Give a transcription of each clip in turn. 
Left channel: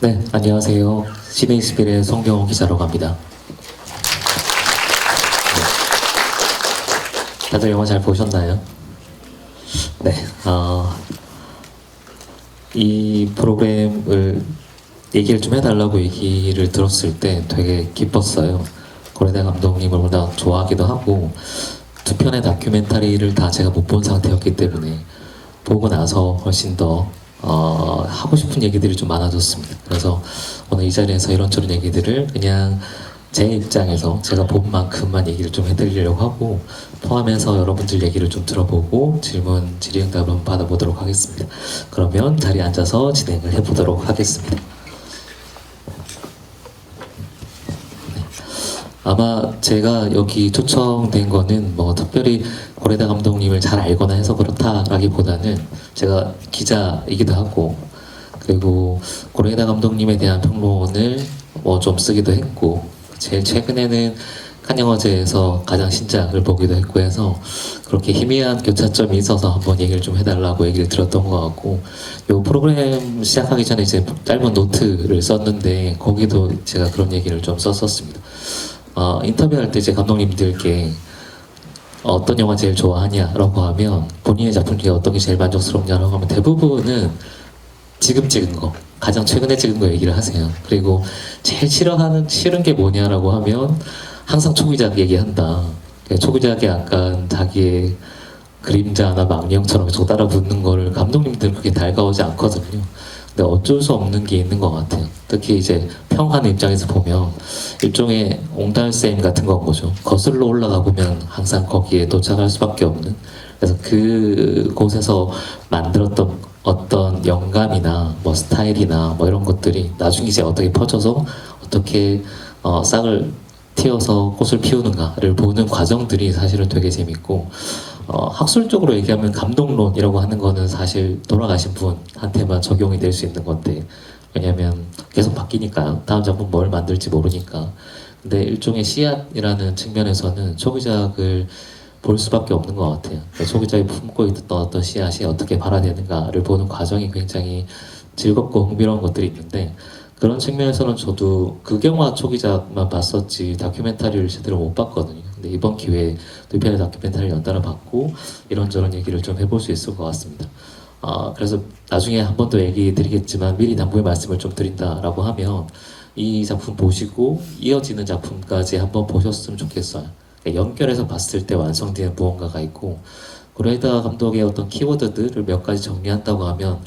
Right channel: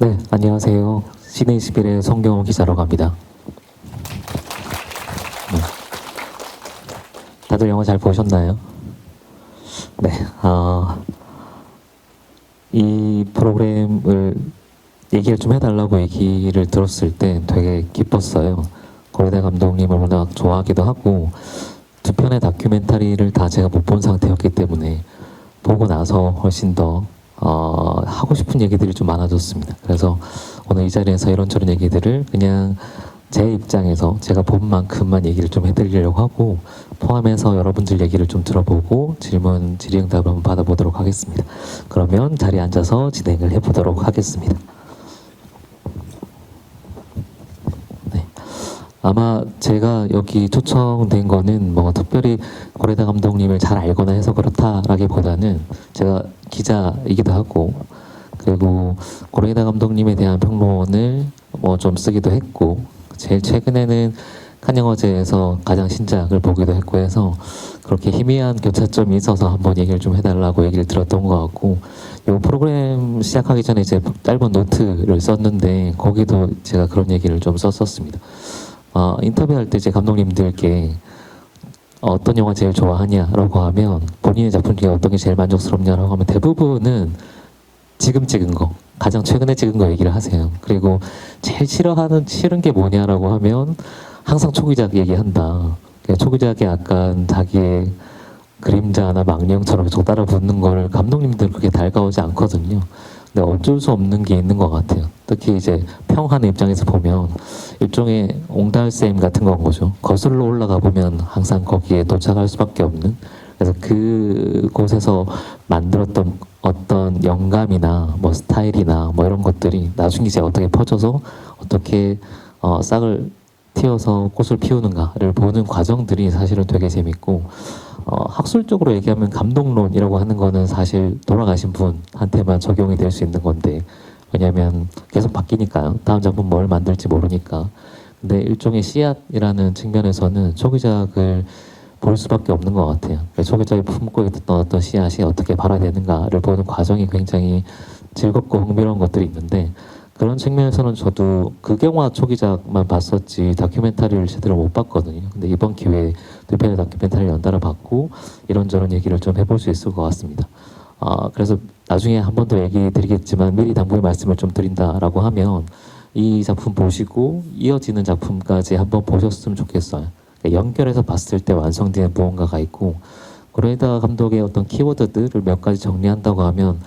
네, 안녕하세요. 시네이스필의 송병호 기자라고 합니다. 네, 다들 영화 잘 보셨나요? 네, 이 프로그램을 얘기를 좀 해달라고 얘기를 들었을 때 되게 기뻤어요. 고레다 감독님을 워낙 좋아하기도 하고 두 편의 다큐멘터리를 다 제가 못 본 상태였기 때문에 보고 나서 훨씬 더 하고 싶은 얘기들이 좀 많아졌습니다. 그래서 오늘 이 자리에서 이런저런 얘기들을 그냥 제 입장에서 제가 본 만큼만 얘기를 좀 해드리려고 하고, 포함해서 여러분들 얘기를 좀 들어보고 질의응답을 한번 받아보도록 하겠습니다. 그러면 자리에 앉아서 진행을 해보도록 하겠습니다. 네. 아마 제가 여기 초청된 거는 뭐 특별히 고레다 감독님을 잘 알거나 해서 그렇다라기보다는 제가 기자이기도 하고, 그리고 고레다 감독님에 대한 평론을 뭐 좀 쓰기도 했고, 제일 최근에는 칸 영화제에서 가장 신작을 보기도 했고 해서 그렇게 희미한 교차점이 있어서 한번 얘기를 좀 해달라고 얘기를 들었던 것 같고, 이 프로그램 시작하기 전에 이제 짧은 노트를 썼는데 거기도 제가 그런 얘기를 좀 썼었습니다. 인터뷰할 때 제 감독님들께 어떤 영화 제일 좋아하냐라고 하면, 본인의 작품 중에 어떤 게 제일 만족스럽냐라고 하면 대부분은 지금 찍은 거, 가장 최근에 찍은 거 얘기를 하세요. 그리고 제일 싫은 게 뭐냐라고 하면 항상 초기작 얘기한다. 초기작에 약간 자기의 그림자나 망령처럼 도달아 붙는 거를 감독님들 그렇게 달가오지 않거든요. 근데 어쩔 수 없는 게 있는 것 같아요. 특히 이제 평하는 입장에서 보면 일종의 옹달샘 같은 건 거죠. 거슬러 올라가 보면 항상 거기에 도착할 수밖에 없는. 그래서 그곳에서 만들었던 어떤 영감이나 뭐 스타일이나 뭐 이런 것들이 나중에 이제 어떻게 퍼져서 어떻게 싹을 틔워서 꽃을 피우는가를 보는 과정들이 사실은 되게 재밌고, 학술적으로 얘기하면 감독론이라고 하는 거는 사실 돌아가신 분한테만 적용이 될 수 있는 건데, 왜냐면 계속 바뀌니까요. 다음 작품 뭘 만들지 모르니까. 근데 일종의 씨앗이라는 측면에서는 초기작을 볼 수밖에 없는 것 같아요. 소비자이 품고 있던 어떤 씨앗이 어떻게 발화되는가를 보는 과정이 굉장히 즐겁고 흥미로운 것들이 있는데, 그런 측면에서는 저도 극영화 초기작만 봤었지 다큐멘터리를 제대로 못 봤거든요. 근데 이번 기회에 두 편의 다큐멘터리를 연달아 봤고 이런저런 얘기를 좀 해볼 수 있을 것 같습니다. 그래서 나중에 한 번 더 얘기 드리겠지만 미리 당부의 말씀을 좀 드린다라고 하면, 이 작품 보시고 이어지는 작품까지 한번 보셨으면 좋겠어요. 연결해서 봤을 때 완성되는 무언가가 있고, 고레다 감독의 어떤 키워드들을 몇 가지 정리한다고 하면,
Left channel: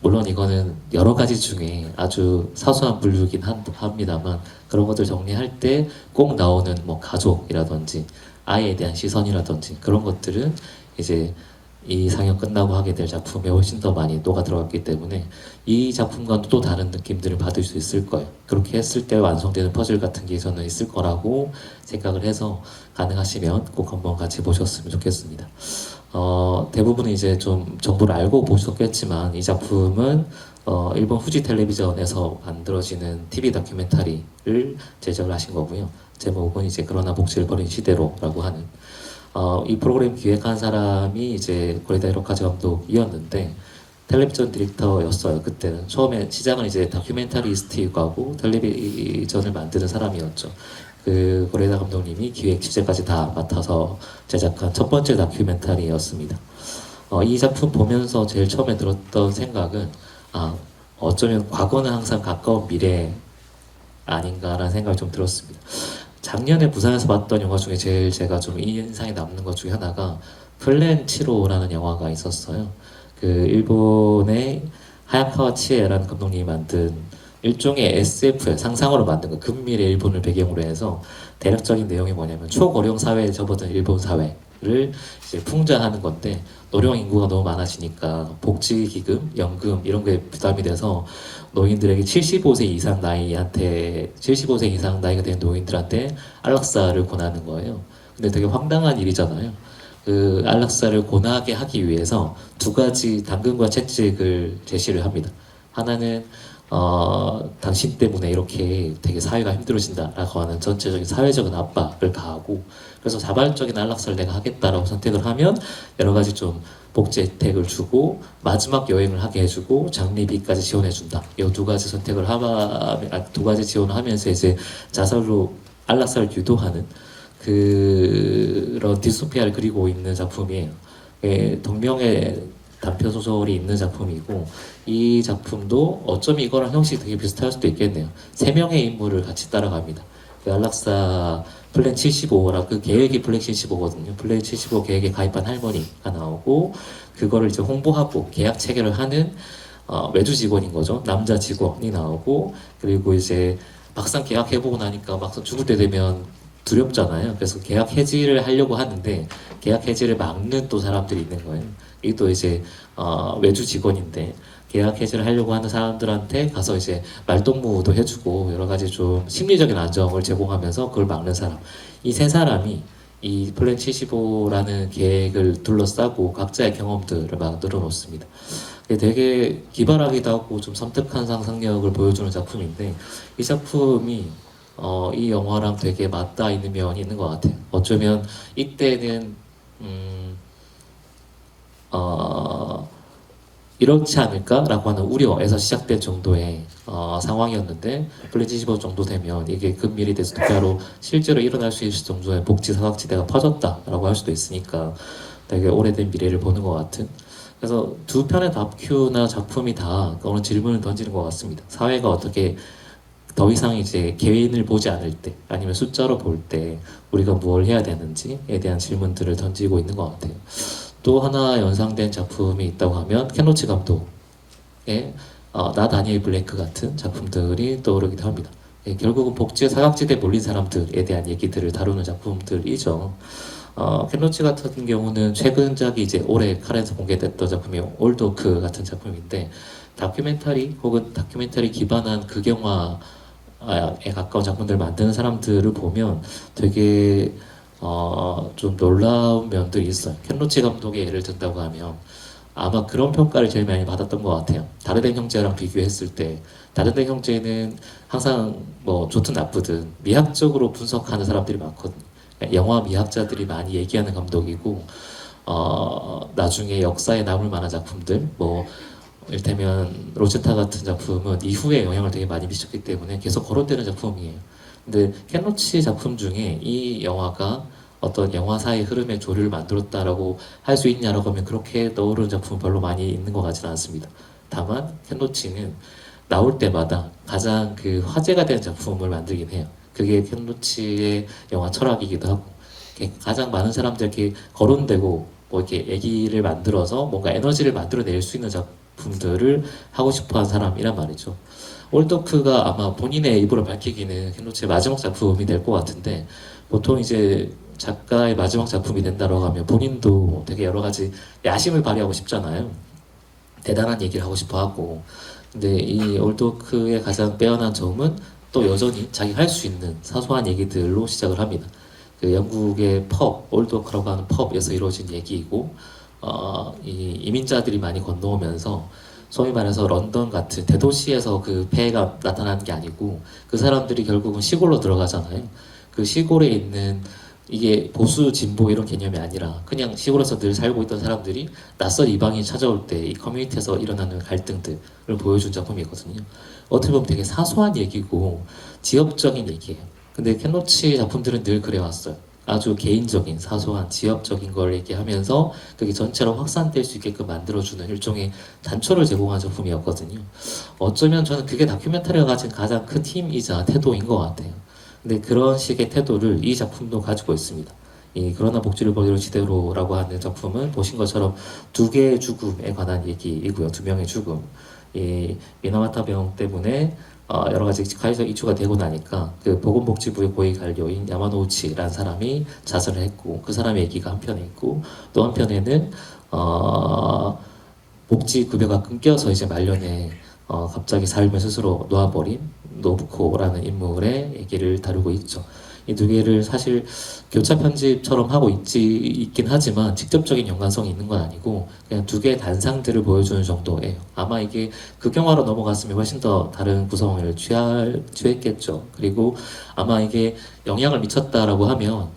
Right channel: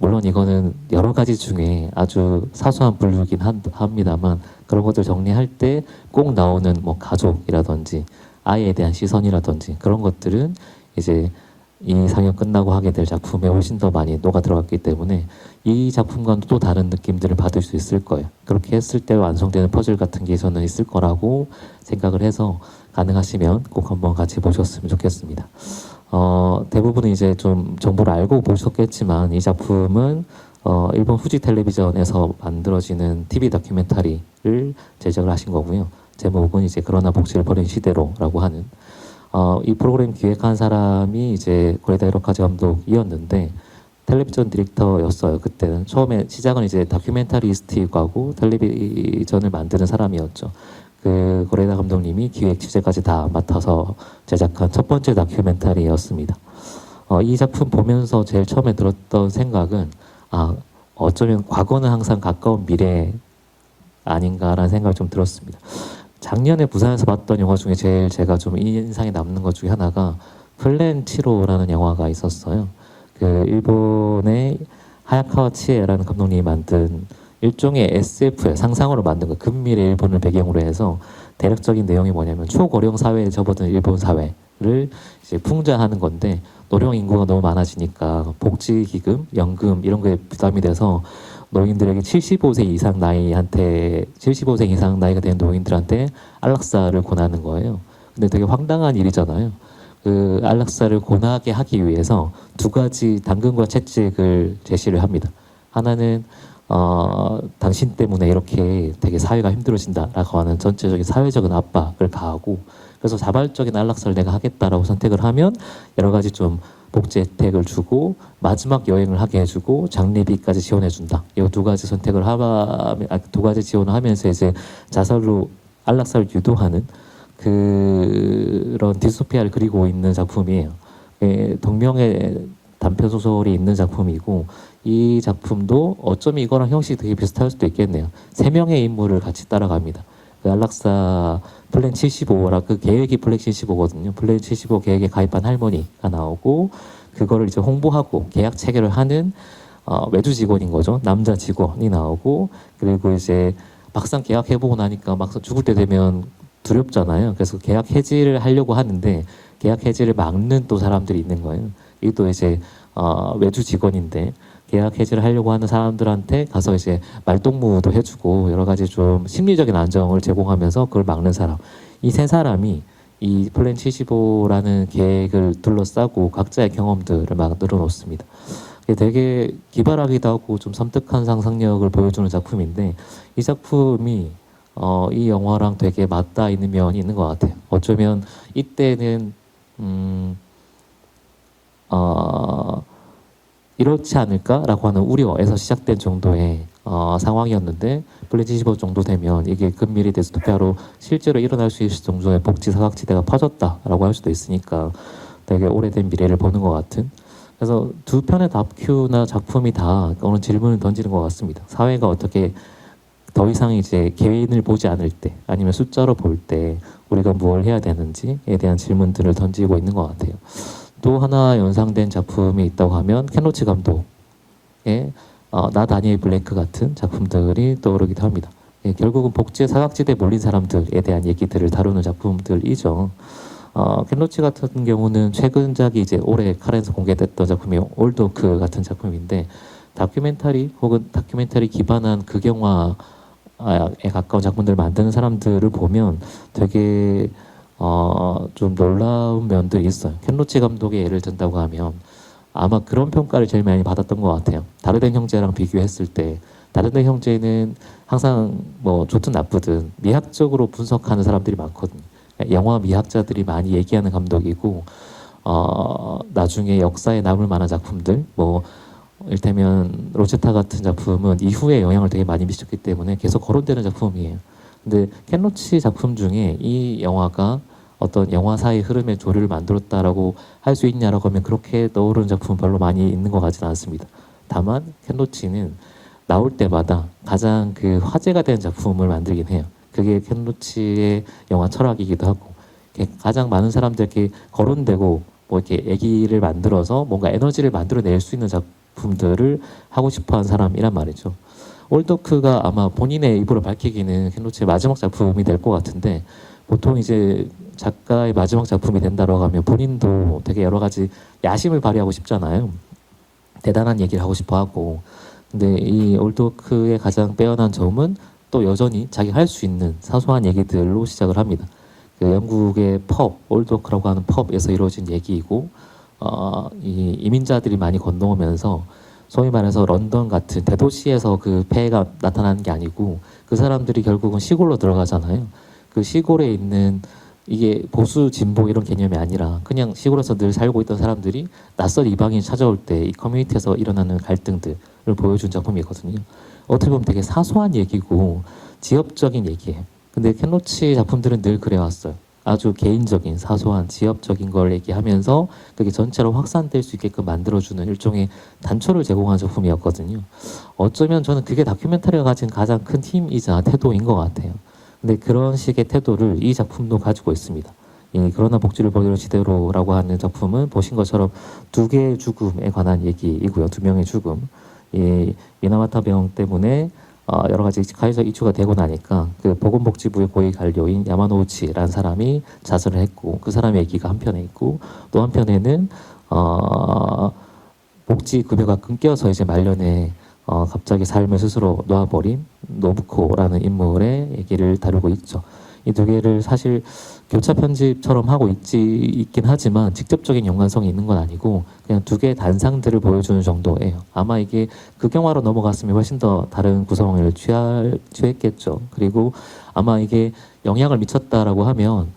물론 이거는 여러 가지 중에 아주 사소한 분류긴 합니다만, 그런 것들 정리할 때 꼭 나오는 뭐 가족이라든지 아이에 대한 시선이라든지 그런 것들은 이제 이 상영 끝나고 하게 될 작품에 훨씬 더 많이 녹아 들어갔기 때문에 이 작품과는 또 다른 느낌들을 받을 수 있을 거예요. 그렇게 했을 때 완성되는 퍼즐 같은 게 저는 있을 거라고 생각을 해서, 가능하시면 꼭 한번 같이 보셨으면 좋겠습니다. 대부분은 이제 좀 정보를 알고 보셨겠지만, 이 작품은 일본 후지 텔레비전에서 만들어지는 TV 다큐멘터리를 제작을 하신 거고요. 제목은 이제 그러나 복지를 버린 시대로라고 하는, 이 프로그램 기획한 사람이 이제 고레다 히로카즈 감독이었는데 텔레비전 디렉터였어요. 그때는 처음에 시작은 이제 다큐멘터리스트하고 텔레비전을 만드는 사람이었죠. 그 고레다 감독님이 기획 취재까지 다 맡아서 제작한 첫 번째 다큐멘터리였습니다. 이 작품 보면서 제일 처음에 들었던 생각은, 어쩌면 과거는 항상 가까운 미래 아닌가라는 생각이 좀 들었습니다. 작년에 부산에서 봤던 영화 중에 제일 제가 좀 인상에 남는 것 중에 하나가 플랜 7호라는 영화가 있었어요. 그 일본의 하야카와 치에라는 감독님이 만든 일종의 SF의 상상으로 만든 거, 근미래 일본을 배경으로 해서 대략적인 내용이 뭐냐면 초고령 사회에 접어든 일본 사회를 이제 풍자하는 건데, 노령 인구가 너무 많아지니까 복지기금, 연금 이런 거에 부담이 돼서 노인들에게 75세 이상 나이가 된 노인들한테 안락사를 권하는 거예요. 근데 되게 황당한 일이잖아요. 그 안락사를 권하게 하기 위해서 두 가지 당근과 채찍을 제시를 합니다. 하나는 당신 때문에 이렇게 되게 사회가 힘들어진다라고 하는 전체적인 사회적인 압박을 가하고, 그래서 자발적인 안락사를 내가 하겠다라고 선택을 하면 여러 가지 좀 복지 혜택을 주고 마지막 여행을 하게 해주고 장례비까지 지원해준다. 이 두 가지 선택을 두 가지 지원을 하면서 이제 자살로 안락사를 유도하는 그런 디스토피아를 그리고 있는 작품이에요. 예, 동명의 단편 소설이 있는 작품이고 이 작품도 어쩌면 이거랑 형식이 되게 비슷할 수도 있겠네요. 세 명의 인물을 같이 따라갑니다. 그 안락사 플랜 75라 그 계획이 플랜 75거든요. 플랜 75 계획에 가입한 할머니가 나오고 그거를 이제 홍보하고 계약 체결을 하는 외주 직원인 거죠. 남자 직원이 나오고 그리고 이제 막상 계약해보고 나니까 막상 죽을 때 되면 두렵잖아요. 그래서 계약 해지를 하려고 하는데 계약 해지를 막는 또 사람들이 있는 거예요. 이게 또 이제 외주 직원인데 계약 해지를 하려고 하는 사람들한테 가서 이제 말동무도 해주고 여러 가지 좀 심리적인 안정을 제공하면서 그걸 막는 사람. 이 세 사람이 이 플랜 75라는 계획을 둘러싸고 각자의 경험들을 만들어 놓습니다. 되게 기발하기도 하고 좀 섬뜩한 상상력을 보여주는 작품인데 이 작품이 이 영화랑 되게 맞닿아 있는 면이 있는 것 같아요. 어쩌면 이때는 이렇지 않을까라고 하는 우려에서 시작된 정도의 상황이었는데 플랜 75 정도 되면 이게 근밀히 디스토피아로 실제로 일어날 수 있을 정도의 복지 사각지대가 퍼졌다라고 할 수도 있으니까 되게 오래된 미래를 보는 것 같은. 그래서 두 편의 다큐나 작품이 다 어느 질문을 던지는 것 같습니다. 사회가 어떻게 더 이상 이제 개인을 보지 않을 때 아니면 숫자로 볼 때 우리가 뭘 해야 되는지에 대한 질문들을 던지고 있는 것 같아요. 또 하나 연상된 작품이 있다고 하면 켄로치 감독의 나 다니엘 블레이크 같은 작품들이 떠오르기도 합니다. 예, 결국은 복지의 사각지대에 몰린 사람들에 대한 얘기들을 다루는 작품들이죠. 켄로치 같은 경우는 최근작이 이제 올해 카렌에서 공개됐던 작품이 올도크 같은 작품인데 다큐멘터리 혹은 다큐멘터리 기반한 극영화에 가까운 작품들을 만드는 사람들을 보면 되게 좀 놀라운 면들이 있어요. 켄로치 감독의 예를 든다고 하면 아마 그런 평가를 제일 많이 받았던 것 같아요. 다르덴 형제랑 비교했을 때 다르덴 형제는 항상 뭐 좋든 나쁘든 미학적으로 분석하는 사람들이 많거든요. 영화 미학자들이 많이 얘기하는 감독이고 나중에 역사에 남을 만한 작품들 뭐 이를테면 로제타 같은 작품은 이후에 영향을 되게 많이 미쳤기 때문에 계속 거론되는 작품이에요. 근데 켄로치 작품 중에 이 영화가 어떤 영화사의 흐름의 조류를 만들었다라고 할 수 있냐라고 하면 그렇게 떠오르는 작품은 별로 많이 있는 것 같지는 않습니다. 다만 켄로치는 나올 때마다 가장 그 화제가 된 작품을 만들긴 해요. 그게 켄로치의 영화 철학이기도 하고 가장 많은 사람들에게 거론되고 뭐 이렇게 얘기를 만들어서 뭔가 에너지를 만들어낼 수 있는 작품들을 하고 싶어하는 사람이란 말이죠. 올도크가 아마 본인의 입으로 밝히기는 켄로치의 마지막 작품이 될 것 같은데 보통 이제 작가의 마지막 작품이 된다고 하면 본인도 되게 여러 가지 야심을 발휘하고 싶잖아요. 대단한 얘기를 하고 싶어 하고. 근데 이 올도크의 가장 빼어난 점은 또 여전히 자기 할 수 있는 사소한 얘기들로 시작을 합니다. 그 영국의 펍, 올도크라고 하는 펍에서 이루어진 얘기이고, 이 이민자들이 많이 건너오면서 소위 말해서 런던 같은 대도시에서 그 폐해가 나타나는 게 아니고 그 사람들이 결국은 시골로 들어가잖아요. 그 시골에 있는 이게 보수 진보 이런 개념이 아니라 그냥 시골에서 늘 살고 있던 사람들이 낯선 이방인이 찾아올 때 이 커뮤니티에서 일어나는 갈등들을 보여준 작품이거든요. 어떻게 보면 되게 사소한 얘기고 지역적인 얘기예요. 근데 켄로치 작품들은 늘 그래왔어요. 아주 개인적인 사소한 지역적인 걸 얘기하면서 그게 전체로 확산될 수 있게끔 만들어주는 일종의 단초를 제공한 작품이었거든요. 어쩌면 저는 그게 다큐멘터리가 가진 가장 큰 힘이자 태도인 것 같아요. 근데 그런 식의 태도를 이 작품도 가지고 있습니다. 그러나 복지를 그대로 지대로라고 하는 작품은 보신 것처럼 두 개의 죽음에 관한 얘기이고요. 두 명의 죽음. 이 미나마타 병 때문에 여러 가지 가해적 이슈가 되고 나니까 그 보건복지부의 고위 관료인 야마노우치라는 사람이 자살을 했고 그 사람의 얘기가 한편에 있고 또 한편에는 복지 급여가 끊겨서 이제 말년에 갑자기 삶을 스스로 놓아버린 노부코라는 인물의 얘기를 다루고 있죠. 이 두 개를 사실 교차 편집처럼 하고 있긴 하지만 직접적인 연관성이 있는 건 아니고 그냥 두 개의 단상들을 보여주는 정도예요. 아마 이게 극영화로 넘어갔으면 훨씬 더 다른 구성을 취했겠죠. 그리고 아마 이게 영향을 미쳤다라고 하면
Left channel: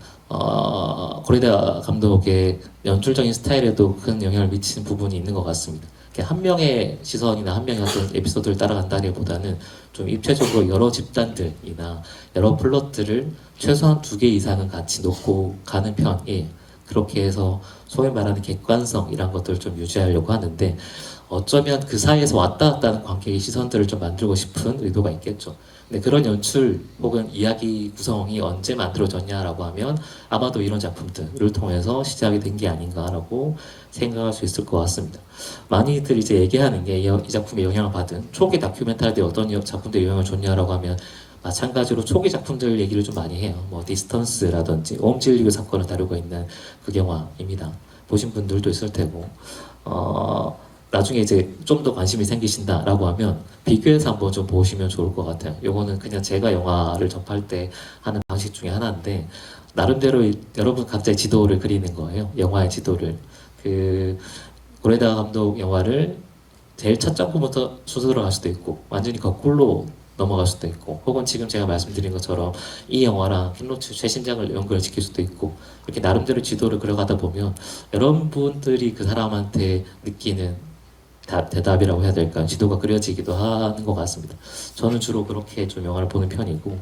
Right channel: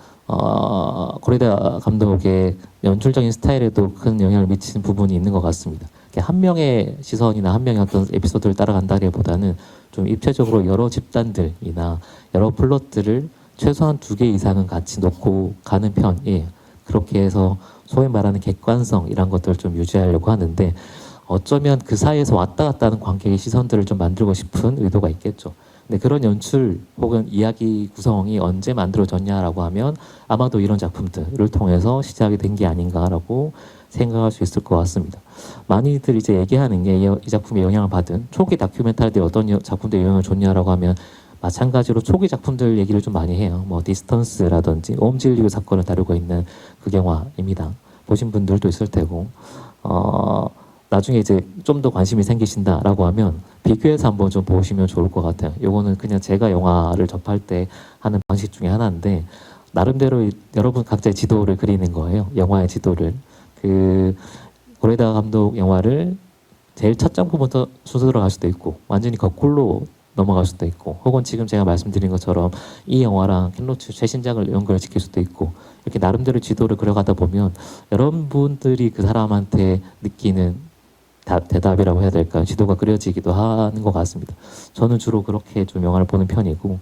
고레다 감독의 연출적인 스타일에도 큰 영향을 미치는 부분이 있는 것 같습니다. 한 명의 시선이나 한 명의 어떤 에피소드를 따라간다기보다는 좀 입체적으로 여러 집단들이나 여러 플롯들을 최소한 2개 이상은 같이 놓고 가는 편이에요. 그렇게 해서 소위 말하는 객관성 이런 것들을 좀 유지하려고 하는데 어쩌면 그 사이에서 왔다 갔다 하는 관계의 시선들을 좀 만들고 싶은 의도가 있겠죠. 근데 그런 연출 혹은 이야기 구성이 언제 만들어졌냐라고 하면 아마도 이런 작품들을 통해서 시작이 된 게 아닌가라고 생각할 수 있을 것 같습니다. 많이들 이제 얘기하는 게 이 작품에 영향을 받은 초기 다큐멘터리들이 어떤 작품들이 영향을 줬냐라고 하면 마찬가지로 초기 작품들 얘기를 좀 많이 해요. 뭐 디스턴스라든지 옴질리우 사건을 다루고 있는 그 영화입니다. 보신 분들도 있을 테고 나중에 이제 좀 더 관심이 생기신다라고 하면 비교해서 한번 좀 보시면 좋을 것 같아요. 요거는 그냥 제가 영화를 접할 때 하는 방식 중에 하나인데 나름대로 여러분 각자의 지도를 그리는 거예요. 영화의 지도를. 그 고레다 감독 영화를 제일 첫 작품부터 순서대로 갈 수도 있고 완전히 거꾸로 넘어갈 수도 있고 혹은 지금 제가 말씀드린 것처럼 이 영화랑 킬로츠 최신작을 연결시킬 수도 있고 이렇게 나름대로 지도를 그려가다 보면 여러분들이 그 사람한테 느끼는 대답이라고 해야 될까 지도가 그려지기도 하는 것 같습니다. 저는 주로 그렇게 좀 영화를 보는 편이고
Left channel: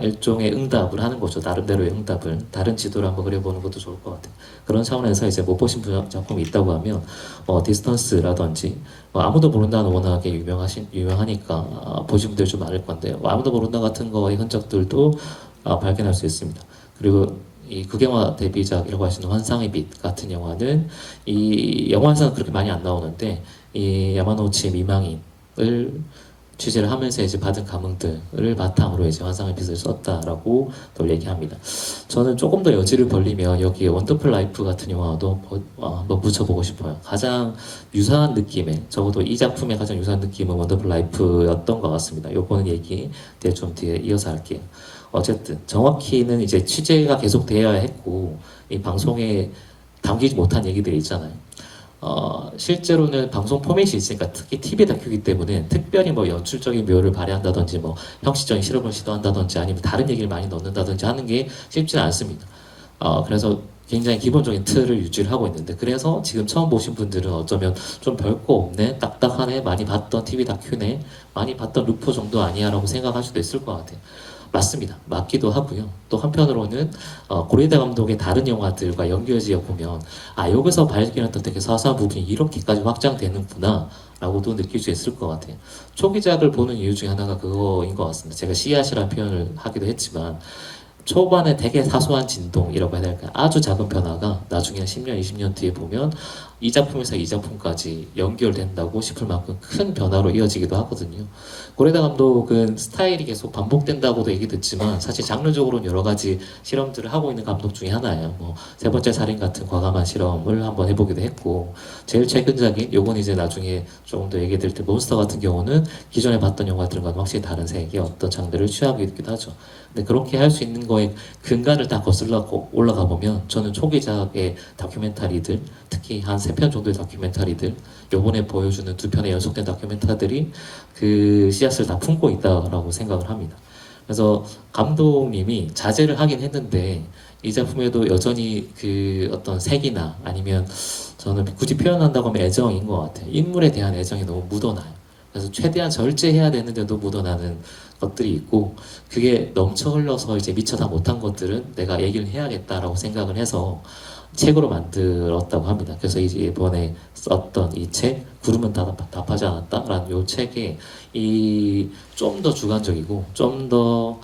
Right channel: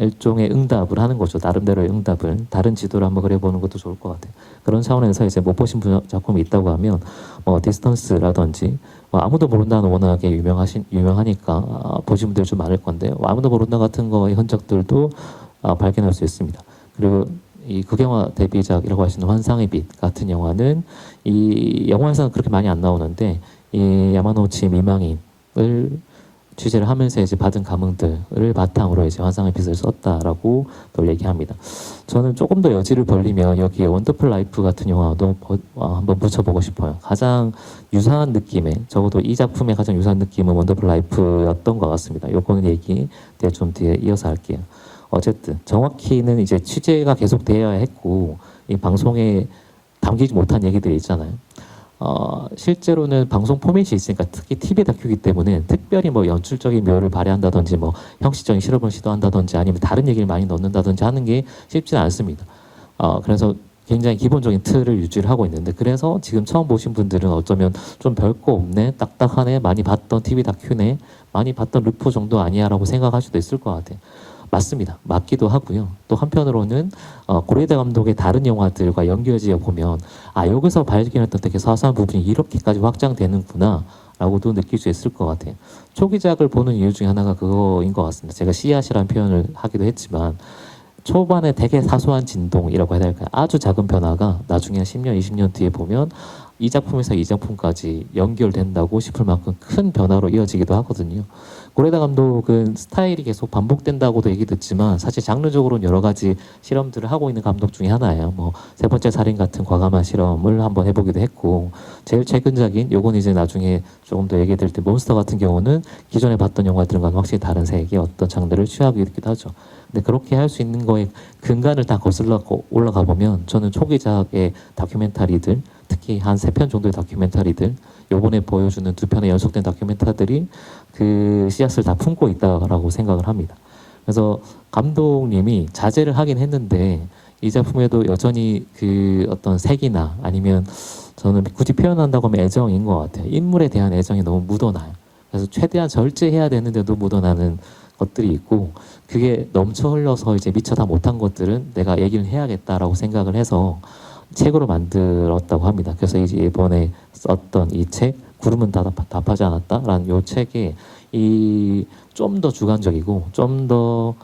일종의 응답을 하는 거죠. 나름대로의 응답을 다른 지도를 한번 그려보는 것도 좋을 것 같아요. 그런 차원에서 이제 못 보신 작품이 있다고 하면 디스턴스라든지 아무도 모른다는 워낙에 유명하니까 보신 분들이 좀 많을 건데 아무도 모른다 같은 거의 흔적들도 발견할 수 있습니다. 그리고 이 극영화 데뷔작이라고 할 수 있는 환상의 빛 같은 영화는 이 영화에서는 그렇게 많이 안 나오는데 이 야마노치 미망인을 취재를 하면서 이제 받은 감흥들을 바탕으로 이제 환상의 빛을 썼다라고 또 얘기합니다. 저는 조금 더 여지를 벌리면 여기에 원더풀 라이프 같은 영화도 한번 붙여보고 싶어요. 가장 유사한 느낌의 적어도 이 작품의 가장 유사한 느낌은 원더풀 라이프였던 것 같습니다. 요거는 얘기 좀 뒤에 이어서 할게요. 어쨌든 정확히는 이제 취재가 계속 돼야 했고 이 방송에 담기지 못한 얘기들이 있잖아요. 실제로는 방송 포맷이 있으니까 특히 TV 다큐기 때문에 특별히 뭐 연출적인 묘를 발휘한다든지 뭐 형식적인 실험을 시도한다든지 아니면 다른 얘기를 많이 넣는다든지 하는 게 쉽지는 않습니다. 그래서 굉장히 기본적인 틀을 유지를 하고 있는데 그래서 지금 처음 보신 분들은 어쩌면 좀 별거 없네, 딱딱하네, 많이 봤던 TV 다큐네, 많이 봤던 루포 정도 아니야 라고 생각할 수도 있을 것 같아요. 맞습니다. 맞기도 하고요. 또 한편으로는 고레다 감독의 다른 영화들과 연결지어 보면 여기서 발견했던 되게 사소한 부분이 이렇게까지 확장되는구나 라고도 느낄 수 있을 것 같아요. 초기작을 보는 이유 중에 하나가 그거인 것 같습니다. 제가 씨앗이라는 표현을 하기도 했지만 초반에 되게 사소한 진동이라고 해야 될까요? 아주 작은 변화가 나중에 한 10년, 20년 뒤에 보면 이 작품에서 이 작품까지 연결된다고 싶을 만큼 큰 변화로 이어지기도 하거든요. 고레다 감독은 스타일이 계속 반복된다고도 얘기 듣지만 사실 장르적으로는 여러 가지 실험들을 하고 있는 감독 중에 하나예요. 뭐 세 번째 살인 같은 과감한 실험을 한번 해보기도 했고 제일 최근작인 요건 이제 나중에 조금 더 얘기 드릴 때 몬스터 같은 경우는 기존에 봤던 영화들과는 확실히 다른 색의 어떤 장르를 취하고 있기도 하죠. 근데 그렇게 할 수 있는 거에 근간을 다 거슬러 올라가 보면 저는 초기작의 다큐멘터리들 특히 한 3편 정도의 다큐멘터리들 요번에 보여주는 2편의 연속된 다큐멘터리들이 그 씨앗을 다 품고 있다라고 생각을 합니다. 그래서 감독님이 자제를 하긴 했는데 이 작품에도 여전히 그 어떤 색이나 아니면 저는 굳이 표현한다고 하면 애정인 것 같아요. 인물에 대한 애정이 너무 묻어나요. 그래서 최대한 절제해야 되는데도 묻어나는 것들이 있고 그게 넘쳐 흘러서 이제 미처 다 못한 것들은 내가 얘기를 해야겠다라고 생각을 해서 책으로 만들었다고 합니다. 그래서 이제 이번에 썼던 이 책, 구름은 답하지 않았다라는 이 책에 이 좀 더 주관적이고 좀 더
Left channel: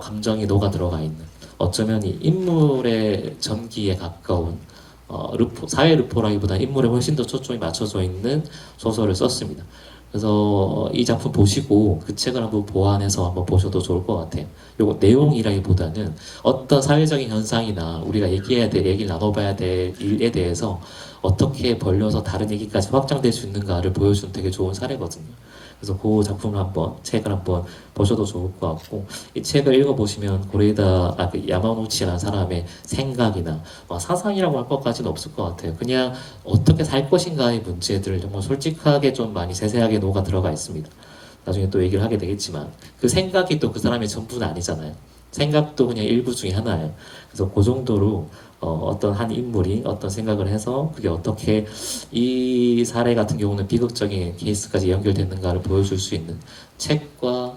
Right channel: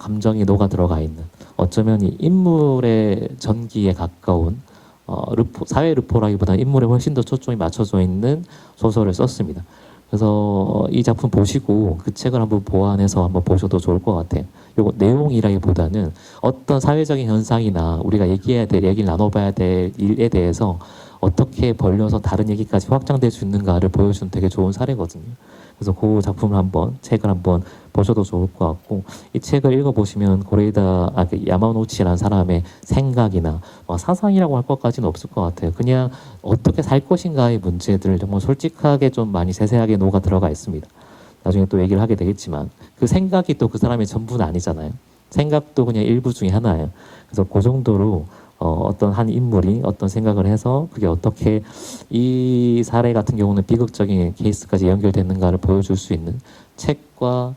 감정이 녹아 들어가 있는 어쩌면 이 인물의 전기에 가까운 사회 르포라기보다 인물에 훨씬 더 초점이 맞춰져 있는 소설을 썼습니다. 그래서 이 작품 보시고 그 책을 한번 보완해서 한번 보셔도 좋을 것 같아요. 요거 내용이라기보다는 어떤 사회적인 현상이나 우리가 얘기를 나눠봐야 될 일에 대해서 어떻게 벌려서 다른 얘기까지 확장될 수 있는가를 보여주는 되게 좋은 사례거든요. 그래서 그 작품을 책을 한번 보셔도 좋을 것 같고, 이 책을 읽어보시면 그 야마노치라는 사람의 생각이나 사상이라고 할 것까지는 없을 것 같아요. 그냥 어떻게 살 것인가의 문제들을 정말 솔직하게 좀 많이 세세하게 녹아 들어가 있습니다. 나중에 또 얘기를 하게 되겠지만, 그 생각이 또 그 사람의 전부는 아니잖아요. 생각도 그냥 일부 중에 하나예요. 그래서 그 정도로 어떤 한 인물이 어떤 생각을 해서 그게 어떻게 이 사례 같은 경우는 비극적인 케이스까지 연결되는가를 보여줄 수 있는 책과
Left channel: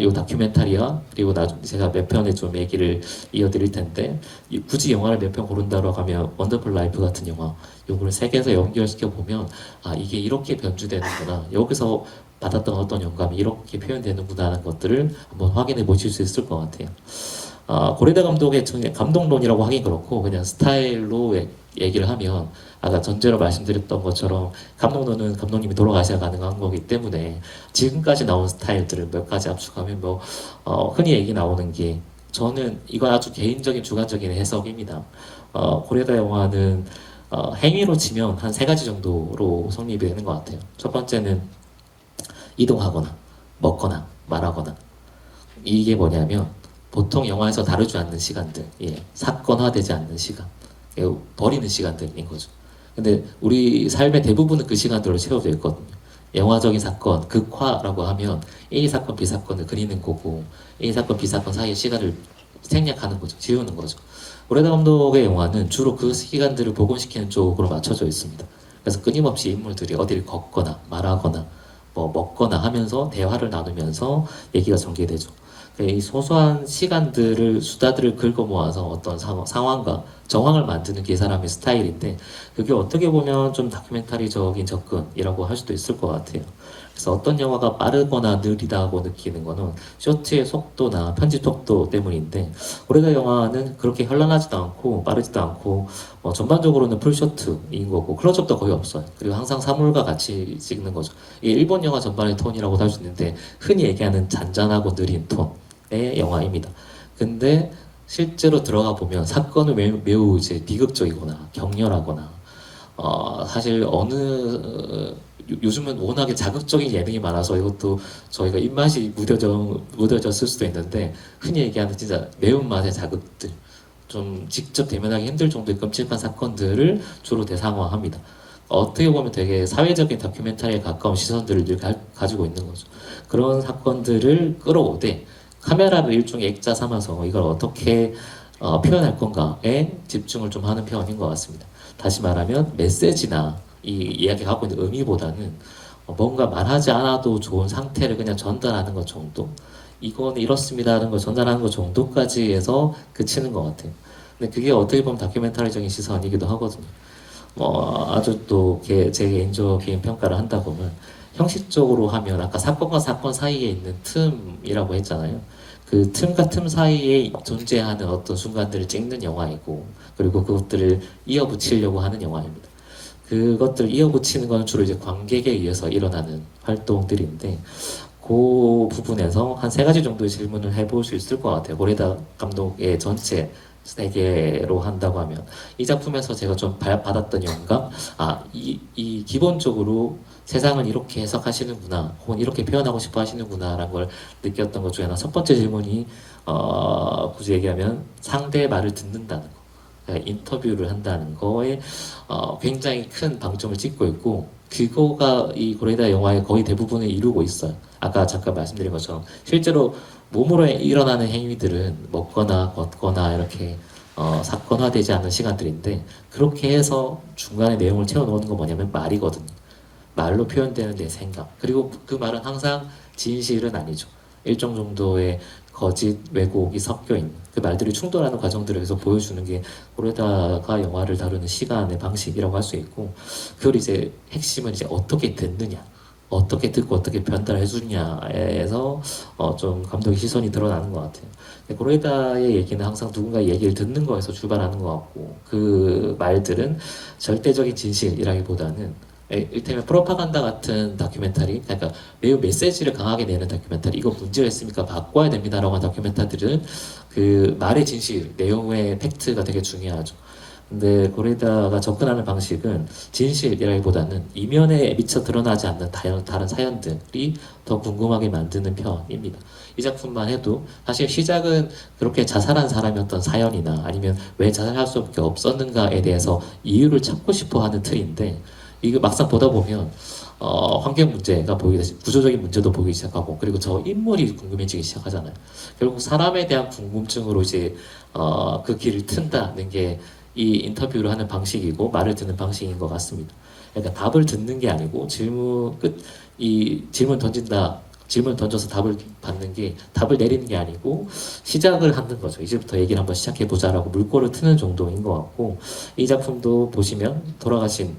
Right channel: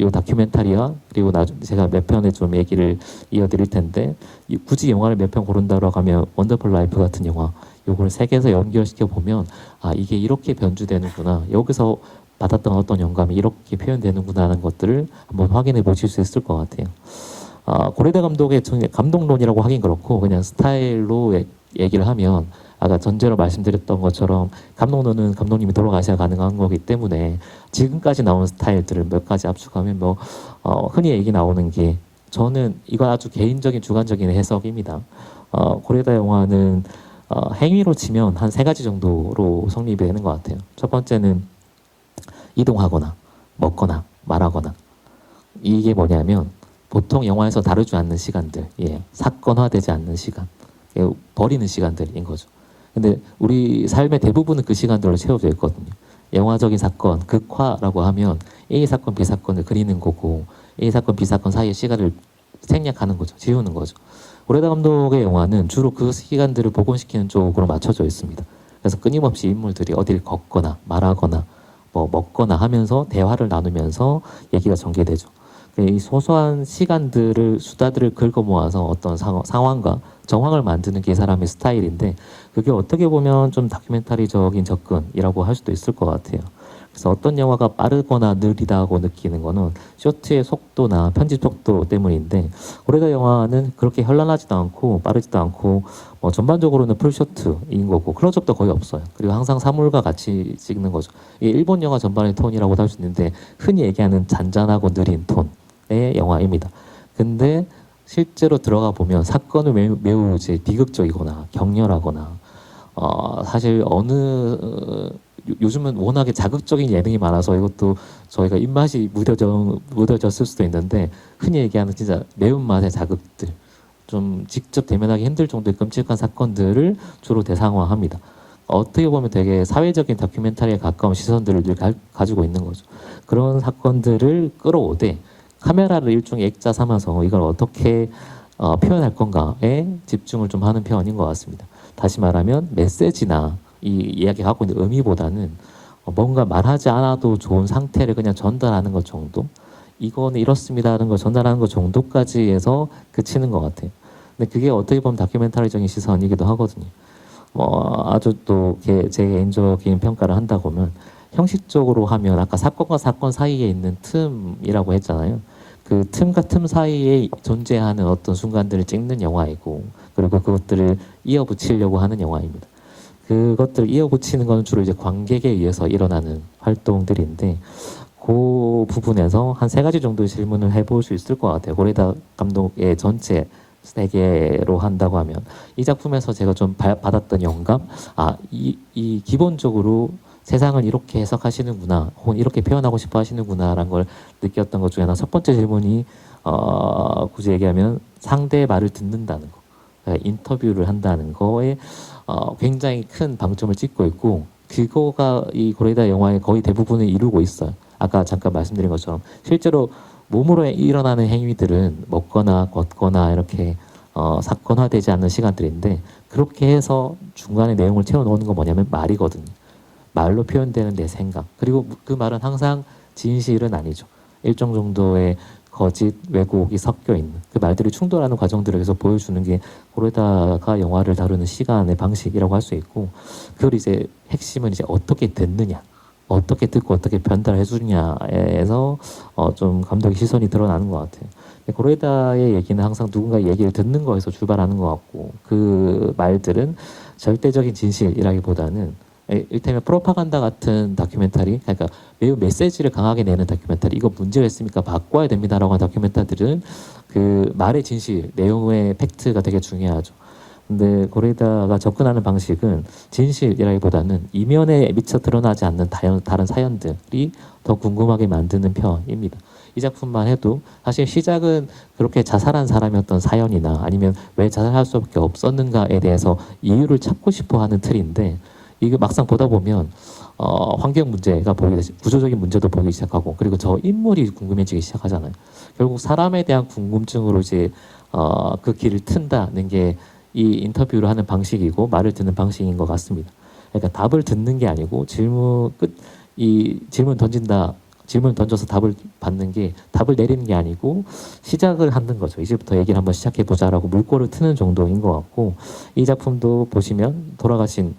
요 다큐멘터리와 그리고 나중에 제가 몇 편에 좀 얘기를 이어드릴 텐데 굳이 영화를 몇 편 고른다고 하면 원더풀 라이프 같은 영화 요걸 세 개에서 연결시켜 보면 아 이게 이렇게 변주되는구나 여기서 받았던 어떤 영감이 이렇게 표현되는구나 하는 것들을 한번 확인해 보실 수 있을 것 같아요. 고레다 감독의 감독론이라고 하긴 그렇고 그냥 스타일로 얘기를 하면 아까 전제로 말씀드렸던 것처럼 감독론은 감독님이 돌아가셔야 가능한 거기 때문에 지금까지 나온 스타일들을 몇 가지 압축하면 뭐 흔히 얘기 나오는 게 저는 이건 아주 개인적인 주관적인 해석입니다. 고레다 영화는 행위로 치면 한 세 가지 정도로 성립이 되는 것 같아요. 첫 번째는 이동하거나 먹거나 말하거나 이게 뭐냐면 보통 영화에서 다루지 않는 시간들, 예, 사건화되지 않는 시간, 예, 버리는 시간들인 거죠. 근데 우리 삶의 대부분은 그 시간들을 채워져 있거든요. 영화적인 사건, 극화라고 하면 A 사건, B 사건을 그리는 거고 A 사건, B 사건 사이의 시간을 생략하는 거죠. 지우는 거죠. 고레다 감독의 영화는 주로 그 시간들을 복원시키는 쪽으로 맞춰져 있습니다. 그래서 끊임없이 인물들이 어디를 걷거나 말하거나 뭐 먹거나 하면서 대화를 나누면서 얘기가 전개되죠. 이 소소한 시간들을 수다들을 긁어 모아서 어떤 상황과 정황을 만드는 게 이 사람의 스타일인데 그게 어떻게 보면 좀 다큐멘터리적인 접근이라고 할 수도 있을 것 같아요. 그래서 어떤 영화가 빠르거나 느리다고 느끼는 거는 쇼트의 속도나 편집 속도 때문인데 고레다 영화는 그렇게 현란하지도 않고 빠르지도 않고 전반적으로는 풀쇼트인 거고 그런 적도 거의 없어요. 그리고 항상 사물과 같이 찍는 거죠. 이게 일본 영화 전반의 톤이라고 할 수 있는데 흔히 얘기하는 잔잔하고 느린 톤의 영화입니다. 근데 실제로 들어가 보면 사건은 매우 이제 비극적이거나 격렬하거나 사실 요즘은 워낙에 자극적인 예능이 많아서 이것도 저희가 입맛이 무뎌졌을 수도 있는데 흔히 얘기하는 진짜 매운맛의 자극들 좀 직접 대면하기 힘들 정도의 끔찍한 사건들을 주로 대상화합니다. 어떻게 보면 되게 사회적인 다큐멘터리에 가까운 시선들을 늘 가지고 있는 거죠. 그런 사건들을 끌어오되 카메라를 일종의 액자 삼아서 이걸 어떻게 표현할 건가에 집중을 좀 하는 편인 것 같습니다. 다시 말하면 메시지나 이 이야기가 갖고 있는 의미보다는 뭔가 말하지 않아도 좋은 상태를 그냥 전달하는 것 정도? 이거는 이렇습니다 하는 걸 전달하는 것 정도까지 해서 그치는 것 같아요. 근데 그게 어떻게 보면 다큐멘터리적인 시선이기도 하거든요. 아주 또 제 개인적인 평가를 한다 보면 형식적으로 하면 아까 사건과 사건 사이에 있는 틈이라고 했잖아요. 그 틈과 틈 사이에 존재하는 어떤 순간들을 찍는 영화이고 그리고 그것들을 이어붙이려고 하는 영화입니다. 그것들 이어붙이는 건 주로 이제 관객에 의해서 일어나는 활동들인데 그 부분에서 한 세 가지 정도의 질문을 해볼 수 있을 것 같아요. 고레다 감독의 전체 세계로 한다고 하면 이 작품에서 제가 좀 받았던 영감, 이 기본적으로 세상을 이렇게 해석하시는구나, 혹은 이렇게 표현하고 싶어 하시는구나라는 걸 느꼈던 것 중에 하나. 첫 번째 질문이 굳이 얘기하면 상대의 말을 듣는다는 거. 인터뷰를 한다는 거에 굉장히 큰 방점을 찍고 있고 그거가 이 고레다 영화의 거의 대부분을 이루고 있어요. 아까 잠깐 말씀드린 것처럼 실제로 몸으로 일어나는 행위들은 먹거나 걷거나 이렇게 사건화되지 않는 시간들인데 그렇게 해서 중간에 내용을 채워놓는 건 뭐냐면 말이거든요. 말로 표현되는 내 생각 그리고 그 말은 항상 진실은 아니죠. 일정 정도의 거짓, 왜곡이 섞여 있는 그 말들이 충돌하는 과정들을 계속 보여주는 게 고레다가 영화를 다루는 시간의 방식이라고 할 수 있고 그걸 이제 핵심은 이제 어떻게 듣느냐 어떻게 듣고 어떻게 변달해 주냐에서 좀 감독의 시선이 드러나는 것 같아요. 고레다의 얘기는 항상 누군가의 얘기를 듣는 거에서 출발하는 것 같고 그 말들은 절대적인 진실이라기보다는 일테면 프로파간다 같은 다큐멘터리, 그러니까 매우 메시지를 강하게 내는 다큐멘터리, 이거 문제가 있으니까 바꿔야 됩니다라고 하는 다큐멘터리들은 그 말의 진실, 내용의 팩트가 되게 중요하죠. 근데 고레다가 접근하는 방식은 진실이라기보다는 이면에 미처 드러나지 않는 다른 사연들이 더 궁금하게 만드는 편입니다. 이 작품만 해도 사실 시작은 그렇게 자살한 사람이었던 사연이나 아니면 왜 자살할 수밖에 없었는가에 대해서 이유를 찾고 싶어 하는 틀인데 이게 막상 보다 보면 환경 문제가 구조적인 문제도 보이기 시작하고, 그리고 저 인물이 궁금해지기 시작하잖아요. 결국 사람에 대한 궁금증으로 이제 그 길을 튼다는 게 이 인터뷰를 하는 방식이고 말을 듣는 방식인 것 같습니다. 그러니까 답을 듣는 게 아니고 질문 던진다. 질문을 던져서 답을 받는 게, 답을 내리는 게 아니고 시작을 하는 거죠. 이제부터 얘기를 한번 시작해 보자라고 물꼬를 트는 정도인 것 같고, 이 작품도 보시면 돌아가신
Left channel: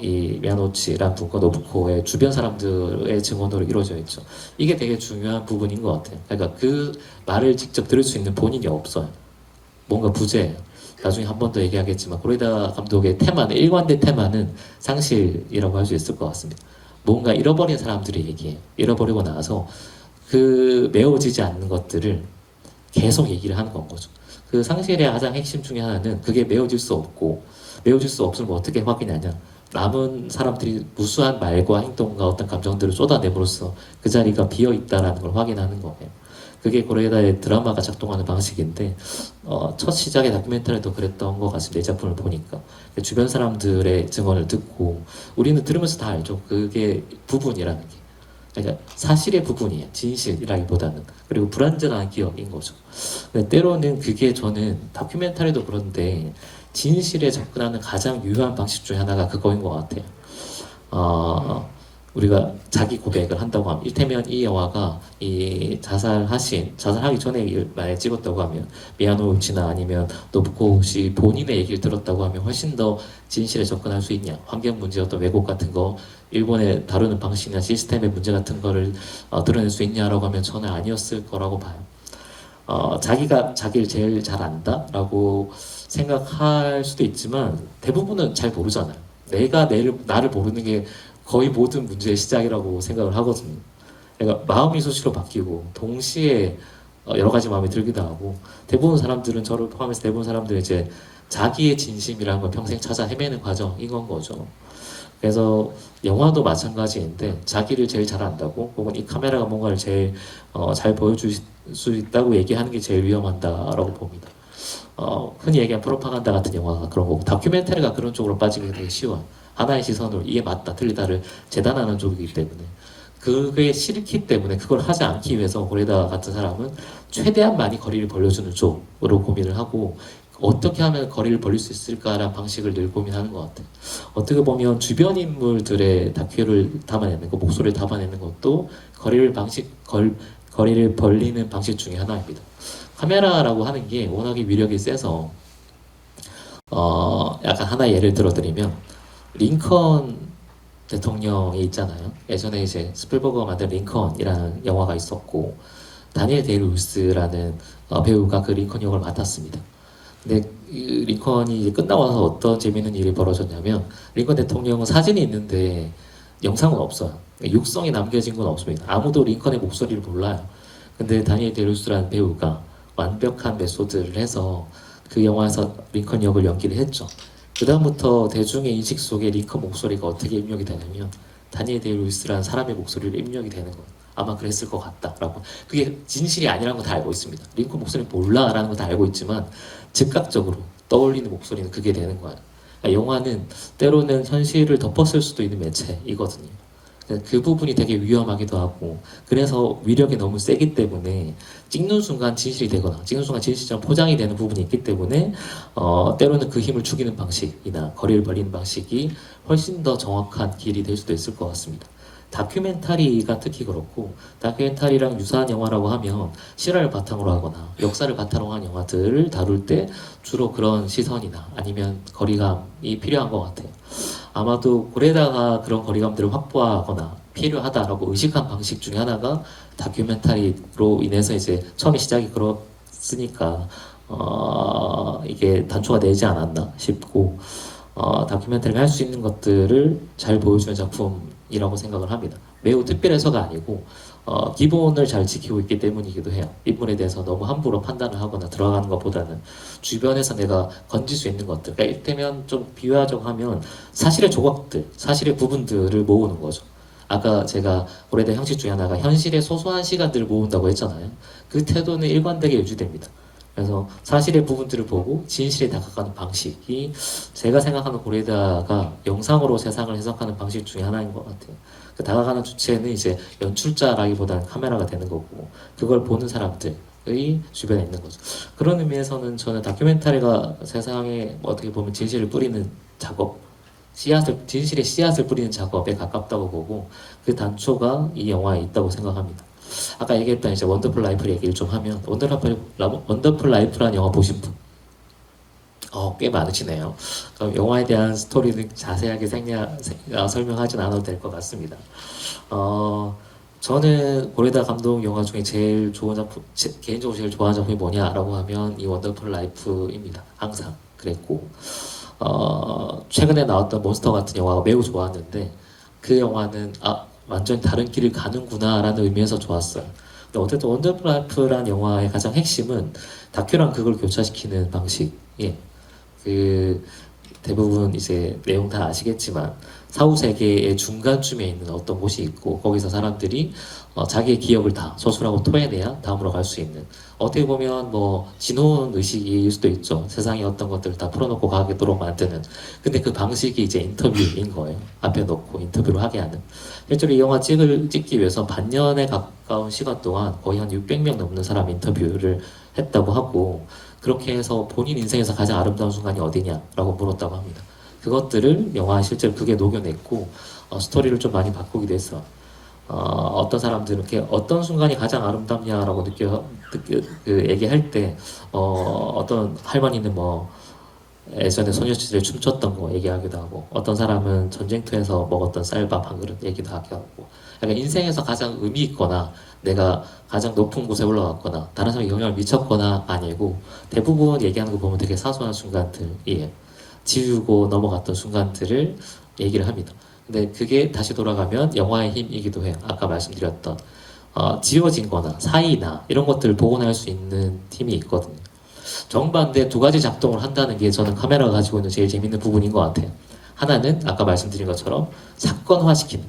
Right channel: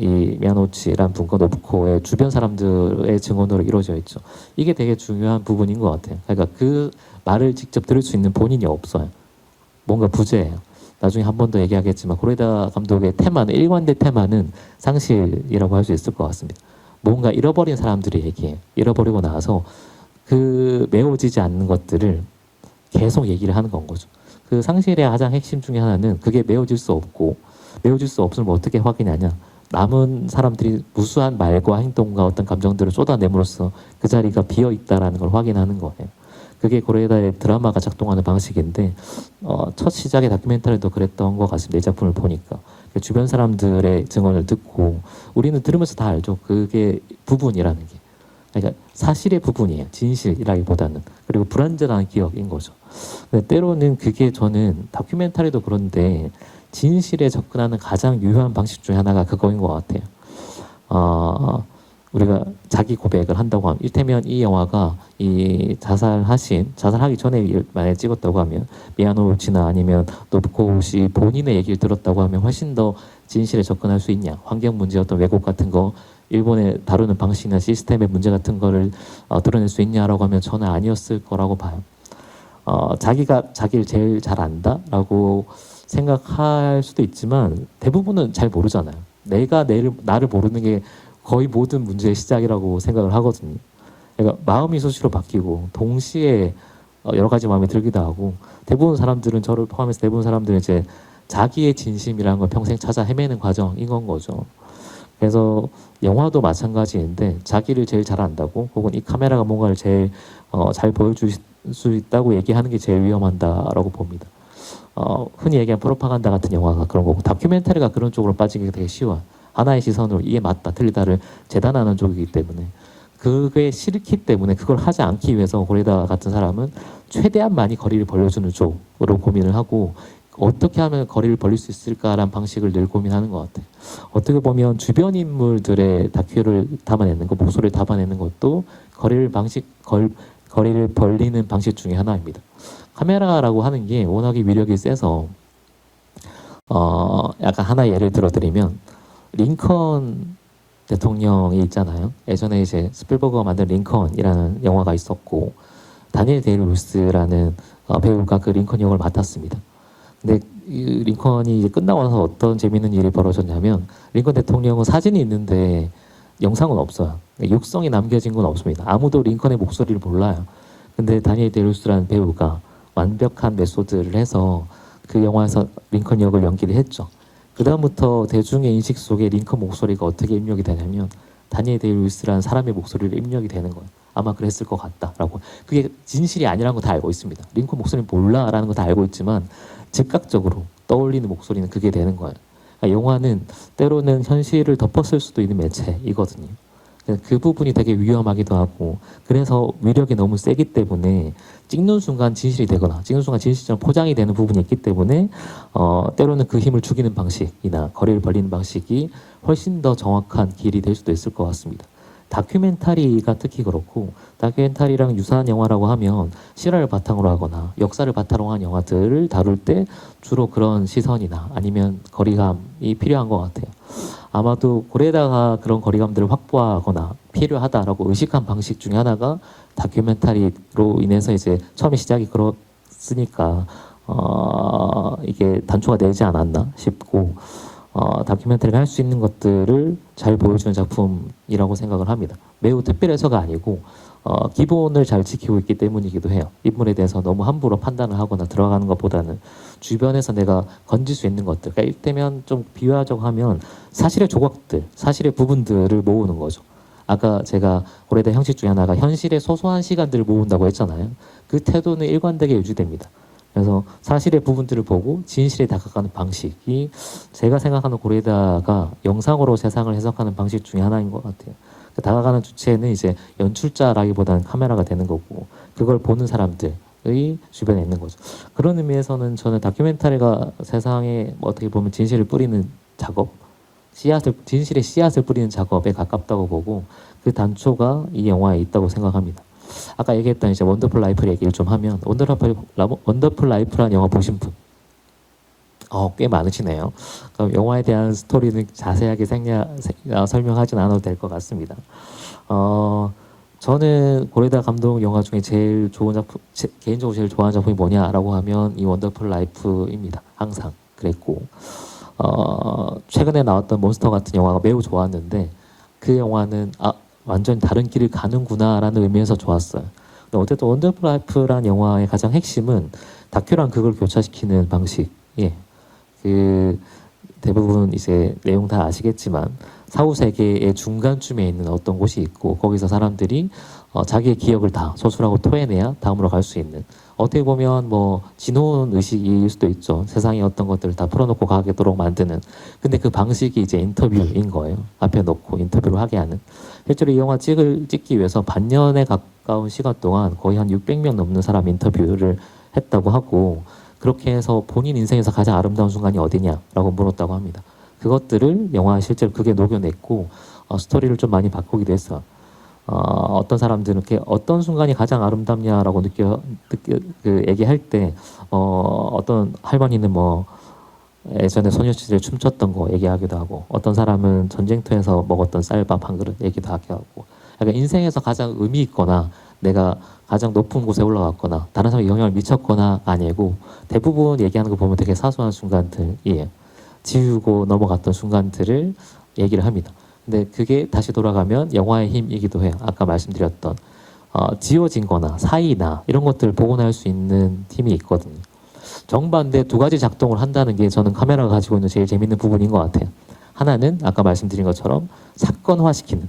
이 미야노치라는 분과 노부코의 주변 사람들의 증언으로 이루어져 있죠. 이게 되게 중요한 부분인 것 같아요. 그러니까 그 말을 직접 들을 수 있는 본인이 없어요. 뭔가 부재예요. 나중에 한 번 더 얘기하겠지만 고레다 감독의 테마는, 일관된 테마는 상실이라고 할 수 있을 것 같습니다. 뭔가 잃어버린 사람들이 얘기해요. 잃어버리고 나서 그 메워지지 않는 것들을 계속 얘기를 하는 건 거죠. 그 상실의 가장 핵심 중에 하나는 그게 메워질 수 없고, 메워질 수 없으면 어떻게 확인하냐. 남은 사람들이 무수한 말과 행동과 어떤 감정들을 쏟아내므로써 그 자리가 비어있다라는 걸 확인하는 거예요. 그게 고레다의 드라마가 작동하는 방식인데, 첫 시작의 다큐멘터리도 그랬던 것 같습니다. 이 작품을 보니까. 주변 사람들의 증언을 듣고, 우리는 들으면서 다 알죠. 그게 부분이라는 게. 그러니까 사실의 부분이에요. 진실이라기보다는. 그리고 불완전한 기억인 거죠. 근데 때로는 그게, 저는 다큐멘터리도 그런데 진실에 접근하는 가장 유효한 방식 중에 하나가 그거인 것 같아요. 우리가 자기 고백을 한다고 하면, 이를테면 이 영화가 자살하기 전에 만약에 찍었다고 하면, 미야노우치나 아니면 노부코우시 본인의 얘기를 들었다고 하면 훨씬 더 진실에 접근할 수 있냐, 환경 문제, 어떤 왜곡 같은 거, 일본의 다루는 방식이나 시스템의 문제 같은 거를 드러낼 수 있냐라고 하면 저는 아니었을 거라고 봐요. 자기가 자기를 제일 잘 안다라고 생각할 수도 있지만 대부분은 잘 모르잖아요. 내가 나를 모르는 게 거의 모든 문제의 시작이라고 생각을 하거든요. 그러니까 마음이 수시로 바뀌고 동시에 여러 가지 마음이 들기도 하고, 대부분 사람들은, 저를 포함해서 대부분 사람들은 이제 자기의 진심이라는 걸 평생 찾아 헤매는 과정인 건 거죠. 그래서 영화도 마찬가지인데, 자기를 제일 잘 안다고, 혹은 이 카메라가 뭔가를 제일 잘 보여줄 수 있다고 얘기하는 게 제일 위험하다라고 봅니다. 흔히 얘기하는 프로파간다 같은 영화가 그런 거고, 다큐멘터리가 그런 쪽으로 빠지기 되게 쉬워요. 하나의 시선으로 이게 맞다 틀리다를 재단하는 쪽이기 때문에, 그게 싫기 때문에 그걸 하지 않기 위해서 고레다 같은 사람은 최대한 많이 거리를 벌려주는 쪽으로 고민을 하고, 어떻게 하면 거리를 벌릴 수 있을까라는 방식을 늘 고민하는 것 같아요. 어떻게 보면 주변 인물들의 다큐를 담아내는 것, 목소리를 담아내는 것도 거리를 벌리는 방식 중에 하나입니다. 카메라라고 하는 게 워낙에 위력이 세서, 약간 하나 예를 들어드리면, 링컨 대통령이 있잖아요. 예전에 이제 스필버거가 만든 링컨이라는 영화가 있었고, 다니엘 데이루스라는 배우가 그 링컨 역을 맡았습니다. 근데 이 링컨이 이제 끝나고 나서 어떤 재밌는 일이 벌어졌냐면, 링컨 대통령은 사진이 있는데 영상은 없어요. 육성이 남겨진 건 없습니다. 아무도 링컨의 목소리를 몰라요. 근데 다니엘 데이루스라는 배우가 완벽한 메소드를 해서 그 영화에서 링컨 역을 연기를 했죠. 그다음부터 대중의 인식 속에 링컨 목소리가 어떻게 입력이 되냐면, 다니엘 데이루스라는 사람의 목소리로 입력이 되는 거예요. 아마 그랬을 것 같다라고. 그게 진실이 아니라는 거 다 알고 있습니다. 링컨 목소리는 몰라라는 거 다 알고 있지만 즉각적으로 떠올리는 목소리는 그게 되는 거예요. 그러니까 영화는 때로는 현실을 덮었을 수도 있는 매체이거든요. 그 부분이 되게 위험하기도 하고, 그래서 위력이 너무 세기 때문에 찍는 순간 진실이 되거나 찍는 순간 진실처럼 포장이 되는 부분이 있기 때문에, 때로는 그 힘을 죽이는 방식이나 거리를 벌리는 방식이 훨씬 더 정확한 길이 될 수도 있을 것 같습니다. 다큐멘터리가 특히 그렇고, 다큐멘터리랑 유사한 영화라고 하면 실화를 바탕으로 하거나 역사를 바탕으로 한 영화들을 다룰 때 주로 그런 시선이나 아니면 거리감이 필요한 것 같아요. 아마도 고레다가 그런 거리감들을 확보하거나 필요하다라고 의식한 방식 중에 하나가 다큐멘터리로 인해서 이제 처음에 시작이 그렇으니까 이게 단초가 되지 않았나 싶고, 다큐멘터리가 할 수 있는 것들을 잘 보여주는 작품이라고 생각을 합니다. 매우 특별해서가 아니고 기본을 잘 지키고 있기 때문이기도 해요. 인물에 대해서 너무 함부로 판단을 하거나 들어가는 것보다는 주변에서 내가 건질 수 있는 것들, 그러니까 이때면 좀 비유하자고 하면 사실의 조각들, 사실의 부분들을 모으는 거죠. 아까 제가 고레다 형식 중에 하나가 현실의 소소한 시간들을 모은다고 했잖아요. 그 태도는 일관되게 유지됩니다. 그래서 사실의 부분들을 보고 진실에 다가가는 방식이 제가 생각하는 고레다가 영상으로 세상을 해석하는 방식 중에 하나인 것 같아요. 그 다가가는 주체는 이제 연출자라기보다는 카메라가 되는 거고 그걸 보는 사람들의 주변에 있는 거죠. 그런 의미에서는 저는 다큐멘터리가 세상에 뭐 어떻게 보면 진실을 뿌리는 작업, 진실의 씨앗을 뿌리는 작업에 가깝다고 보고 그 단초가 이 영화에 있다고 생각합니다. 아까 얘기했던 이제 원더풀 라이프 얘기를 좀 하면 원더풀 라이프라는 영화 보신 분? 꽤 많으시네요. 그럼 영화에 대한 스토리는 자세하게 설명하진 않아도 될 것 같습니다. 저는 고레다 감독 영화 중에 제일 좋은 작품, 개인적으로 제일 좋아하는 작품이 뭐냐라고 하면 이 원더풀 라이프입니다. 항상 그랬고, 최근에 나왔던 몬스터 같은 영화가 매우 좋았는데, 그 영화는, 완전히 다른 길을 가는구나라는 의미에서 좋았어요. 근데 어쨌든 원더풀 라이프라는 영화의 가장 핵심은 다큐랑 그걸 교차시키는 방식. 예. 대부분 이제 내용 다 아시겠지만 사후 세계의 중간쯤에 있는 어떤 곳이 있고 거기서 사람들이 자기의 기억을 다 소술하고 토해내야 다음으로 갈 수 있는 어떻게 보면 뭐 지노운 의식일 수도 있죠. 세상의 어떤 것들을 다 풀어놓고 가게도록 만드는. 근데 그 방식이 이제 인터뷰인 거예요. 앞에 놓고 인터뷰를 하게 하는. 실제로 이 영화 찍기 위해서 반년에 가까운 시간 동안 거의 한 600명 넘는 사람 인터뷰를 했다고 하고 그렇게 해서 본인 인생에서 가장 아름다운 순간이 어디냐라고 물었다고 합니다. 그것들을 영화 실제로 그게 녹여냈고 스토리를 좀 많이 바꾸기도 했어요. 어떤 사람들은 이렇게 어떤 순간이 가장 아름답냐라고 얘기할 때 어떤 할머니는 뭐 예전에 소녀시대 춤췄던 거 얘기하기도 하고 어떤 사람은 전쟁터에서 먹었던 쌀밥 한 그릇 얘기도 하고 약간 인생에서 가장 의미 있거나 내가 가장 높은 곳에 올라갔거나 다른 사람에 영향을 미쳤거나 아니고 대부분 얘기하는 거 보면 되게 사소한 순간들이에요. 지우고 넘어갔던 순간들을 얘기를 합니다. 근데 그게 다시 돌아가면 영화의 힘이기도 해요. 아까 말씀드렸던 지워진 거나 사이나 이런 것들을 복원할 수 있는 팀이 있거든요. 정반대 두 가지 작동을 한다는 게 저는 카메라가 가지고 있는 제일 재밌는 부분인 것 같아요. 하나는 아까 말씀드린 것처럼 사건화시키는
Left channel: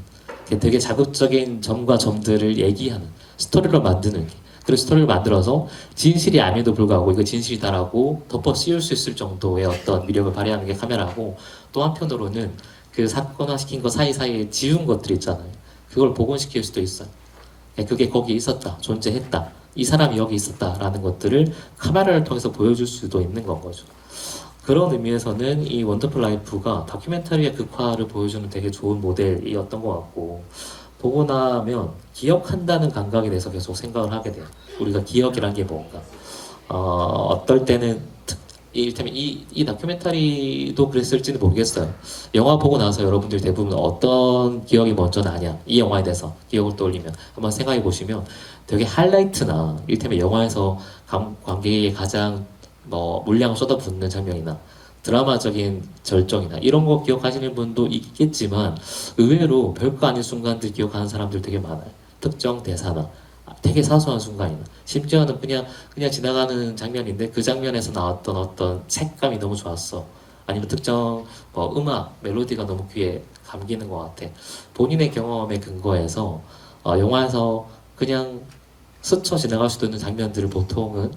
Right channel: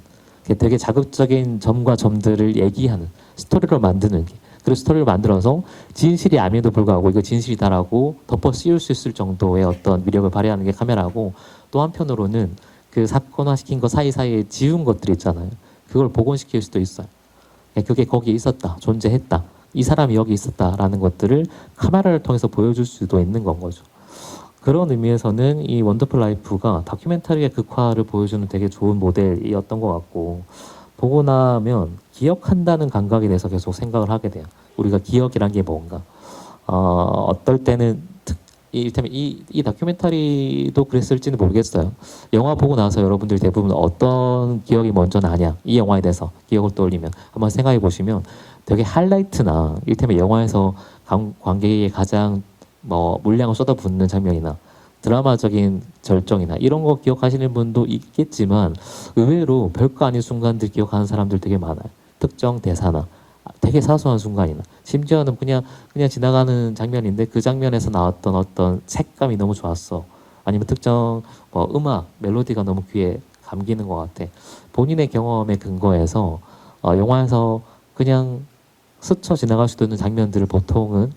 되게 자극적인 점과 점들을 얘기하는 스토리를 만드는 게 그리고 스토리를 만들어서 진실이 아님에도 불구하고 이거 진실이다라고 덮어 씌울 수 있을 정도의 어떤 위력을 발휘하는 게 카메라고 또 한편으로는 그 사건화시킨 거 사이사이에 지운 것들 있잖아요. 그걸 복원시킬 수도 있어요. 그게 거기 있었다, 존재했다, 이 사람이 여기 있었다라는 것들을 카메라를 통해서 보여줄 수도 있는 건 거죠. 그런 의미에서는 이 원더풀 라이프가 다큐멘터리의 극화를 보여주는 되게 좋은 모델이었던 것 같고 보고 나면 기억한다는 감각에 대해서 계속 생각을 하게 돼요. 우리가 기억이란 게 뭔가 어떨 때는 이를테면 이 다큐멘터리도 그랬을지는 모르겠어요. 영화 보고 나서 여러분들 대부분 어떤 기억이 먼저 나냐 이 영화에 대해서 기억을 떠올리면 한번 생각해 보시면 되게 하이라이트나 이를테면 영화에서 관객이 가장 뭐 물량을 쏟아붓는 장면이나 드라마적인 절정이나 이런 거 기억하시는 분도 있겠지만 의외로 별거 아닌 순간들 기억하는 사람들 되게 많아요. 특정 대사나 되게 사소한 순간이나 심지어는 그냥 지나가는 장면인데 그 장면에서 나왔던 어떤 색감이 너무 좋았어. 아니면 특정 음악, 멜로디가 너무 귀에 감기는 것 같아. 본인의 경험에 근거해서 영화에서 그냥 스쳐 지나갈 수도 있는 장면들을 보통은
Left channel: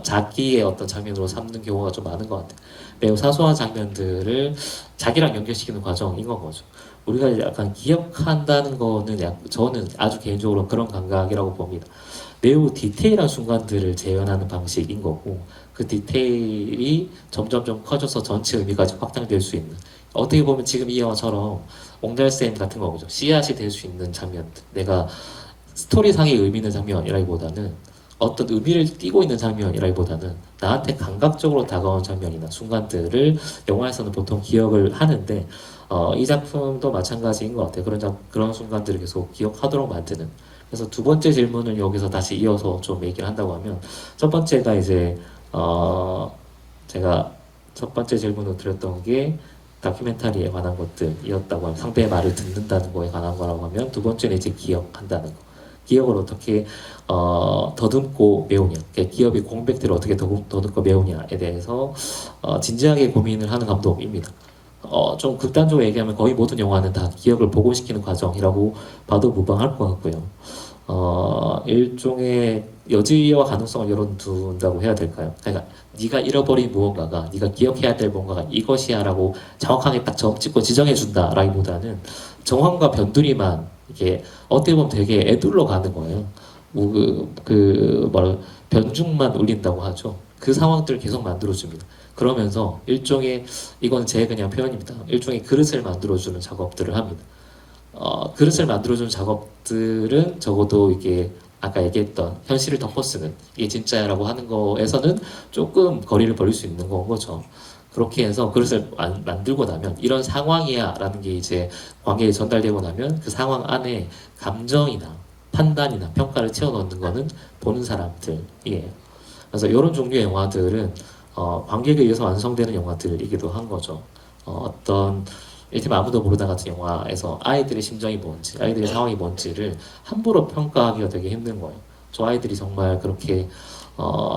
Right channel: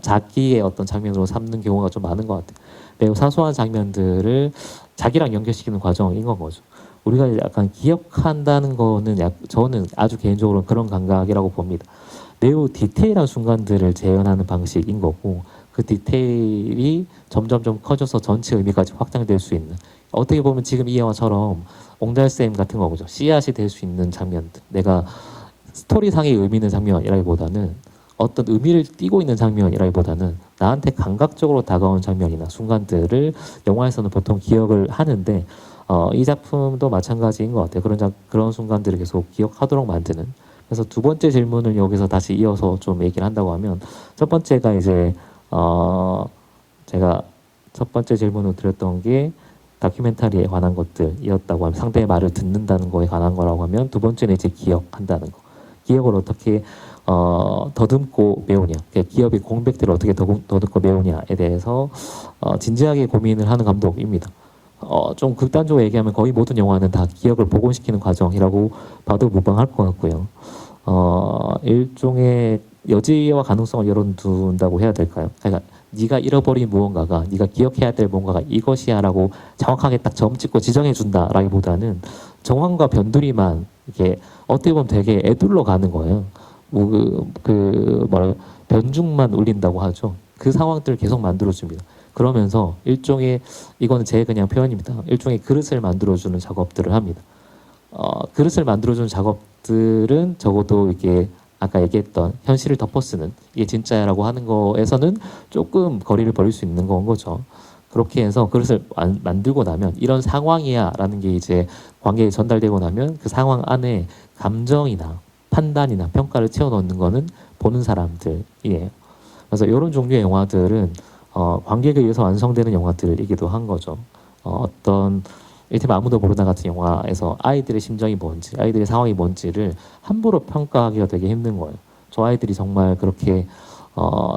자기의 어떤 장면으로 삼는 경우가 좀 많은 것 같아요. 매우 사소한 장면들을 자기랑 연결시키는 과정인 거죠. 우리가 약간 기억한다는 거는 저는 아주 개인적으로 그런 감각이라고 봅니다. 매우 디테일한 순간들을 재현하는 방식인 거고 그 디테일이 점점 커져서 전체 의미까지 확장될 수 있는 어떻게 보면 지금 이 영화처럼 옹달샘 같은 거죠. 씨앗이 될 수 있는 장면들 내가 스토리상의 의미 있는 장면이라기보다는 어떤 의미를 띠고 있는 장면이라기보다는 나한테 감각적으로 다가온 장면이나 순간들을 영화에서는 보통 기억을 하는데 이 작품도 마찬가지인 것 같아요. 그런 순간들을 계속 기억하도록 만드는. 그래서 두 번째 질문을 여기서 다시 이어서 좀 얘기를 한다고 하면 첫 번째가 이제 제가 첫 번째 질문을 드렸던 게 다큐멘터리에 관한 것들이었다고 하면 상대의 말을 듣는다는 거에 관한 거라고 하면 두 번째는 이제 기억한다는 거. 기억을 어떻게 더듬고 메우냐, 기업의 공백들을 어떻게 더듬고 메우냐에 대해서 진지하게 고민을 하는 감독입니다. 좀 극단적으로 얘기하면 거의 모든 영화는 다 기억을 복원시키는 과정이라고 봐도 무방할 것 같고요. 일종의 여지와 가능성을 열어둔다고 해야 될까요? 그러니까 네가 잃어버린 무언가가, 네가 기억해야 될 무언가가 이것이야라고 정확하게 딱 점 찍고 지정해 준다라기보다는 정황과 변두리만 이게 어떻게 보면 되게 애둘러 가는 거예요. 뭐그 변죽만 울린다고 하죠. 그 상황들을 계속 만들어줍니다. 그러면서 일종의 이건 제 그냥 표현입니다. 일종의 그릇을 만들어주는 작업들을 합니다. 그릇을 만들어주는 작업들은 적어도 이게 아까 얘기했던 현실을 덮어쓰는 이게 진짜라고 하는 거에서는 조금 거리를 벌일 수 있는 건 거죠. 그렇게 해서 그릇을 만들고 나면 이런 상황이야 라는 게 이제 관계에 전달되고 나면 그 상황 안에 감정이나 판단이나 평가를 채워넣는 거는 보는 사람들이에요. 그래서 이런 종류의 영화들은 관객에 의해서 완성되는 영화들이기도 한 거죠. 어떤 이를테면 아무도 모르다 같은 영화에서 아이들의 심정이 뭔지, 아이들의 상황이 뭔지를 함부로 평가하기가 되게 힘든 거예요. 저 아이들이 정말 그렇게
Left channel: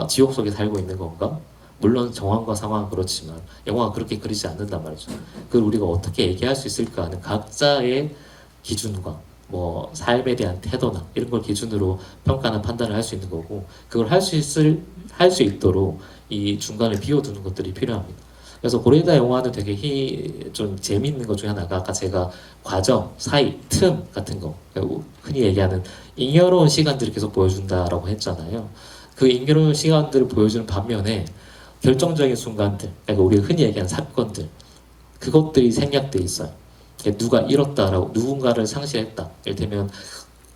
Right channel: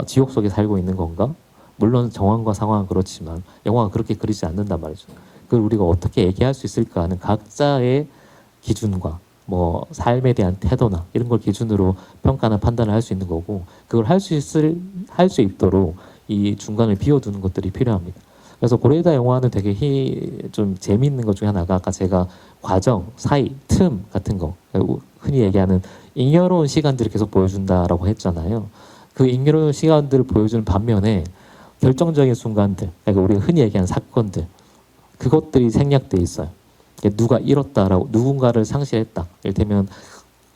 지옥 속에 살고 있는 건가? 물론 정황과 상황은 그렇지만 영화가 그렇게 그리지 않는단 말이죠. 그걸 우리가 어떻게 얘기할 수 있을까 하는 각자의 기준과 뭐 삶에 대한 태도나 이런 걸 기준으로 평가나 판단을 할 수 있는 거고 그걸 할 수 있도록 이 중간을 비워두는 것들이 필요합니다. 그래서 고레이다 영화는 되게 좀 재미있는 것 중에 하나가 아까 제가 과정, 사이, 틈 같은 거 흔히 얘기하는 잉여로운 시간들을 계속 보여준다라고 했잖아요. 그 잉여로운 시간들을 보여주는 반면에 결정적인 순간들, 그러니까 우리가 흔히 얘기하는 사건들, 그것들이 생략돼 있어요. 누가 잃었다라고, 누군가를 상실했다. 이를테면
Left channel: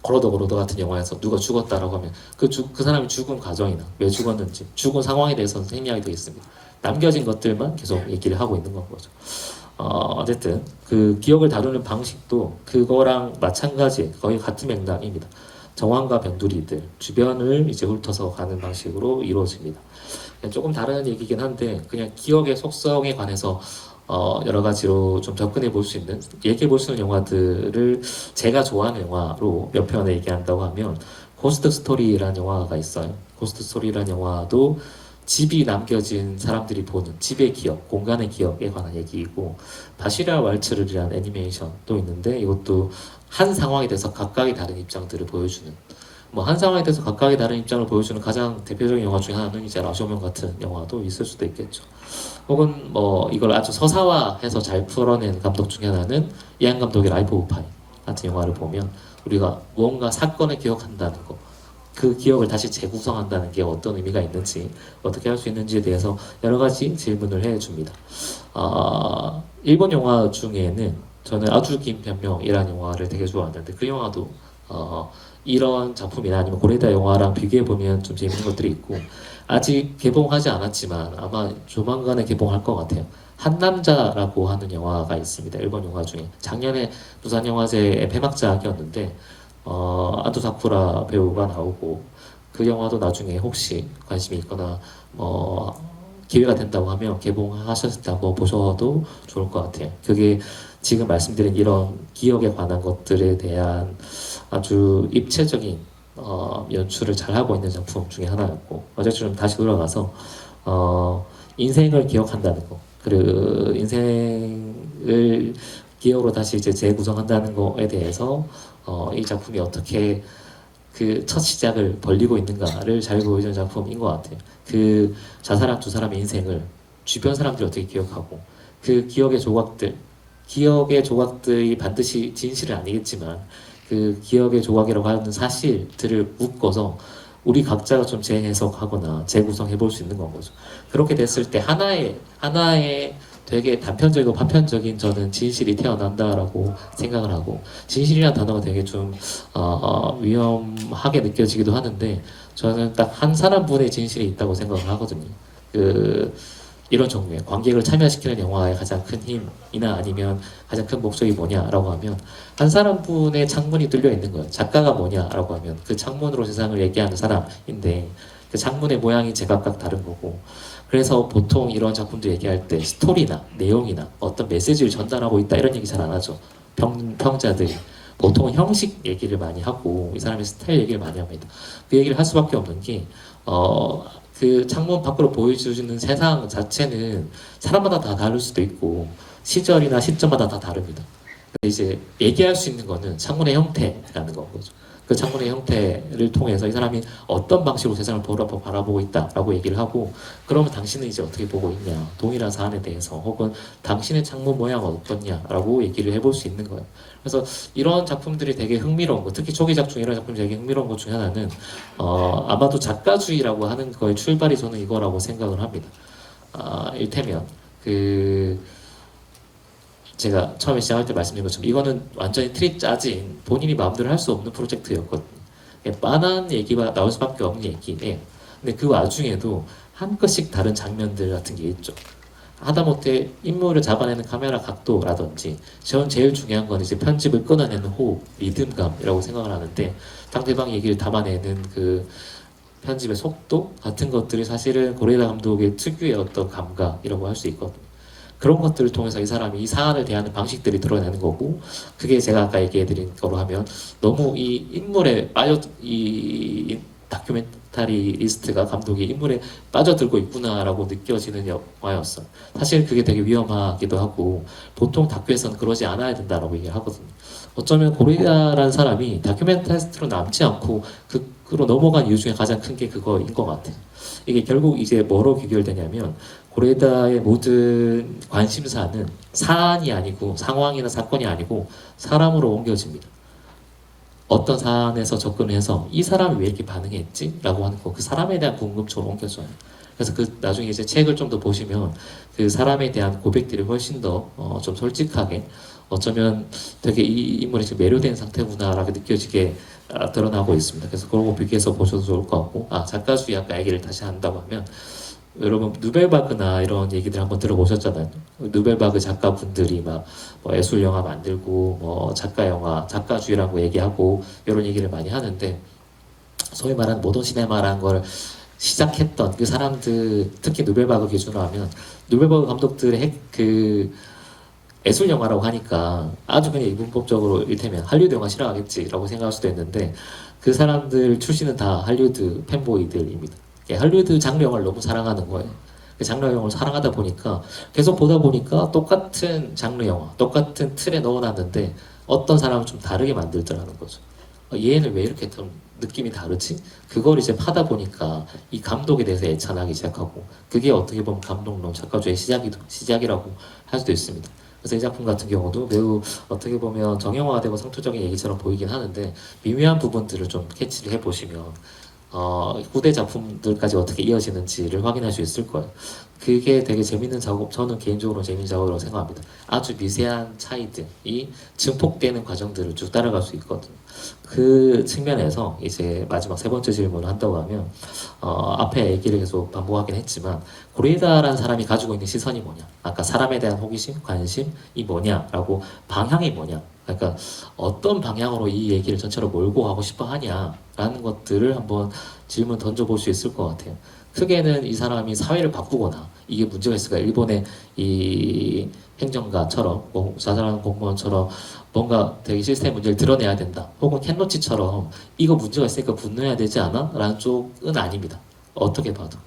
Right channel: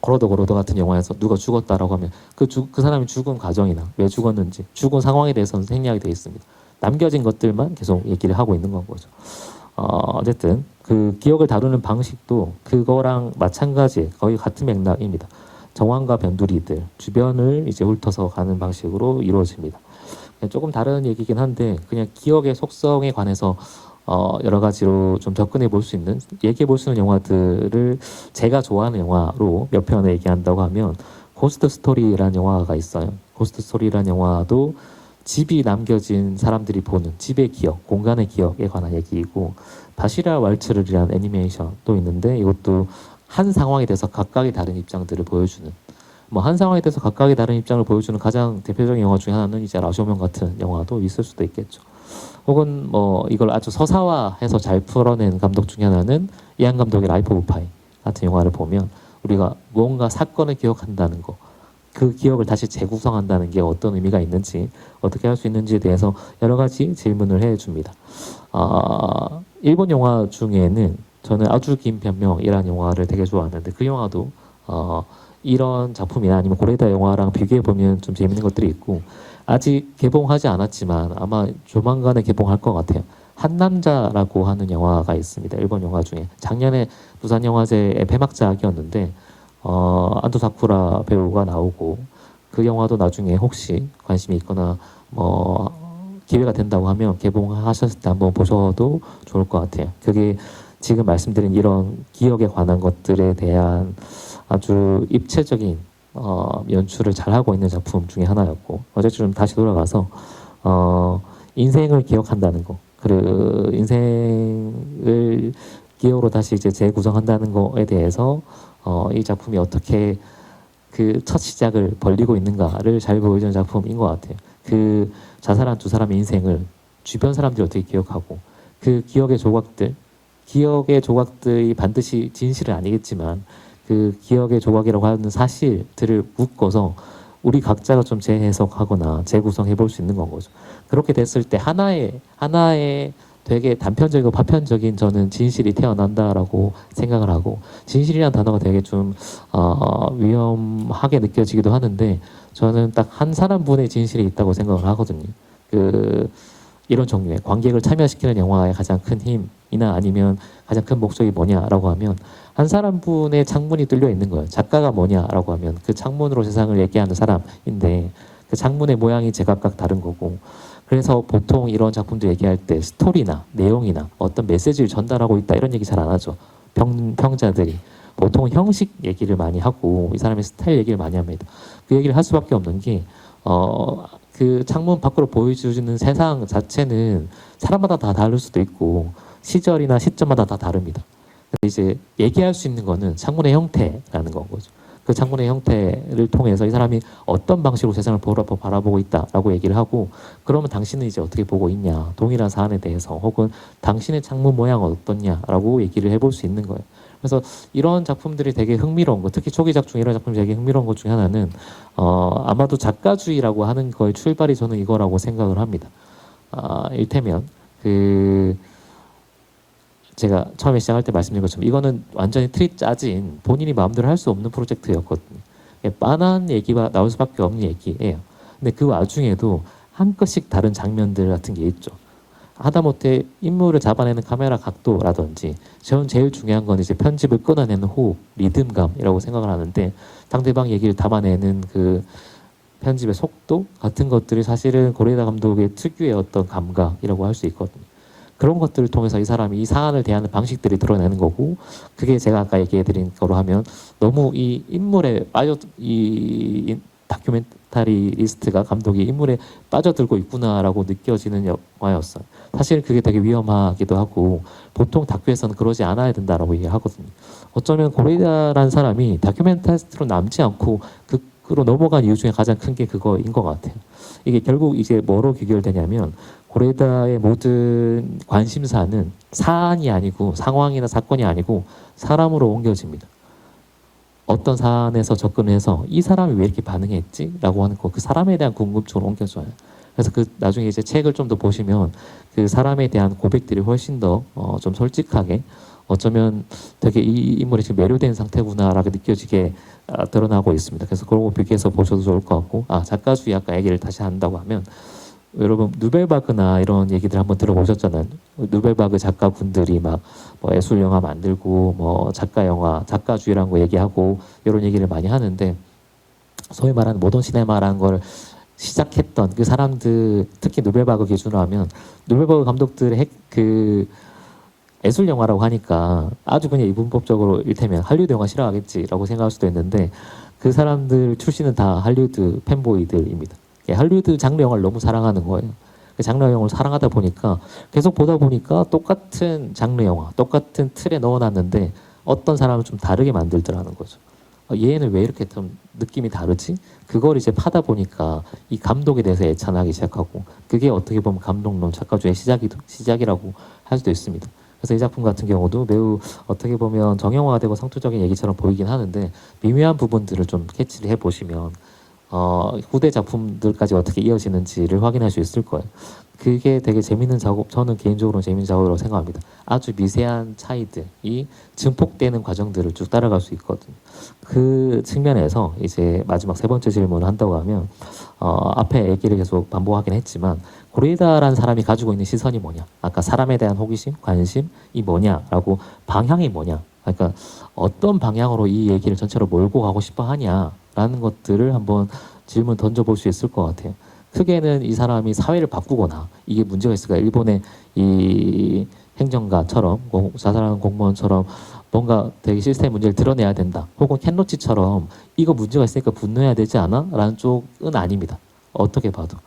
걸어도 같은 영화에서 누가 죽었다라고 하면 그 사람이 죽은 과정이나 왜 죽었는지, 죽은 상황에 대해서는 생략이 되어 있습니다. 남겨진 것들만 계속 얘기를 하고 있는 건 거죠. 어쨌든 그 기억을 다루는 방식도 그거랑 마찬가지 거의 같은 맥락입니다. 정황과 변두리들 주변을 이제 훑어서 가는 방식으로 이루어집니다. 조금 다른 얘기긴 한데 그냥 기억의 속성에 관해서 여러 가지로 좀 접근해 볼 수 있는 얘기해 볼 수 있는 영화들을 제가 좋아하는 영화로 몇 편을 얘기한다고 하면 고스트 스토리라는 영화가 있어요. 고스트 스토리라는 영화도 집이 남겨진 사람들이 보는 집의 기억, 공간의 기억에 관한 얘기이고 바시라 왈츠르라는 애니메이션도 있는데 이것도 한 상황에 대해서 각각의 다른 입장들을 보여주는 뭐 한 상황에 대해서 각각의 다른 입장을 보여주는 가장 대표적인 영화 중에 하나는 이제 라쇼면 같은 영화도 있을 수도 있겠죠. 혹은 뭐 이걸 아주 서사화해서 잘 풀어낸 감독 중에 하나는 이안 감독의 라이프 오브 파이 같은 영화를 보면 우리가 무언가 사건을 기억한다는 거, 그 기억을 다시 재구성한다는 게 어떤 의미가 있는지, 어떻게 할 수 있는지에 대해서 여러 가지 질문을 해줍니다. 일본 영화 중에는 저는 아주 긴 변명이라는 영화를 되게 좋아하는데 그 영화도 이런 작품이나 아니면 고레다 영화랑 비교해보면 좀 재밌는 것들이 있고 아직 개봉하지 않았지만 아마 조만간에 개봉할 것 같아요. 한남자라고 하는 영화가 있습니다. 일본 영화 중에 작년에 부산영화제의 폐막작이었는데 아도 사쿠라 배우가 나오고 그 영화도 나중에 혹시 관심이 있거나 기회가 된다고 하면 개봉하셨을 때 한번 보셔도 좋을 것 같아요. 그게 지금 말씀드린 이런 기억에 관한 것들에 대한 아주 입체적인 연출을 잘 하고 있는 작품 중에 하나였고 어쨌든 다시 돌아가서 인생을 기억한다는 거, 그 인생을 기억으로 다시 이제 재구성한다는 거에 대해서 이 작품이 어떻게 그 첫 시작을 벌리고 있는가를 잘 보여주는 작품인 것 같아요. 그 자살한 두 사람의 인생을 주변 사람들이 어떻게 기억하고 그 기억의 조각들이 반드시 진실은 아니겠지만 그 기억의 조각이라고 하는 사실들을 묶어서 우리 각자가 좀 재해석하거나 재구성해 볼 수 있는 건 거죠. 그렇게 됐을 때 하나의 되게 단편적이고 파편적인 저는 진실이 태어난다라고 생각을 하고 진실이라는 단어가 되게 좀 위험하게 느껴지기도 하는데 저는 딱 한 사람분의 진실이 있다고 생각을 하거든요. 이런 종류의 관객을 참여시키는 영화의 가장 큰 힘이나 아니면 가장 큰 목적이 뭐냐라고 하면 한 사람분의 창문이 뚫려 있는 거예요. 작가가 뭐냐라고 하면 그 창문으로 세상을 얘기하는 사람인데 그 창문의 모양이 제각각 다른 거고 그래서 보통 이런 작품들 얘기할 때 스토리나 내용이나 어떤 메시지를 전달하고 있다 이런 얘기 잘 안 하죠. 평자들이 보통 형식 얘기를 많이 하고 이 사람의 스타일 얘기를 많이 합니다. 그 얘기를 할 수밖에 없는 게 그 창문 밖으로 보여주는 세상 자체는 사람마다 다 다를 수도 있고 시절이나 시점마다 다 다릅니다. 근데 이제 얘기할 수 있는 거는 창문의 형태라는 거죠. 그 창문의 형태를 통해서 이 사람이 어떤 방식으로 세상을 바라보고 있다라고 얘기를 하고, 그러면 당신은 이제 어떻게 보고 있냐, 동일한 사안에 대해서, 혹은 당신의 창문 모양은 어떻냐라고 얘기를 해볼 수 있는 거예요. 그래서 이런 작품들이 되게 흥미로운 거, 특히 초기작 중 이런 작품이 되게 흥미로운 것 중에 하나는 아마도 작가주의라고 하는 거의 출발이 저는 이거라고 생각을 합니다. 일테면 그 제가 처음에 시작할 때 말씀드린 것처럼 이거는 완전히 틀이 짜진 본인이 마음대로 할 수 없는 프로젝트였거든요. 빤한 얘기가 나올 수밖에 없는 얘기예요. 근데 그 와중에도 한 끗씩 다른 장면들 같은 게 있죠. 하다못해 인물을 잡아내는 카메라 각도라든지, 저는 제일 중요한 건 이제 편집을 끊어내는 호흡, 리듬감이라고 생각을 하는데, 상대방 얘기를 담아내는 그 편집의 속도 같은 것들이 사실은 고레다 감독의 특유의 어떤 감각이라고 할 수 있거든요. 그런 것들을 통해서 이 사람이 이 사안을 대하는 방식들이 드러내는 거고, 그게 제가 아까 얘기해드린 거로 하면 너무 이 인물에 이 다큐멘터리리스트가 감독이 인물에 빠져들고 있구나라고 느껴지는 영화였어요. 사실 그게 되게 위험하기도 하고, 보통 다큐에서는 그러지 않아야 된다라고 얘기하거든요. 어쩌면 고레다라는 사람이 다큐멘터리스트로 남지 않고 그로 넘어간 이유 중에 가장 큰 게 그거인 것 같아요. 이게 결국 이제 뭐로 귀결되냐면, 고레다의 모든 관심사는 사안이 아니고, 상황이나 사건이 아니고 사람으로 옮겨집니다. 어떤 사안에서 접근해서 이 사람이 왜 이렇게 반응했지? 라고 하는 거, 그 사람에 대한 궁금증을 옮겨줘요. 그래서 그 나중에 이제 책을 좀 더 보시면 그 사람에 대한 고백들이 훨씬 더 좀 솔직하게, 어쩌면 되게 이 인물이 지금 매료된 상태구나라고 느껴지게 드러나고 있습니다. 그래서 그거 비교해서 보셔도 좋을 것 같고, 작가주의 아까 얘기를 다시 한다고 하면, 여러분 누벨바그나 이런 얘기들 한번 들어보셨잖아요. 누벨바그 작가분들이 막 뭐 예술 영화 만들고 뭐 작가 영화, 작가주의라고 얘기하고 이런 얘기를 많이 하는데, 소위 말하는 모던 시네마라는 걸 시작했던 그 사람들, 특히 누벨바그 기준으로 하면 누벨바그 감독들의 그 예술 영화라고 하니까 아주 그냥 이분법적으로 일테면 할리우드 영화 싫어하겠지라고 생각할 수도 있는데, 그 사람들 출신은 다 할리우드 팬보이들입니다. 할리우드 장르 영화를 너무 사랑하는 거예요. 그 장르 영화를 사랑하다 보니까 계속 보다 보니까 똑같은 장르 영화, 똑같은 틀에 넣어놨는데 어떤 사람은 좀 다르게 만들더라는 거죠. 얘는 왜 이렇게 좀 느낌이 다르지? 그걸 이제 파다 보니까 이 감독에 대해서 애찬하기 시작하고, 그게 어떻게 보면 감독론, 작가주의 시작이라고 할 수도 있습니다. 그래서 이 작품 같은 경우도 매우 어떻게 보면 정형화되고 상투적인 얘기처럼 보이긴 하는데, 미묘한 부분들을 좀 캐치를 해보시면 후대 작품들까지 어떻게 이어지는지를 확인할 수 있을 거예요. 그게 되게 재밌는 작업, 저는 개인적으로 재밌는 작업이라고 생각합니다. 아주 미세한 차이들이 증폭되는 과정들을 쭉 따라갈 수 있거든요. 그 측면에서 이제 마지막 세 번째 질문을 한다고 하면, 앞에 얘기를 계속 반복하긴 했지만, 고레이다라는 사람이 가지고 있는 시선이 뭐냐, 아까 사람에 대한 호기심, 관심이 뭐냐라고, 방향이 뭐냐, 그러니까 어떤 방향으로 이 얘기를 전체로 몰고 가고 싶어 하냐라는 것들을 한번 질문 던져볼 수 있을 것 같아요. 크게는 이 사람이 사회를 바꾸거나 이게 문제가 있을까, 일본의 이 행정가처럼, 자살하는 공무원처럼 뭔가 되게 시스템 문제를 드러내야 된다, 혹은 켄로치처럼 이거 문제가 있으니까 분노해야 되지 않아? 라는 쪽은 아닙니다. 어떻게 봐도.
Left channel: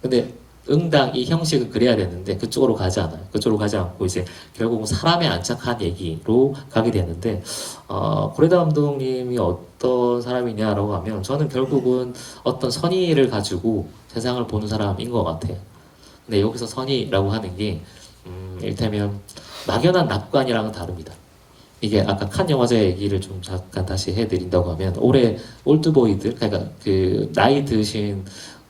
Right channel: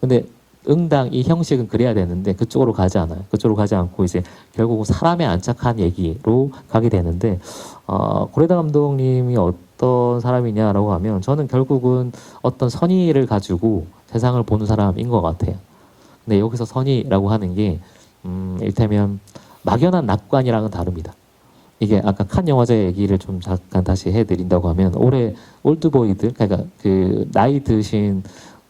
근데 응당 이 형식은 그래야 되는데 그쪽으로 가지 않아요. 그쪽으로 가지 않고 이제 결국은 사람에 안착한 얘기로 가게 되는데, 고레다 감독님이 어떤 사람이냐라고 하면, 저는 결국은 어떤 선의를 가지고 세상을 보는 사람인 것 같아요. 근데 여기서 선의라고 하는 게 일테면 막연한 낙관이랑은 다릅니다. 이게 아까 칸 영화제 얘기를 좀 잠깐 다시 해드린다고 하면, 올해 올드보이들, 그러니까 그 나이 드신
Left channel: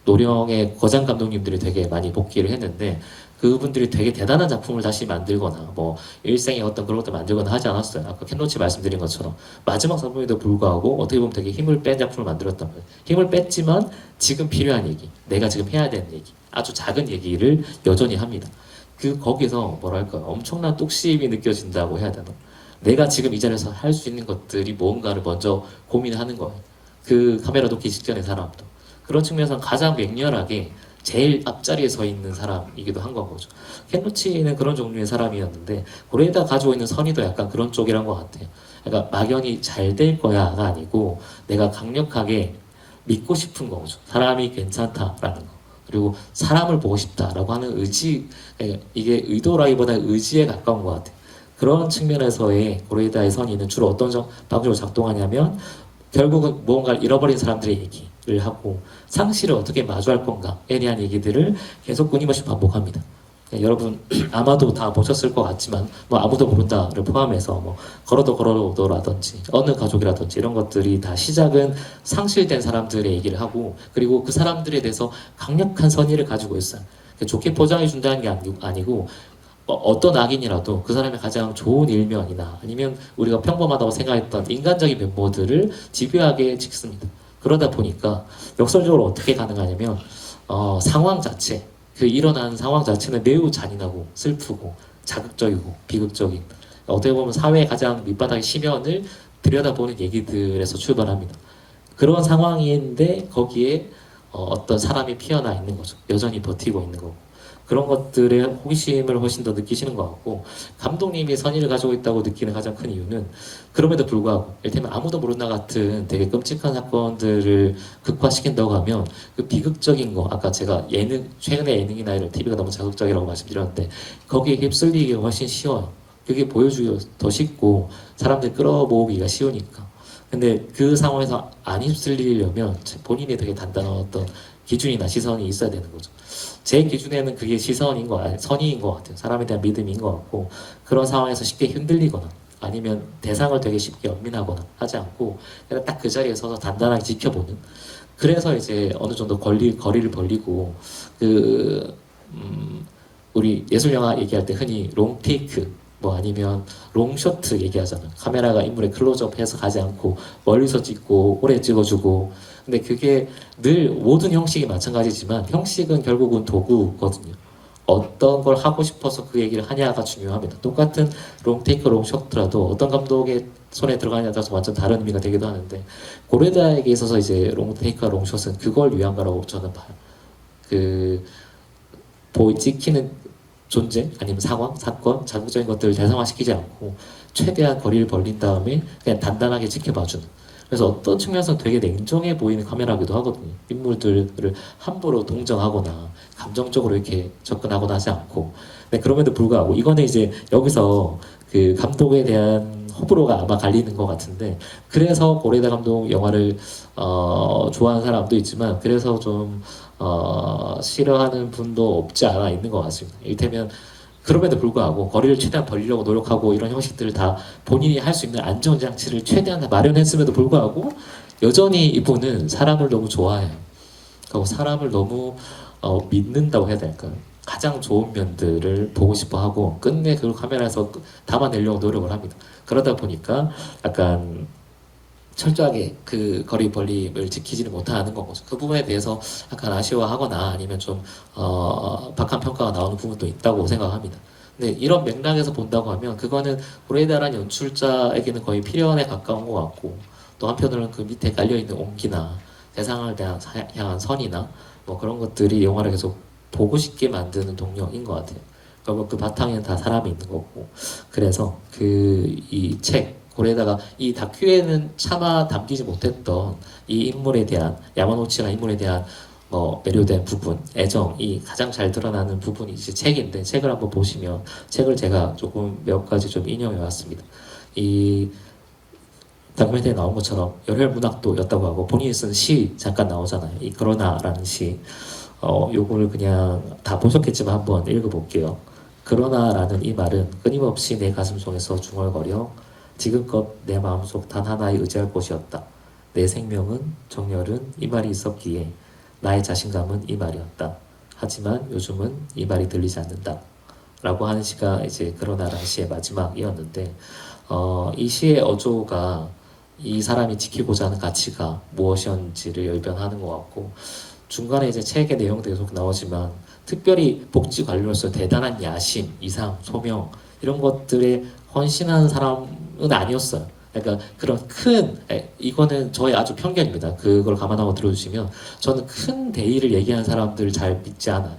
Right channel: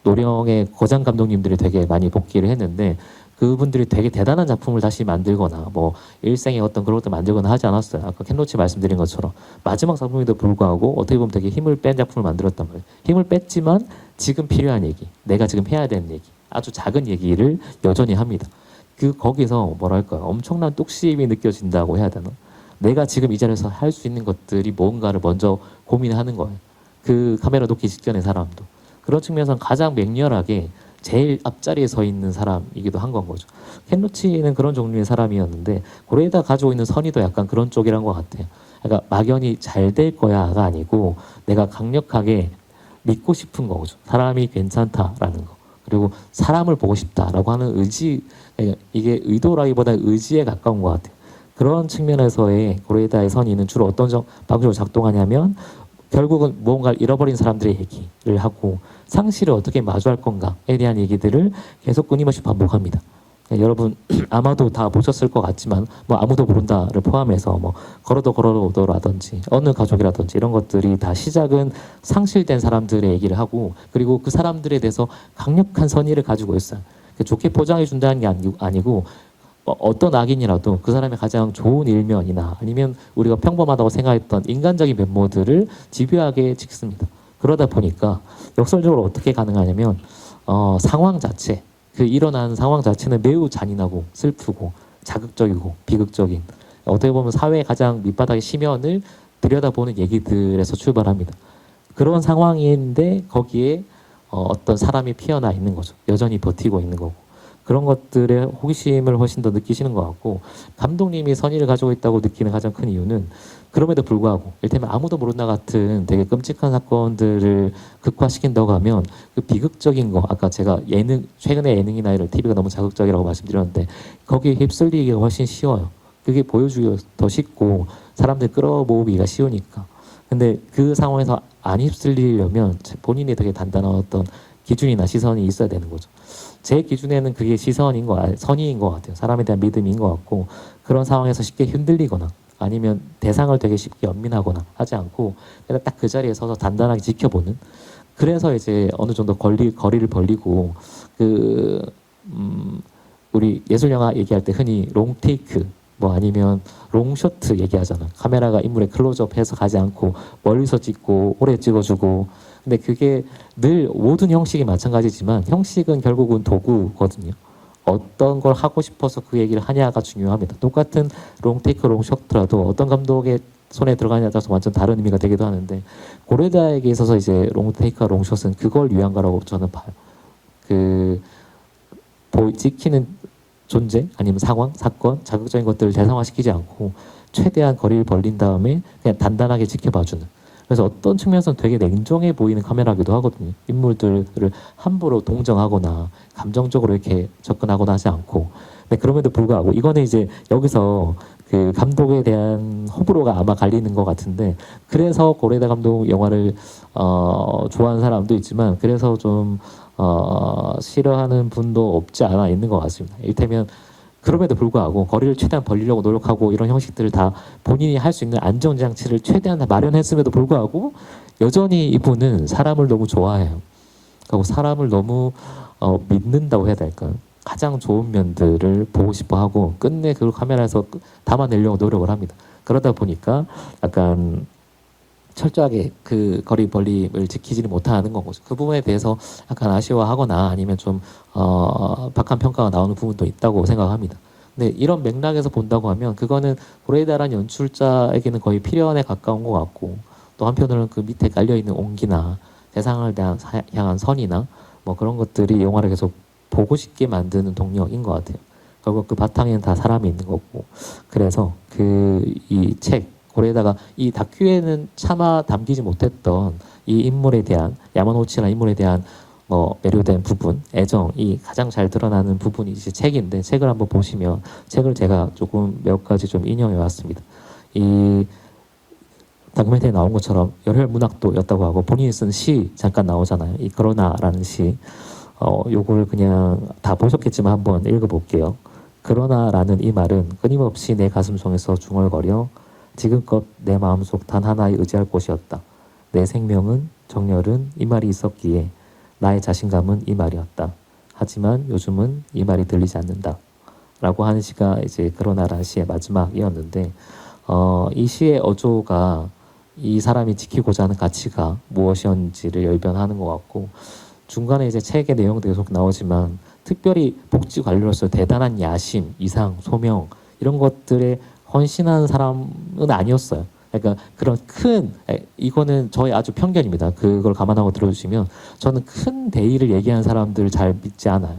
노령의 거장 감독님들이 되게 많이 복귀를 했는데, 그분들이 되게 대단한 작품을 다시 만들거나 뭐 일생의 어떤 그런 것들 만들거나 하지 않았어요. 아까 켄로치 말씀드린 것처럼 마지막 작품에도 불구하고 어떻게 보면 되게 힘을 뺀 작품을 만들었단 말이에요. 힘을 뺐지만 지금 필요한 얘기, 내가 지금 해야 되는 얘기, 아주 작은 얘기를 여전히 합니다. 거기서 뭐랄까, 엄청난 뚝심이 느껴진다고 해야 되나? 내가 지금 이 자리에서 할 수 있는 것들이 뭔가를 먼저 고민하는 거예요. 그 카메라 놓기 직전의 사람도. 그런 측면에서 가장 맹렬하게 제일 앞자리에 서 있는 사람이기도 한 건 거죠. 켄로치는 그런 종류의 사람이었는데, 고레에다 가지고 있는 선의도 약간 그런 쪽이란 것 같아요. 그러니까 막연히 잘 될 거야가 아니고, 내가 강력하게 믿고 싶은 거죠. 사람이 괜찮다라는 거. 그리고 사람을 보고 싶다라고 하는 의지, 이게 의도라기보다 의지에 가까운 것 같아요. 그런 측면에서의 고레에다의 선의는 주로 어떤 방식으로 작동하냐면, 결국은 무언가를 잃어버린 사람들의 얘기를 하고 상실을 어떻게 마주할 건가에 대한 얘기들을 계속 끊임없이 반복합니다. 여러분 아마도 다 보셨을 것 같지만 뭐 아무도 모른다를 포함해서 뭐 걸어도 걸어도라든지 어느 가족이라든지 이런 것들이 다 시작은 상실된 사람들의 얘기를 하고 그리고 그 사람들에 대해서 강력한 선의를 가지고 있어요. 좋게 포장해 준다는 게 아니고 어떤 악인이라도 그 사람의 가장 좋은 일면이나 아니면 우리가 평범하다고 생각했던 인간적인 면모들을 집요하게 찍습니다. 그러다 보니까 역설적으로 어떻게 가능하냐면 상황 자체 그 일어나는 상황 자체는 매우 잔인하고 슬프고 자극적이고 비극적인 어떻게 보면 사회의 가장 밑바닥의 심연을 들여다보는 얘기들에서 출발합니다. 그런 상황인데 거기에 어떤 사람이 피어나 있는 거죠. 여전히 버티고 있는 거고. 그런 것들의 호기심을 훨씬 더 느끼시는 것 같고 감독님이 선의를 가지고 있다고 느끼는 가장 큰 이유는 그럼에도 불구하고 이를테면 아무도 모른다 같은 되게 끔찍한 사건들을 극화시킨다고 하면 그 비극적인 거 아까 제가 최근에 예능이나 이런 TV가 너무 자극적이라고 말씀드렸는데 거기에 휩쓸리기가 훨씬 쉬워요. 그게 보여주기가 더 쉽고 사람들 끌어모으기가 쉬우니까. 근데 그 상황에서 안 휩쓸리려면 본인이 되게 단단한 어떤 기준이나 시선이 있어야 되는 거죠. 제 기준에는 그게 선의인 것 같아요. 사람에 대한 믿음인 것 같고 그런 상황에서 쉽게 흔들리거나 아니면 대상을 되게 쉽게 연민하거나 하지 않고 그냥 딱 그 자리에 서서 단단하게 지켜보는 그래서 이제 어느 정도 거리를 벌리고 우리 예술영화 얘기할 때 흔히 롱테이크 뭐 아니면 롱쇼트 얘기하잖아. 카메라가 인물에 클로즈업해서 가지 않고 멀리서 찍고 오래 찍어주고 근데 그게 늘 모든 형식이 마찬가지지만 형식은 결국은 도구거든요. 어떤 걸 하고 싶어서 그 얘기를 하냐가 중요합니다. 똑같은 롱테이크, 롱쇼트라도 어떤 감독의 손에 들어가냐에 따라서 완전 다른 의미가 되기도 하는데 고레다에게 있어서 이제 롱테이크와 롱숏은 그걸 위한 거라고 저는 봐요. 찍히는 존재 아니면 상황, 사건, 자극적인 것들을 대상화시키지 않고 최대한 거리를 벌린 다음에 그냥 단단하게 지켜봐주는 그래서 어떤 측면에서는 되게 냉정해 보이는 카메라기도 하거든요. 인물들을 함부로 동정하거나 감정적으로 이렇게 접근하거나 하지 않고. 네, 그럼에도 불구하고 이거는 이제 여기서 그 감독에 대한 호불호가 아마 갈리는 것 같은데 그래서 고레다 감독 영화를 좋아하는 사람도 있지만 그래서 좀 싫어하는 분도 없지 않아 있는 것 같습니다. 이를테면 그럼에도 불구하고 거리를 최대한 벌리려고 노력하고 이런 형식들을 다 본인이 할 수 있는 안정장치를 최대한 다 마련했음에도 불구하고 여전히 이분은 사람을 너무 좋아해요. 그리고 사람을 너무 믿는다고 해야 될까요? 가장 좋은 면들을 보고 싶어 하고 끝내 그걸 카메라에서 담아내려고 노력을 합니다. 그러다 보니까 약간 철저하게 그 거리 벌림을 지키지는 못하는 거죠. 그 부분에 대해서 약간 아쉬워하거나 아니면 좀 박한 평가가 나오는 부분도 있다고 생각합니다. 근데 이런 맥락에서 본다고 하면 그거는 고레이다라는 연출자에게는 거의 필연에 가까운 것 같고 또 한편으로는 그 밑에 깔려있는 온기나 세상을 향한 선이나 뭐 그런 것들이 영화를 계속 보고 싶게 만드는 동력인 것 같아요. 결국 그 바탕에는 다 사람이 있는 거고 그래서 이 책 고레다가 이 다큐에는 차마 담기지 못했던 이 인물에 대한 야마노치나 인물에 대한 뭐 매료된 부분, 애정이 가장 잘 드러나는 부분이 이제 책인데 책을 한번 보시면 책을 제가 조금 몇 가지 좀 인용해 왔습니다. 이 다큐멘터리에 나온 것처럼 열혈문학도였다고 하고 본인이 쓴 시 잠깐 나오잖아요. 이 그러나라는 시. 요걸 그냥 다 보셨겠지만 한번 읽어볼게요. 그러나라는 이 말은 끊임없이 내 가슴속에서 중얼거려 지금껏 내 마음속 단 하나에 의지할 곳이었다. 내 생명은, 정열은 이 말이 있었기에 나의 자신감은 이 말이었다. 하지만 요즘은 이 말이 들리지 않는다. 라고 하는 시가 이제 그러나라는 시의 마지막이었는데 이 시의 어조가 이 사람이 지키고자 하는 가치가 무엇이었는지를 열변하는 것 같고 중간에 이제 책의 내용도 계속 나오지만 특별히 복지 관료로서 대단한 야심, 이상, 소명 이런 것들에 헌신하는 사람은 아니었어요. 그러니까 그런 이거는 저의 아주 편견입니다. 그걸 감안하고 들어주시면 저는 큰 대의를 얘기하는 사람들을 잘 믿지 않아요.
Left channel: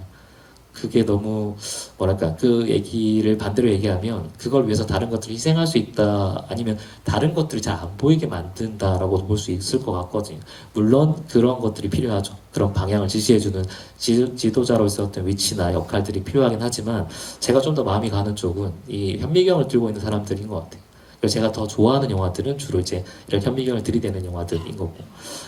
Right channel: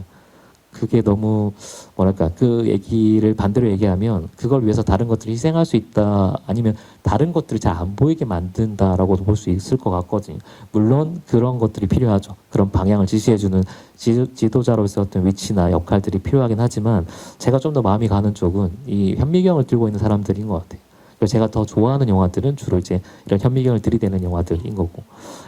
그게 너무 뭐랄까 그 얘기를 반대로 얘기하면 그걸 위해서 다른 것들을 희생할 수 있다 아니면 다른 것들을 잘 안 보이게 만든다라고 볼 수 있을 것 같거든요. 물론 그런 것들이 필요하죠. 그런 방향을 지시해주는 지도자로서 어떤 위치나 역할들이 필요하긴 하지만 제가 좀 더 마음이 가는 쪽은 이 현미경을 들고 있는 사람들인 것 같아요. 그리고 제가 더 좋아하는 영화들은 주로 이제 이런 현미경을 들이대는 영화들인 거고,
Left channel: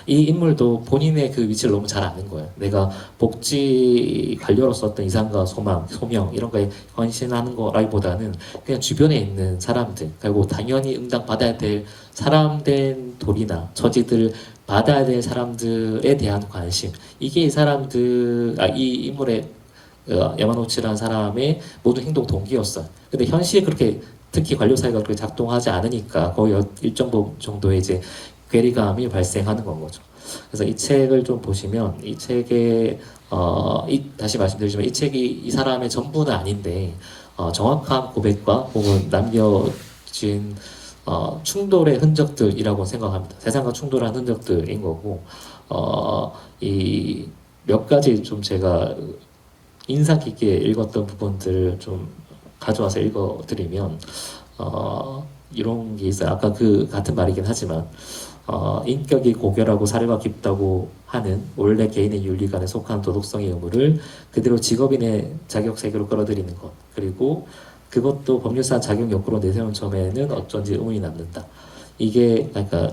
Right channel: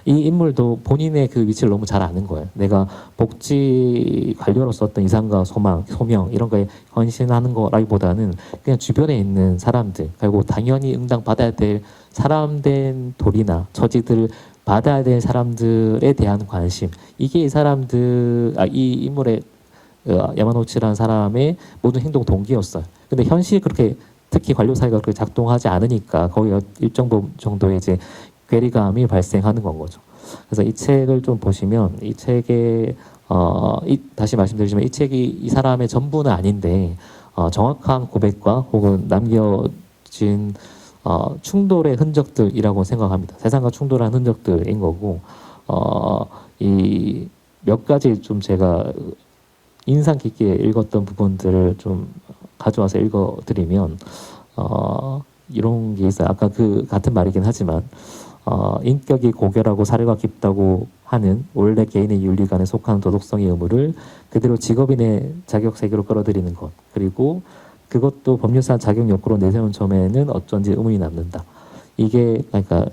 이 인물도 본인의 그 위치를 너무 잘 아는 거예요. 내가 복지 관료로서 어떤 이상과 소망, 소명 이런 거에 헌신하는 거라기보다는 그냥 주변에 있는 사람들, 그리고 당연히 응당받아야 될 사람된 도리나 처지들 받아야 될 사람들에 대한 관심, 이게 이 사람들, 이 인물의 야마노치라는 사람의 모든 행동 동기였어요. 근데 현실이 그렇게, 특히 관료 사회가 그렇게 작동하지 않으니까 거의 일정 정도의 이제 괴리감이 발생하는 건 거죠. 그래서 이 책을 좀 보시면, 이 책에 다시 말씀드리지만 이 책이 이 사람의 전부는 아닌데 정확한 고백과 혹은 남겨진 충돌의 흔적들이라고 생각합니다. 세상과 충돌한 흔적들인 거고, 이 몇 가지 좀 제가 인상 깊게 읽었던 부분들을 좀 가져와서 읽어드리면, 이런 게 있어요. 아까 그 같은 말이긴 하지만, 인격이 고결하고 사려가 깊다고 하는 원래 개인의 윤리관에 속한 도덕성의 의무를 그대로 직업인의 자격 세계로 끌어들이는 것, 그리고 그것도 법률상 자격 욕구로 내세운 점에는 어쩐지 의문이 남는다. 이게 그러니까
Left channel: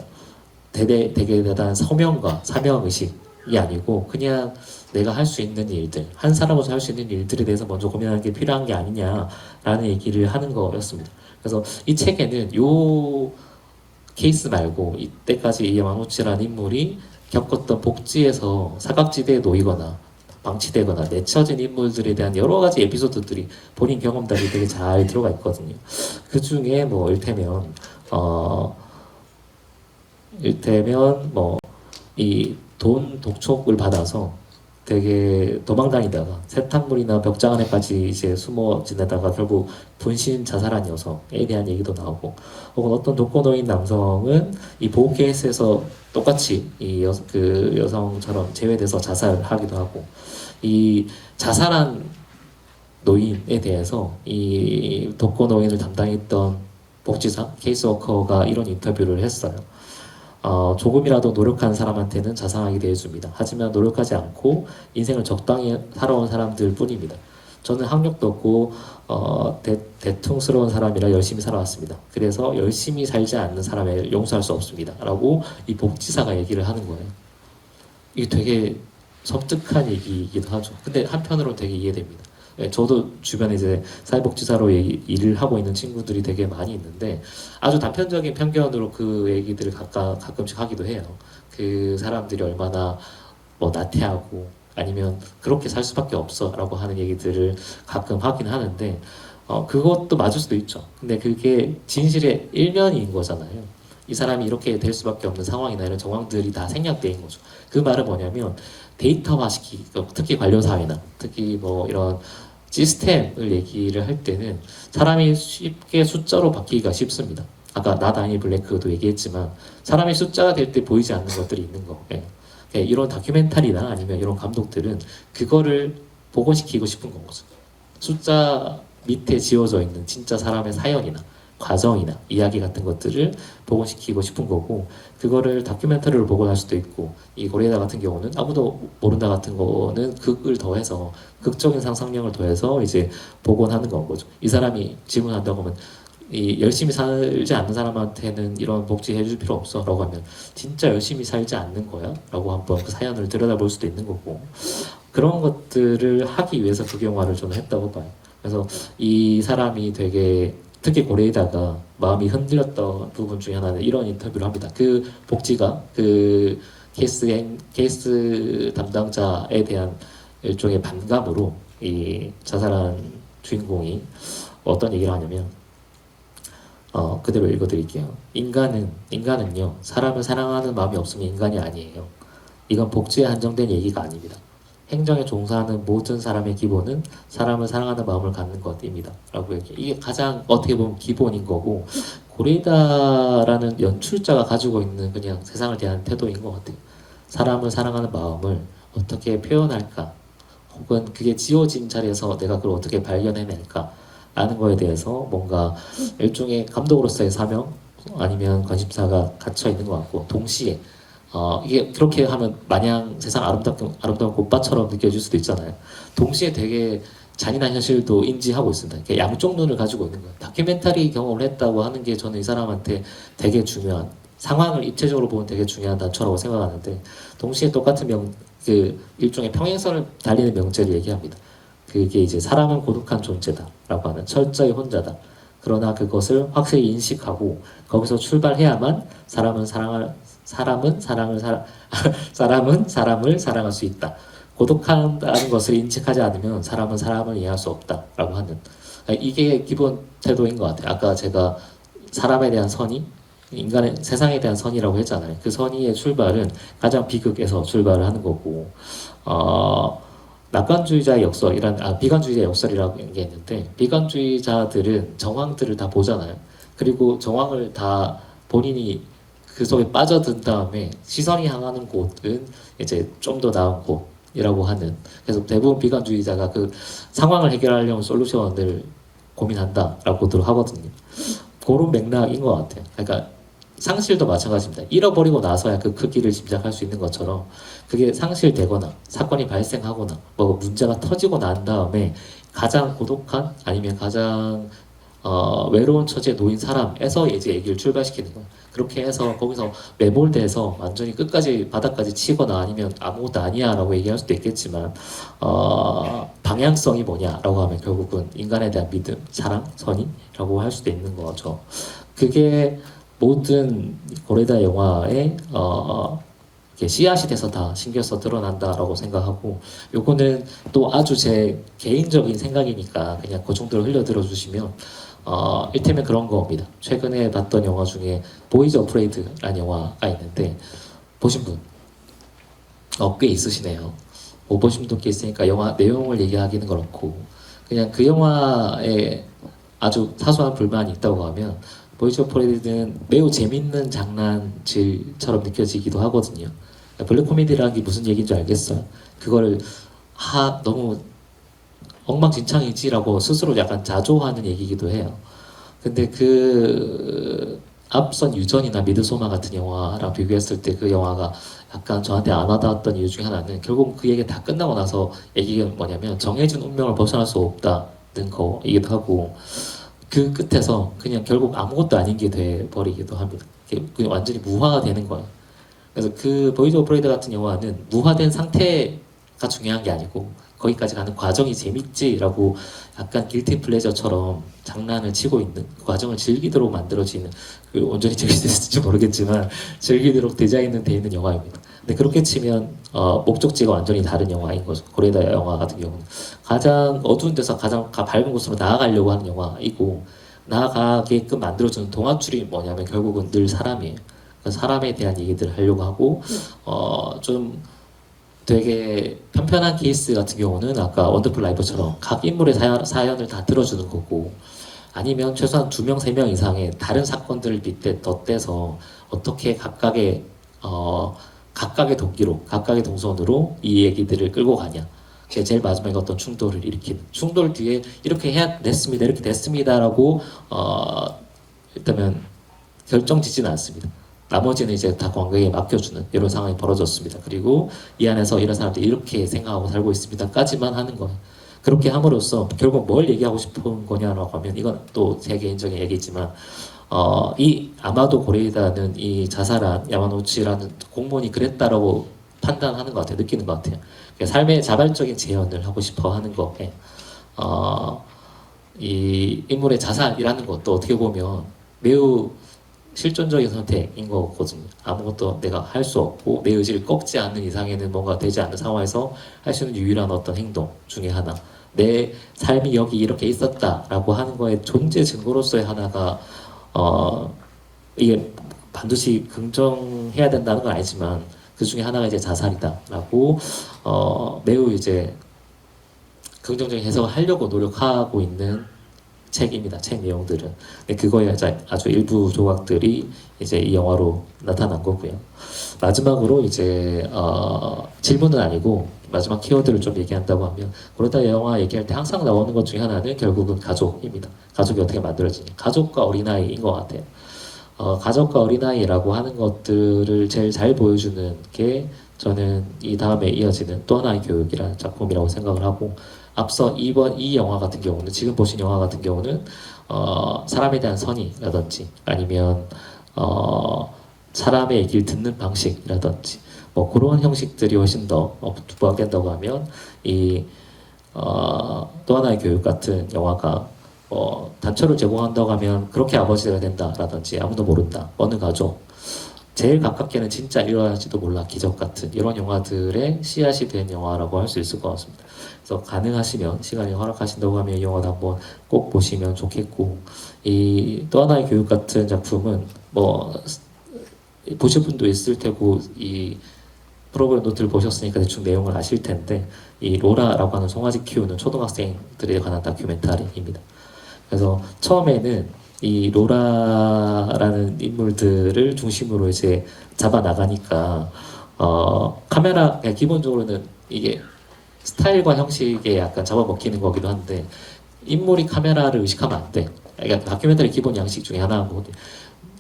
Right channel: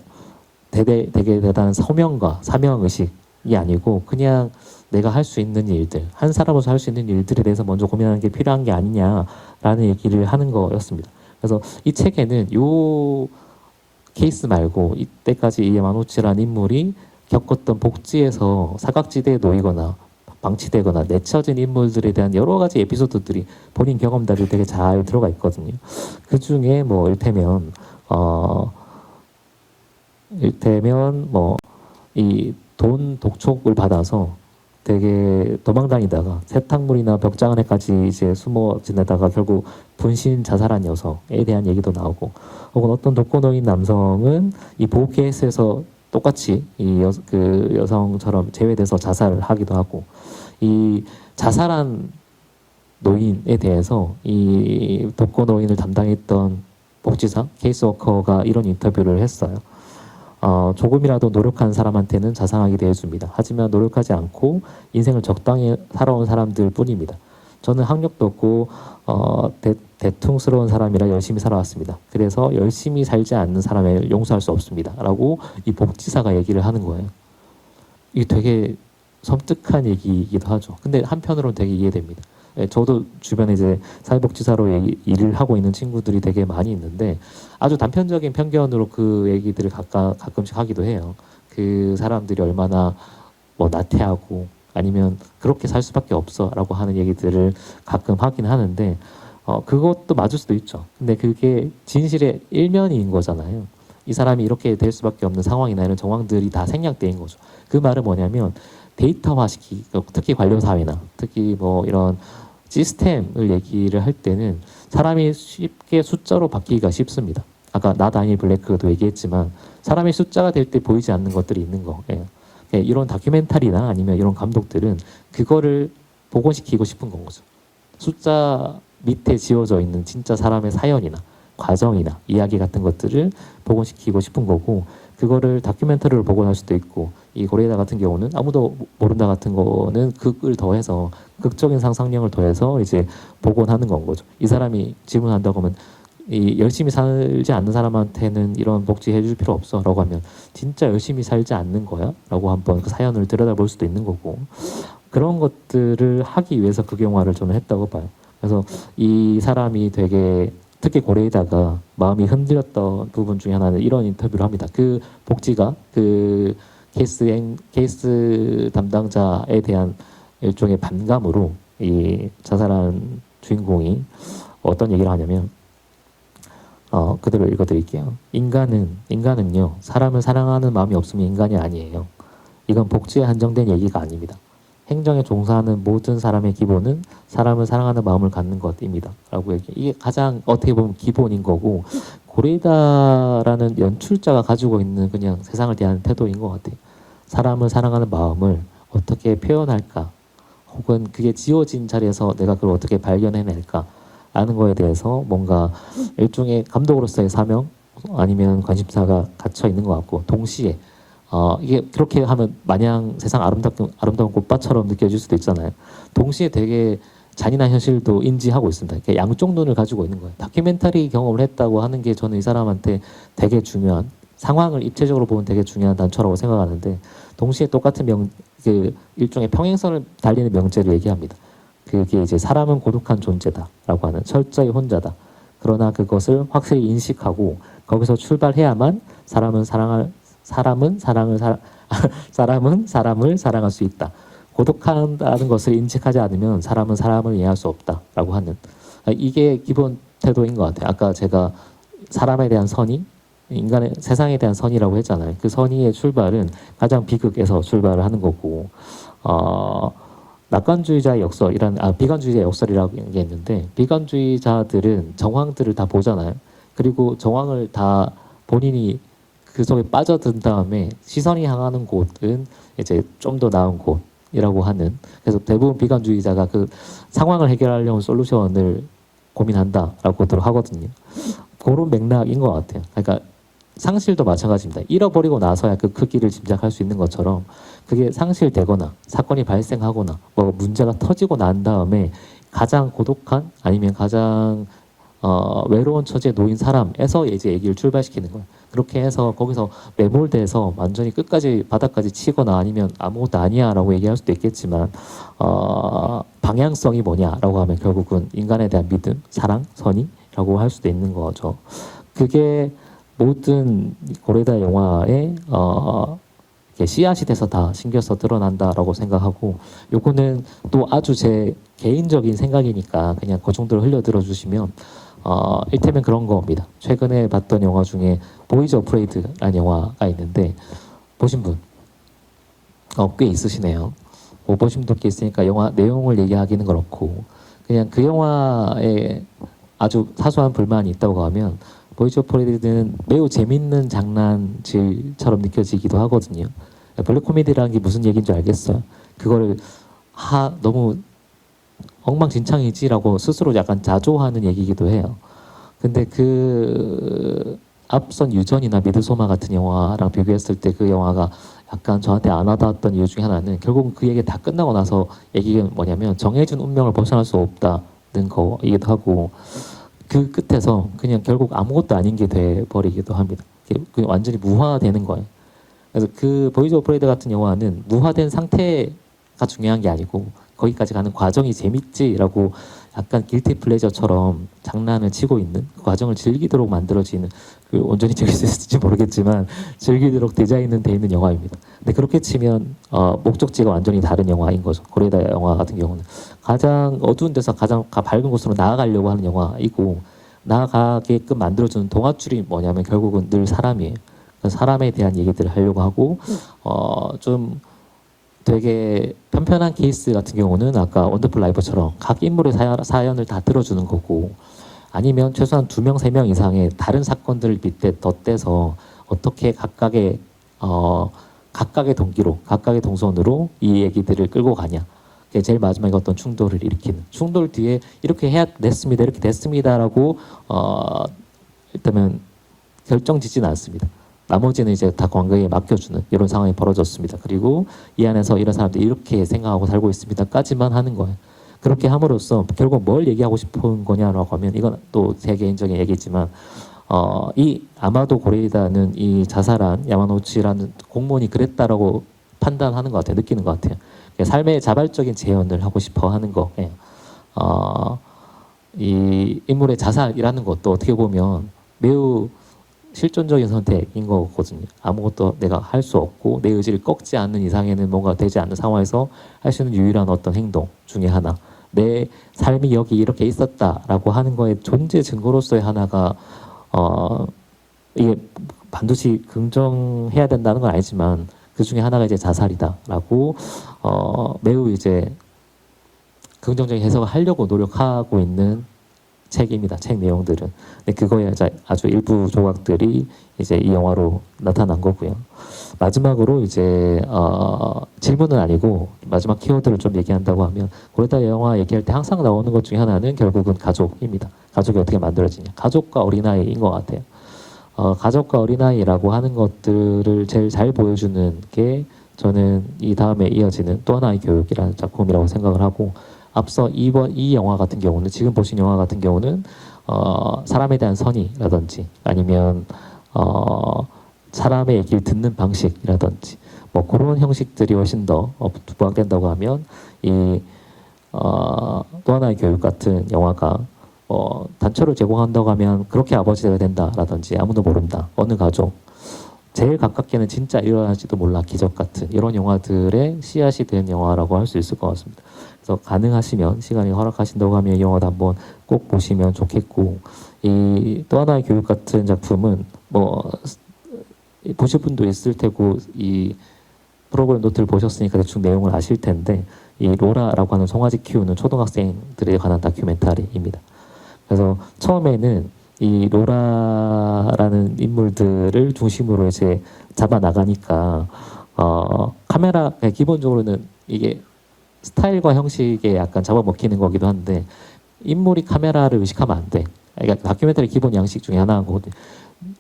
되게 대단한 서명과 사명의식이 아니고 그냥 내가 할 수 있는 일들, 한 사람으로서 할 수 있는 일들에 대해서 먼저 고민하는 게 필요한 게 아니냐라는 얘기를 하는 거였습니다. 그래서 이 책에는 요 케이스 말고 이때까지 이 야마노치라는 인물이 겪었던 복지에서 사각지대에 놓이거나 방치되거나 내쳐진 인물들에 대한 여러 가지 에피소드들이 본인 경험담이 되게 잘 들어가 있거든요. 그 중에 뭐 일테면 뭐 이 돈 독촉을 받아서 되게 도망다니다가 세탁물이나 벽장 안에까지 이제 숨어 지내다가 결국 분신 자살한 여성에 대한 얘기도 나오고, 혹은 어떤 독거노인 남성은 이 보호 케이스에서 똑같이 그 여성처럼 제외돼서 자살하기도 하고, 이 자살한 노인에 대해서 이 독거노인을 담당했던 복지사 케이스워커가 이런 인터뷰를 했어요. 조금이라도 노력한 사람한테는 자상하게 대해줍니다. 하지만 노력하지 않고 인생을 적당히 살아온 사람들 뿐입니다. 저는 학력도 없고 대퉁스러운 사람이라 열심히 살아왔습니다. 그래서 열심히 살지 않는 사람을 용서할 수 없습니다. 라고 이 복지사가 얘기를 하는 거예요. 이게 되게 섬뜩한 얘기이기도 하죠. 근데 한편으로는 되게 이해됩니다. 저도 주변에 이제 사회복지사로 일을 하고 있는 친구들이 되게 많이 있는데 아주 단편적인 편견으로 그 얘기들을 가끔씩 하기도 해요. 그 사람들이 얼마나 뭐 나태하고 아니면 그렇게 살 수밖에 없어라고 하는 얘기들을 가끔 하긴 하는데 그것도 맞을 수도 있죠. 근데 그게 진실의 일면인 거잖아요. 이 사람이 이렇게 될 수밖에 없는 상황이나 이런 정황들이 다 생략된 거죠. 그 말은 뭐냐면 데이터화시키, 특히 관료사회나 특히 뭐 이런 시스템을 얘기를 할 때는 사람이 쉽게 숫자로 바뀌기가 쉽습니다. 아까 나 다니 블랙도 얘기했지만 사람이 숫자가 될 때 보이지 않는 것들이 있는 거. 예. 예, 이런 다큐멘터리나 아니면 이런 감독들은 그거를 복원시키고 싶은 거죠. 숫자 밑에 지워져 있는 진짜 사람의 사연이나 과정이나 이야기 같은 것들을 복원시키고 싶은 거고, 그거를 다큐멘터리를 복원할 수도 있고, 이 고레이다 같은 경우는 아무도 모른다 같은 거는 극을 더해서 극적인 상상력을 더해서 이제 복원하는 건 거죠. 이 사람이 질문한다고 하면 이 열심히 살지 않는 사람한테는 이런 복지 해줄 필요 없어 라고 하면 진짜 열심히 살지 않는 거야? 라고 한번 그 사연을 들여다볼 수도 있는 거고, 그런 것들을 하기 위해서 극영화를 저는 했다고 봐요. 그래서 이 사람이 되게 특히 고레이다가 마음이 흔들렸던 부분 중에 하나는 이런 인터뷰를 합니다. 그 복지가 그 케이스 담당자에 대한 일종의 반감으로 이 자살한 주인공이 어떤 얘기를 하냐면 그대로 읽어드릴게요. 인간은요, 사람을 사랑하는 마음이 없으면 인간이 아니에요. 이건 복지에 한정된 얘기가 아닙니다. 행정에 종사하는 모든 사람의 기본은 사람을 사랑하는 마음을 갖는 것입니다. 라고 얘기해요. 이게 가장 어떻게 보면 기본인 거고, 고레이다라는 연출자가 가지고 있는 그냥 세상을 대하는 태도인 것 같아요. 사람을 사랑하는 마음을 어떻게 표현할까, 혹은 그게 지워진 자리에서 내가 그걸 어떻게 발견해낼까 라는 거에 대해서 뭔가 일종의 감독으로서의 사명 아니면 관심사가 갇혀 있는 것 같고, 동시에 이게 그렇게 하면 마냥 세상 아름다운 꽃밭처럼 느껴질 수도 있잖아요. 동시에 되게 잔인한 현실도 인지하고 있습니다. 그러니까 양쪽 눈을 가지고 있는 거예요. 다큐멘터리 경험을 했다고 하는 게 저는 이 사람한테 되게 중요한, 상황을 입체적으로 보면 되게 중요한 단초라고 생각하는데, 동시에 똑같은 그 일종의 평행선을 달리는 명제를 얘기합니다. 그게 이제 사람은 고독한 존재다라고 하는, 철저히 혼자다. 그러나 그것을 확실히 인식하고 거기서 출발해야만 사람은 사람을 사랑할 수 있다. 고독한다는 것을 인식하지 않으면 사람은 사람을 이해할 수 없다라고 하는, 이게 기본 태도인 것 같아요. 아까 제가 사람에 대한 선의, 인간의 세상에 대한 선의라고 했잖아요. 그 선의의 출발은 가장 비극에서 출발을 하는 거고, 낙관주의자의 역설이란, 비관주의자의 역설이라는 게 있는데, 비관주의자들은 정황들을 다 보잖아요. 그리고 정황을 다 본인이 그 속에 빠져든 다음에 시선이 향하는 곳은 이제 좀 더 나은 곳이라고 하는, 그래서 대부분 비관주의자가 그 상황을 해결하려는 솔루션을 고민한다라고들 하거든요. 그런 맥락인 것 같아요. 그러니까 상실도 마찬가지입니다. 잃어버리고 나서야 그 크기를 짐작할 수 있는 것처럼, 그게 상실되거나 사건이 발생하거나 뭐 문제가 터지고 난 다음에 가장 고독한, 아니면 가장 외로운 처지에 놓인 사람에서 이제 얘기를 출발시키는 거예요. 그렇게 해서 거기서 매몰돼서 완전히 끝까지 바닥까지 치거나, 아니면 아무것도 아니야 라고 얘기할 수도 있겠지만, 방향성이 뭐냐라고 하면 결국은 인간에 대한 믿음, 사랑, 선의라고 할 수도 있는 거죠. 그게 모든 고레다 영화의 씨앗이 돼서 다 신겨서 드러난다라고 생각하고, 요거는 또 아주 제 개인적인 생각이니까 그냥 그 정도로 흘려들어 주시면, 일테면 그런 겁니다. 최근에 봤던 영화 중에 보이즈 어프레이드라는 영화가 있는데, 보신 분? 꽤 있으시네요. 못 보신 분도 꽤 있으니까 영화 내용을 얘기하기는 그렇고, 그냥 그 영화에 아주 사소한 불만이 있다고 하면, 보이즈 오프레이드는 매우 재밌는 장난질처럼 느껴지기도 하거든요. 블랙 코미디라는 게 무슨 얘기인지 알겠어요. 그걸 너무 엉망진창이지라고 스스로 약간 자조하는 얘기이기도 해요. 근데 그 앞선 유전이나 미드소마 같은 영화랑 비교했을 때 그 영화가 약간 저한테 안 와닿았던 이유 중에 하나는, 결국 그 얘기 다 끝나고 나서 얘기가 뭐냐면 정해진 운명을 벗어날 수 없다는 거이기도 하고, 그 끝에서 그냥 결국 아무것도 아닌 게 돼버리기도 합니다. 그냥 완전히 무화되는 거예요. 그래서 그 보이즈 오브 프레이드 같은 영화는 무화된 상태가 중요한 게 아니고 거기까지 가는 과정이 재밌지라고 약간 길티 플레저처럼 장난을 치고 있는, 그 과정을 즐기도록 만들어지는, 그 온전히 재밌을지 모르겠지만 즐기도록 디자인은 돼 있는 영화입니다. 근데 그렇게 치면 목적지가 완전히 다른 영화인 거죠. 고레다 영화 같은 경우는 가장 어두운 데서 가장 밝은 곳으로 나아가려고 하는 영화이고, 나아가게끔 만들어주는 동화줄이 뭐냐면 결국은 늘 사람이에요. 사람에 대한 얘기들을 하려고 하고, 좀 되게 편편한 케이스 같은 경우는 아까 원더풀 라이브처럼 각 인물의 사연을 다 들어주는 거고, 아니면 최소한 2명, 3명 이상의 다른 사건들을 덧대서 어떻게 각각의 동기로, 각각의 동선으로 이 얘기들을 끌고 가냐. 제일 마지막에 어떤 충돌을 일으키는, 충돌 뒤에 이렇게 됐습니다, 이렇게 됐습니다라고 일단은 결정 짓지는 않습니다. 나머지는 이제 다 관객에 맡겨주는 이런 상황이 벌어졌습니다. 그리고 이 안에서 이런 사람들이 이렇게 생각하고 살고 있습니다까지만 하는 거예요. 그렇게 함으로써 결국 뭘 얘기하고 싶은 거냐라고 하면, 이건 또 제 개인적인 얘기지만, 이 아마도 고레이다는 이 자살한 야마노치라는 공무원이 그랬다라고 판단하는 것 같아요. 느끼는 것 같아요. 삶의 자발적인 재현을 하고 싶어 하는 거에, 이 인물의 자살이라는 것도 어떻게 보면 매우 실존적인 선택인 거거든요. 아무것도 내가 할 수 없고 내 의지를 꺾지 않는 이상에는 뭔가 되지 않는 상황에서 할 수 있는 유일한 어떤 행동 중에 하나, 내 삶이 여기 이렇게 있었다라고 하는 거의 존재 증거로서의 하나가, 이게 반드시 긍정해야 된다는 건 아니지만 그 중에 하나가 이제 자살이다라고 매우 이제 긍정적인 해석을 하려고 노력하고 있는 책입니다. 책 내용들은. 근데 그거에 아주 일부 조각들이 이제 이 영화로 나타난 거고요. 마지막으로 이제 질문은 아니고 마지막 키워드를 좀 얘기한다고 하면, 고레다 영화 얘기할 때 항상 나오는 것 중에 하나는 결국은 가족입니다. 가족이 어떻게 만들어지냐. 가족과 어린아이인 것 같아요. 가족과 어린아이라고 하는 것들을 제일 잘 보여주는 게 저는 이 다음에 이어지는 또 하나의 교육이라는 작품이라고 생각을 하고, 앞서 이 영화 같은 경우는 지금 보신 영화 같은 경우는 사람에 대한 선의라든지 아니면 사람의 얘기를 듣는 방식이라든지 뭐 그런 형식들이 훨씬 더 부각된다고 하면 또 하나의 교육 같은 영화가 단초를 제공한다고 하면 그렇게 아버지가 된다라든지 아무도 모른다 어느 가족 제일 가깝게는 진짜 일어날지도 몰라 기적 같은 이런 영화들의 씨앗이 된 영화라고 할 수 있을 것 같습니다. 그래서 가능하시면 시간이 허락하신다고 하면 이 영화도 한번 꼭 보시면 좋겠고 이 또 하나의 교육 같은 작품은 뭐 보실 분도 있을 테고 이 프로그램 노트를 보셨으니까 대충 내용을 아실 텐데 이 로라라고 하는 송아지 키우는 초등학생들에 관한 다큐멘터리입니다. 그래서 처음에는 이 로라라는 인물들을 중심으로 이제 잡아 나가니까 카메라 기본적으로는 이게 스타일과 형식에 약간 잡아먹히는 거기도 한데 인물이 카메라를 의식하면 안 돼. 그러니까 다큐멘터리 기본 양식 중에 하나고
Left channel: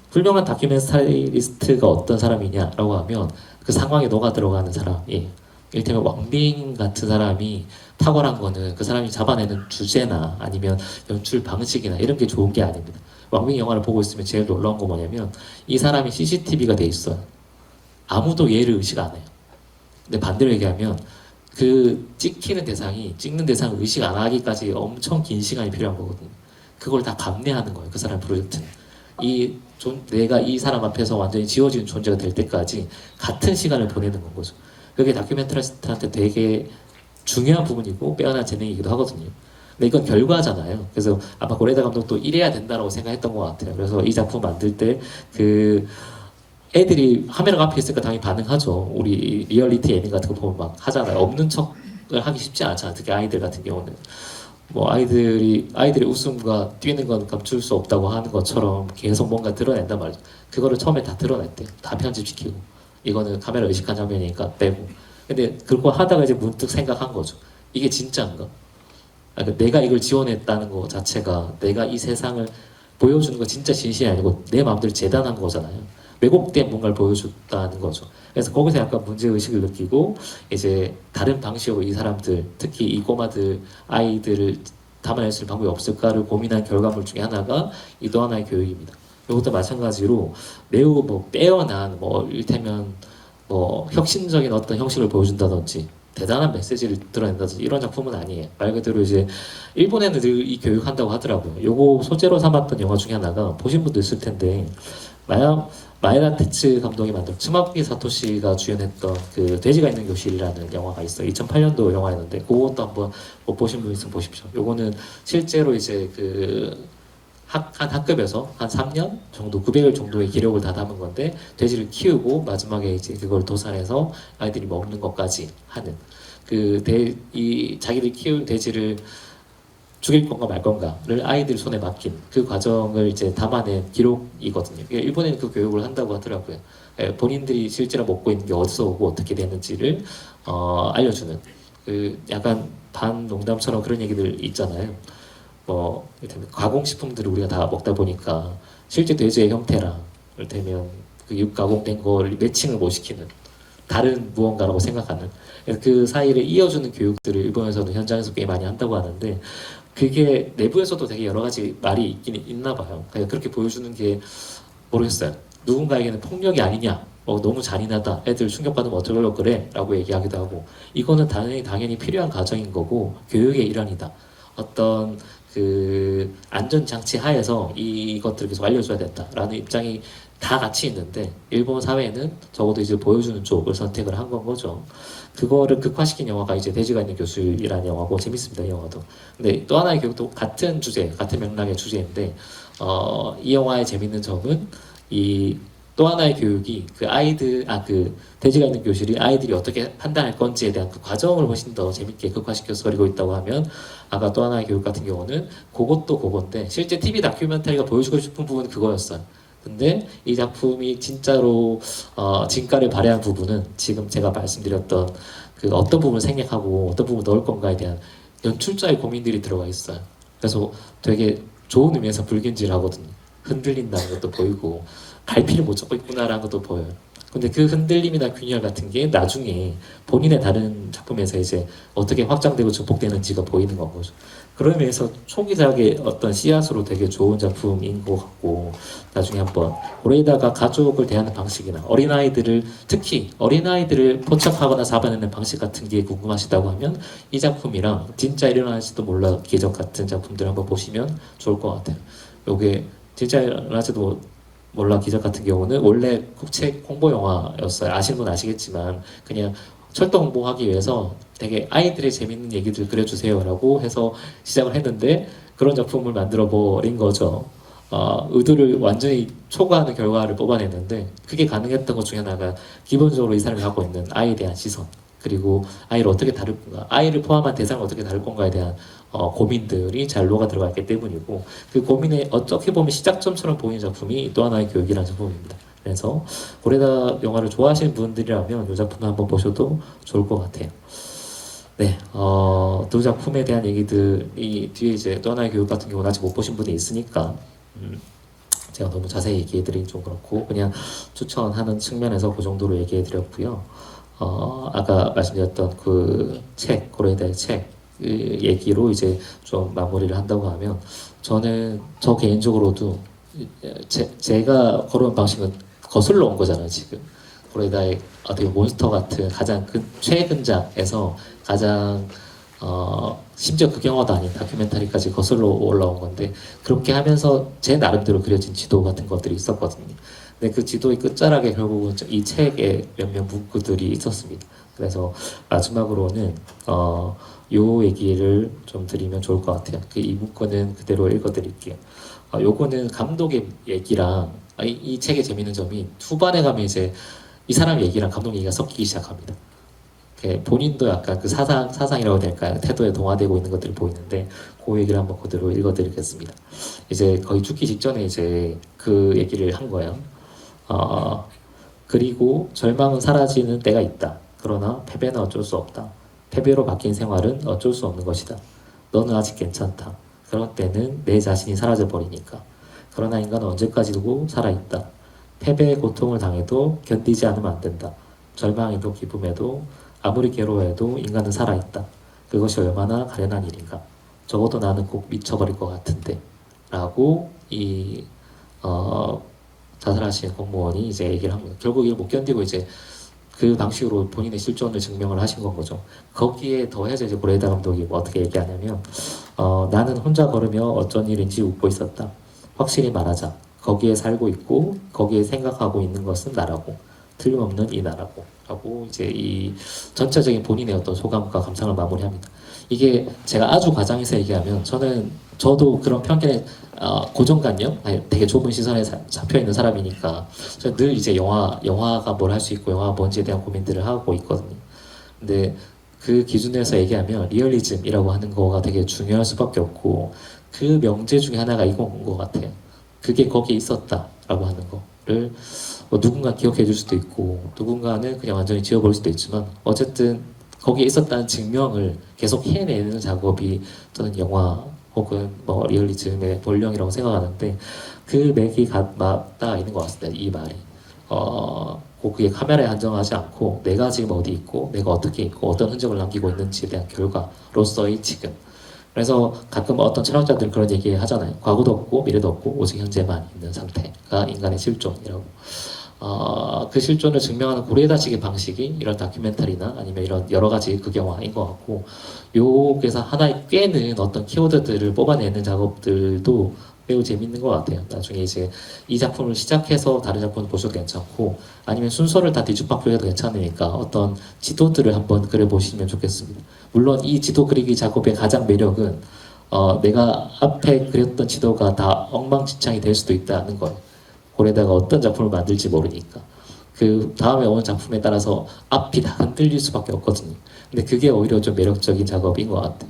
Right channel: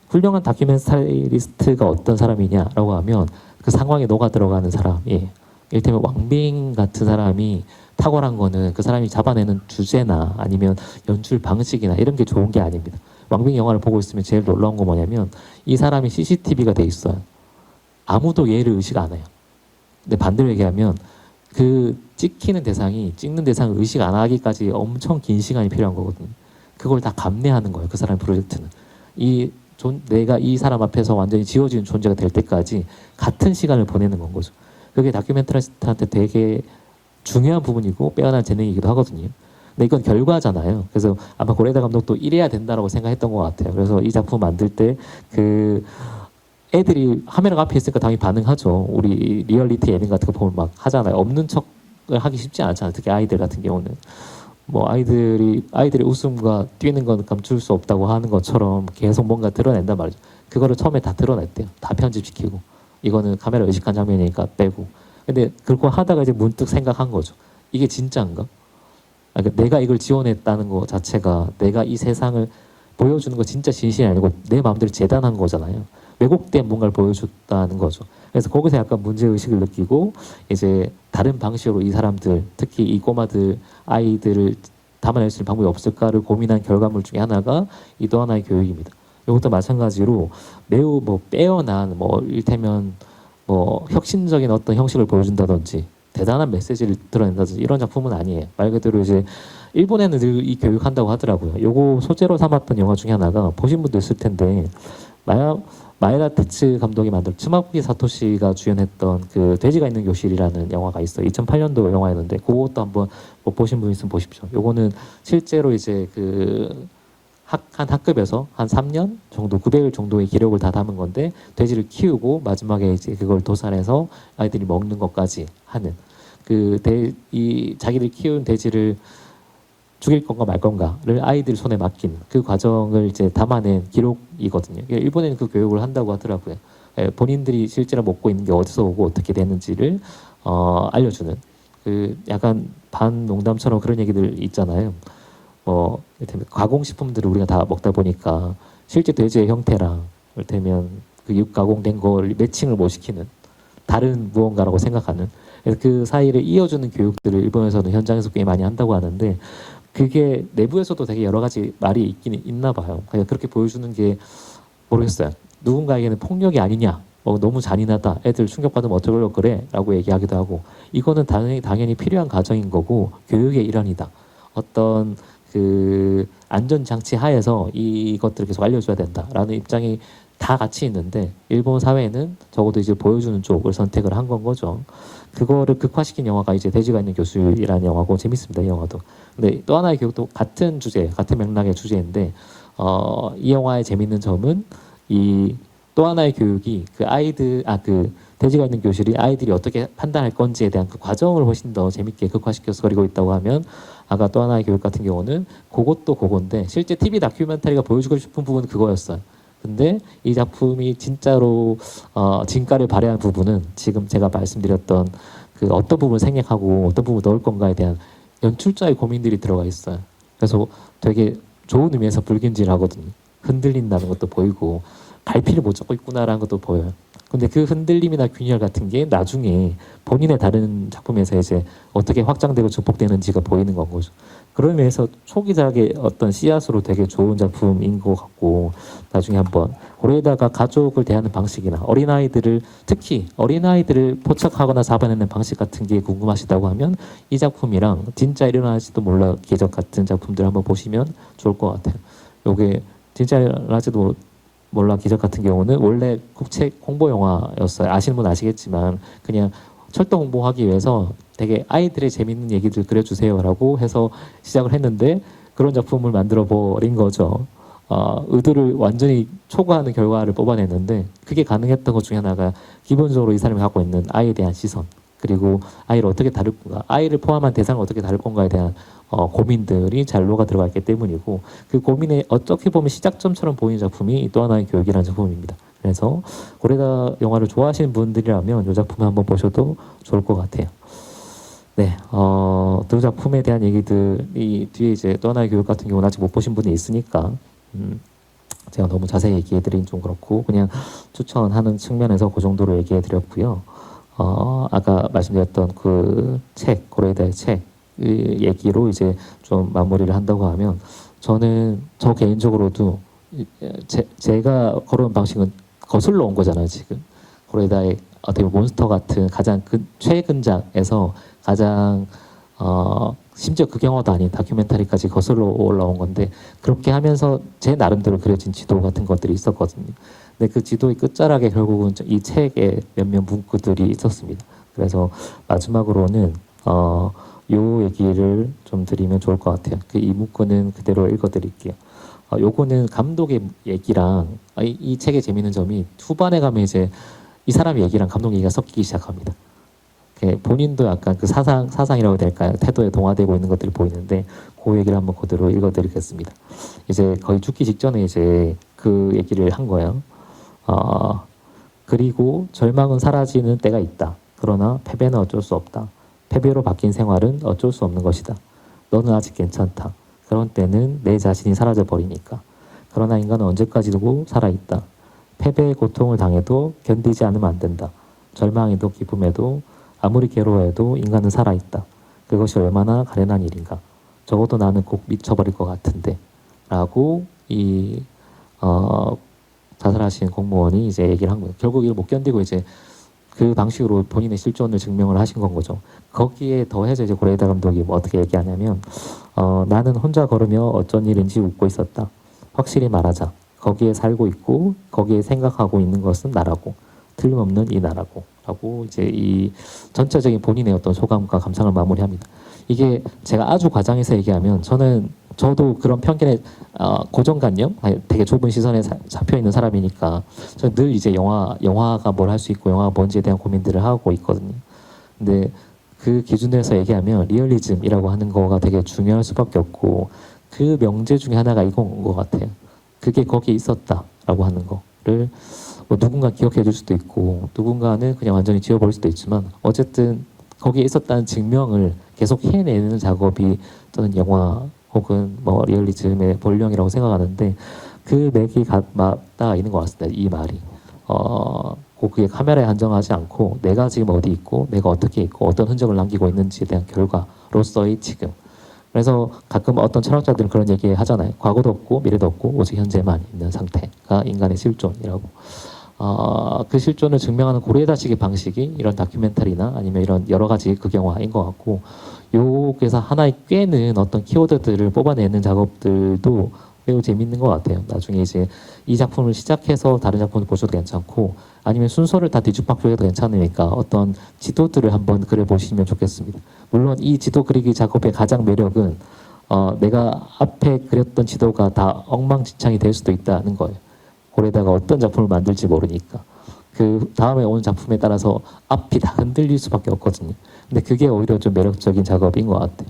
훌륭한 다큐멘터리 스타일리스트가 어떤 사람이냐라고 하면 그 상황에 녹아 들어가는 사람이 이를테면 왕빙 같은 사람이 탁월한 거는 그 사람이 잡아내는 주제나 아니면 연출 방식이나 이런 게 좋은 게 아닙니다. 왕빙 영화를 보고 있으면 제일 놀라운 거 뭐냐면 이 사람이 CCTV가 돼 있어요. 아무도 얘를 의식 안 해요. 근데 반대로 얘기하면 그 찍히는 대상이 찍는 대상을 의식 안 하기까지 엄청 긴 시간이 필요한 거거든요. 그걸 다 감내하는 거예요. 그 사람 프로젝트는. 내가 이 사람 앞에서 완전히 지워지는 존재가 될 때까지 같은 시간을 보내는 건 거죠. 그게 다큐멘터리스트한테 되게 중요한 부분이고 빼어난 재능이기도 하거든요. 근데 이건 결과잖아요. 그래서 아마 고레다 감독도 이래야 된다고 생각했던 것 같아요. 그래서 이 작품 만들 때 애들이 화면 앞에 있으니까 당연히 반응하죠. 우리 리얼리티 예능 같은 거 보면 막 하잖아요. 없는 척을 하기 쉽지 않잖아요. 특히 아이들 같은 경우는. 뭐 아이들이 웃음과 뛰는 건 감출 수 없다고 하는 것처럼 계속 뭔가 드러낸단 말이죠. 그거를 처음에 다 드러냈대요. 다 편집시키고. 이거는 카메라 의식한 장면이니까 빼고. 근데 그거 하다가 이제 문득 생각한 거죠. 이게 진짜인가? 그러니까 내가 이걸 지원했다는 거 자체가 내가 이 세상을 보여주는 거 진짜 진심이 아니고 내 마음대로 재단한 거잖아요. 왜곡된 뭔가를 보여줬다는 거죠. 그래서 거기서 약간 문제의식을 느끼고 이제 다른 방식으로 이 사람들 특히 이 꼬마들 아이들을 담아낼 수 있는 방법이 없을까를 고민한 결과물 중에 하나가 이 또 하나의 교육입니다. 이것도 마찬가지로 매우 뭐 빼어난 뭐 이를테면 뭐 혁신적인 어떤 형식을 보여준다든지 대단한 메시지를 드러낸다든지 이런 작품은 아니에요. 말 그대로 이제 일본에는 늘 이 교육한다고 하더라고요. 요거 소재로 삼았던 영화 중에 하나가 보신 분도 있을 텐데 마에다 테츠 감독이 만든 츠마부키 사토시가 주연했던 그 돼지가 있는 교실이라는 영화가 있어요. 2008년도 영화였는데 그것도 한번 뭐 보신 분 있으면 보십시오. 요거는 실제로 이제 한 학급에서 한 3년 정도 900일 정도의 기록을 다 담은 건데 돼지를 키우고 마지막에 이제 그걸 도살해서 아이들이 먹는 것까지 하는 자기들이 키운 돼지를 죽일 건가 말 건가를 아이들 손에 맡긴 그 과정을 이제 담아낸 기록이거든요. 일본에는 그 교육을 한다고 하더라고요. 본인들이 실제로 먹고 있는 게 어디서 오고 어떻게 됐는지를 알려주는 약간 반농담처럼 그런 얘기들 있잖아요. 가공식품들을 우리가 다 먹다 보니까 실제 돼지의 형태랑 이를테면 그 육가공된 걸 매칭을 못 시키는 다른 무언가라고 생각하는 그 사이를 이어주는 교육들을 일본에서는 현장에서 꽤 많이 한다고 하는데 그게 내부에서도 되게 여러 가지 말이 있긴 있나 봐요. 그렇게 보여주는 게 모르겠어요. 누군가에게는 폭력이 아니냐, 너무 잔인하다, 애들 충격받으면 어쩌려고 그래 라고 얘기하기도 하고 이거는 당연히 필요한 과정인 거고 교육의 일환이다. 어떤 안전장치 하에서 이것들을 계속 알려줘야 된다라는 입장이 다 같이 있는데 일본 사회는 적어도 이제 보여주는 쪽을 선택을 한 건 거죠. 그거를 극화시킨 영화가 이제 돼지가 있는 교수이라는 영화고 재밌습니다. 이 영화도. 근데 또 하나의 교육도 같은 주제, 같은 맥락의 주제인데 이 영화의 재밌는 점은 또 하나의 교육이 돼지가 있는 교실이 아이들이 어떻게 판단할 건지에 대한 그 과정을 훨씬 더 재밌게 극화시켜서 그리고 있다고 하면 아까 또 하나의 교육 같은 경우는 그것도 그건데 실제 TV 다큐멘터리가 보여주고 싶은 부분은 그거였어요. 근데 이 작품이 진짜로 진가를 발휘한 부분은 지금 제가 말씀드렸던 어떤 부분을 생략하고 어떤 부분을 넣을 건가에 대한 연출자의 고민들이 들어가 있어요. 그래서 되게 좋은 의미에서 불균질하거든요. 흔들린다는 것도 보이고 갈피를 못 잡고 있구나라는 것도 보여요. 근데 그 흔들림이나 균열 같은 게 나중에 본인의 다른 작품에서 이제 어떻게 확장되고 증폭되는지가 보이는 건 거죠. 그런 면에서 초기작의 어떤 씨앗으로 되게 좋은 작품인 것 같고, 나중에 한번 거기에다가 가족을 대하는 방식이나 어린아이들을, 특히 어린아이들을 포착하거나 잡아내는 방식 같은 게 궁금하시다고 하면 이 작품이랑 진짜 일어날지도 몰라 기적 같은 작품들 한번 보시면 좋을 것 같아요. 요게 진짜 일어날지도 몰라 기적 같은 경우는 원래 국책 홍보 영화였어요. 아시는 분 아시겠지만 그냥 철도 홍보하기 위해서 되게 아이들의 재밌는 얘기들 그려주세요라고 해서 시작을 했는데 그런 작품을 만들어 버린 거죠. 의도를 완전히 초과하는 결과를 뽑아냈는데 그게 가능했던 것 중에 하나가 기본적으로 이 사람이 갖고 있는 아이에 대한 시선, 그리고 아이를 어떻게 다룰 건가, 아이를 포함한 대상을 어떻게 다룰 건가에 대한 고민들이 잘 녹아 들어갔기 때문이고, 그 고민의 어떻게 보면 시작점처럼 보이는 작품이 또 하나의 교육이라는 작품입니다. 그래서 고레다 영화를 좋아하시는 분들이라면 이 작품을 한번 보셔도 좋을 것 같아요. 네, 두 작품에 대한 얘기들이 뒤에 이제 또 하나의 교육 같은 경우는 아직 못 보신 분이 있으니까 제가 너무 자세히 얘기해드리긴 좀 그렇고 그냥 추천하는 측면에서 그 정도로 얘기해드렸고요. 아까 말씀드렸던 그 책, 고레다의 책, 그 얘기로 이제 좀 마무리를 한다고 하면 저는 저 개인적으로도 제가 걸어온 방식은 거슬러 온 거잖아요, 지금. 고레다의 어떻게 몬스터 같은 가장 최근작에서 가장 심지어 그 영화도 아닌 다큐멘터리까지 거슬러 올라온 건데 그렇게 하면서 제 나름대로 그려진 지도 같은 것들이 있었거든요. 근데 그 지도의 끝자락에 결국은 이 책에 몇몇 문구들이 있었습니다. 그래서 마지막으로는 요 얘기를 좀 드리면 좋을 것 같아요. 그 이 문구는 그대로 읽어드릴게요. 요거는 감독의 얘기랑 이 책의 재밌는 점이 후반에 가면 이제 이 사람 얘기랑 감독 얘기가 섞이기 시작합니다. 본인도 약간 그 사상이라고 해야 될까요? 태도에 동화되고 있는 것들이 보이는데 그 얘기를 한번 그대로 읽어드리겠습니다. 이제 거의 죽기 직전에 이제 그 얘기를 한 거예요. 그리고 절망은 사라지는 때가 있다. 그러나 패배는 어쩔 수 없다. 패배로 바뀐 생활은 어쩔 수 없는 것이다. 너는 아직 괜찮다. 그런 때는 내 자신이 사라져 버리니까. 그러나 인간은 언제까지도 살아있다. 패배의 고통을 당해도 견디지 않으면 안 된다. 절망에도 기쁨에도 아무리 괴로워해도 인간은 살아있다. 그것이 얼마나 가련한 일인가. 적어도 나는 꼭 미쳐버릴 것 같은데. 라고 자살하신 공무원이 이제 얘기를 한 거예요. 결국 이걸 못 견디고 이제 그 방식으로 본인의 실존을 증명을 하신 건 거죠. 거기에 더해서 이제 고레다 감독이 뭐 어떻게 얘기하냐면, 나는 혼자 걸으며 어쩐 일인지 웃고 있었다. 확실히 말하자. 거기에 살고 있고, 거기에 생각하고 있는 것은 나라고. 틀림없는 이 나라고. 라고 이제 이 전체적인 본인의 어떤 소감과 감상을 마무리합니다. 이게 제가 아주 과장해서 얘기하면 저도 그런 편견에 고정관념, 되게 좁은 시선에 잡혀 있는 사람이니까 저는 늘 이제 영화가 뭘 할 수 있고 영화가 뭔지에 대한 고민들을 하고 있거든요. 근데 그 기준에서 얘기하면 리얼리즘이라고 하는 거가 되게 중요할 수밖에 없고 그 명제 중에 하나가 이건 것 같아요. 그게 거기에 있었다라고 하는 거를 뭐 누군가 기억해 줄 수도 있고 누군가는 그냥 완전히 지워버릴 수도 있지만 어쨌든 거기에 있었다는 증명을 계속 해내는 작업이 저는 영화 혹은 뭐 리얼리즘의 본령이라고 생각하는데 그 맥이 맞닿아 있는 것 같습니다. 이 말이. 그게 카메라에 한정하지 않고 내가 지금 어디 있고 내가 어떻게 있고 어떤 흔적을 남기고 있는지에 대한 결과로서의 지금. 그래서 가끔 어떤 철학자들 그런 얘기 하잖아요. 과거도 없고 미래도 없고 오직 현재만 있는 상태가 인간의 실존이라고. 그 실존을 증명하는 고레다식의 방식이 이런 다큐멘터리나 아니면 이런 여러 가지 극영화인 것 같고, 여기서 하나의 꿰는 어떤 키워드들을 뽑아내는 작업들도 매우 재밌는 것 같아요. 나중에 이제 이 작품을 시작해서 다른 작품을 보셔도 괜찮고, 아니면 순서를 다 뒤죽박죽 해도 괜찮으니까 어떤 지도들을 한번 그려보시면 좋겠습니다. 물론 이 지도 그리기 작업의 가장 매력은 내가 앞에 그렸던 지도가 다 엉망진창이 될 수도 있다는 거예요. 거기다가 어떤 작품을 만들지 모르니까 그 다음에 오는 작품에 따라서 앞이 다 흔들릴 수밖에 없거든요. 근데 그게 오히려 좀 매력적인 작업인 것 같아요.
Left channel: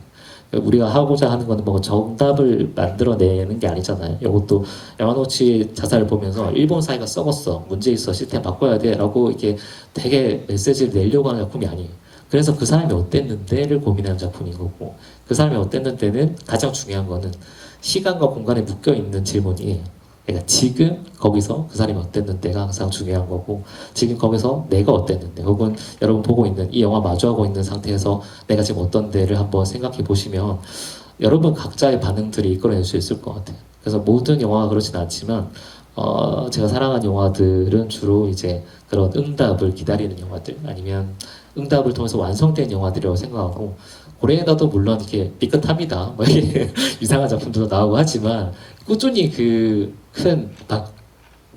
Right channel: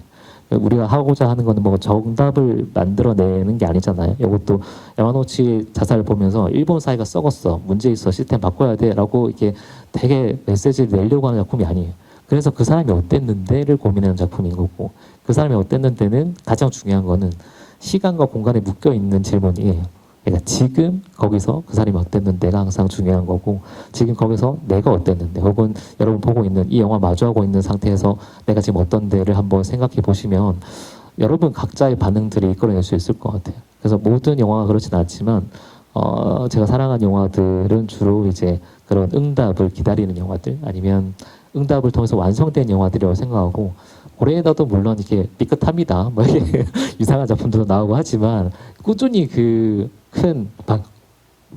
우리가 하고자 하는 거는 뭐 정답을 만들어내는 게 아니잖아요. 이것도 야마노치 자살을 보면서 일본 사회가 썩었어, 문제 있어, 시스템 바꿔야 돼 라고 이렇게 되게 메시지를 내려고 하는 작품이 아니에요. 그래서 그 사람이 어땠는데를 고민하는 작품인 거고, 그 사람이 어땠는데는 가장 중요한 거는 시간과 공간에 묶여있는 질문이에요. 그러니까 지금 거기서 그 사람이 어땠는데가 항상 중요한 거고, 지금 거기서 내가 어땠는데, 혹은 여러분 보고 있는 이 영화 마주하고 있는 상태에서 내가 지금 어떤 데를 한번 생각해 보시면 여러분 각자의 반응들이 이끌어낼 수 있을 것 같아요. 그래서 모든 영화가 그렇진 않지만 제가 사랑하는 영화들은 주로 이제 그런 응답을 기다리는 영화들, 아니면 응답을 통해서 완성된 영화들이라고 생각하고, 고레에다도 물론 이렇게 삐끗합니다. 뭐 이렇게 이상한 작품들도 나오고 하지만 꾸준히 그 큰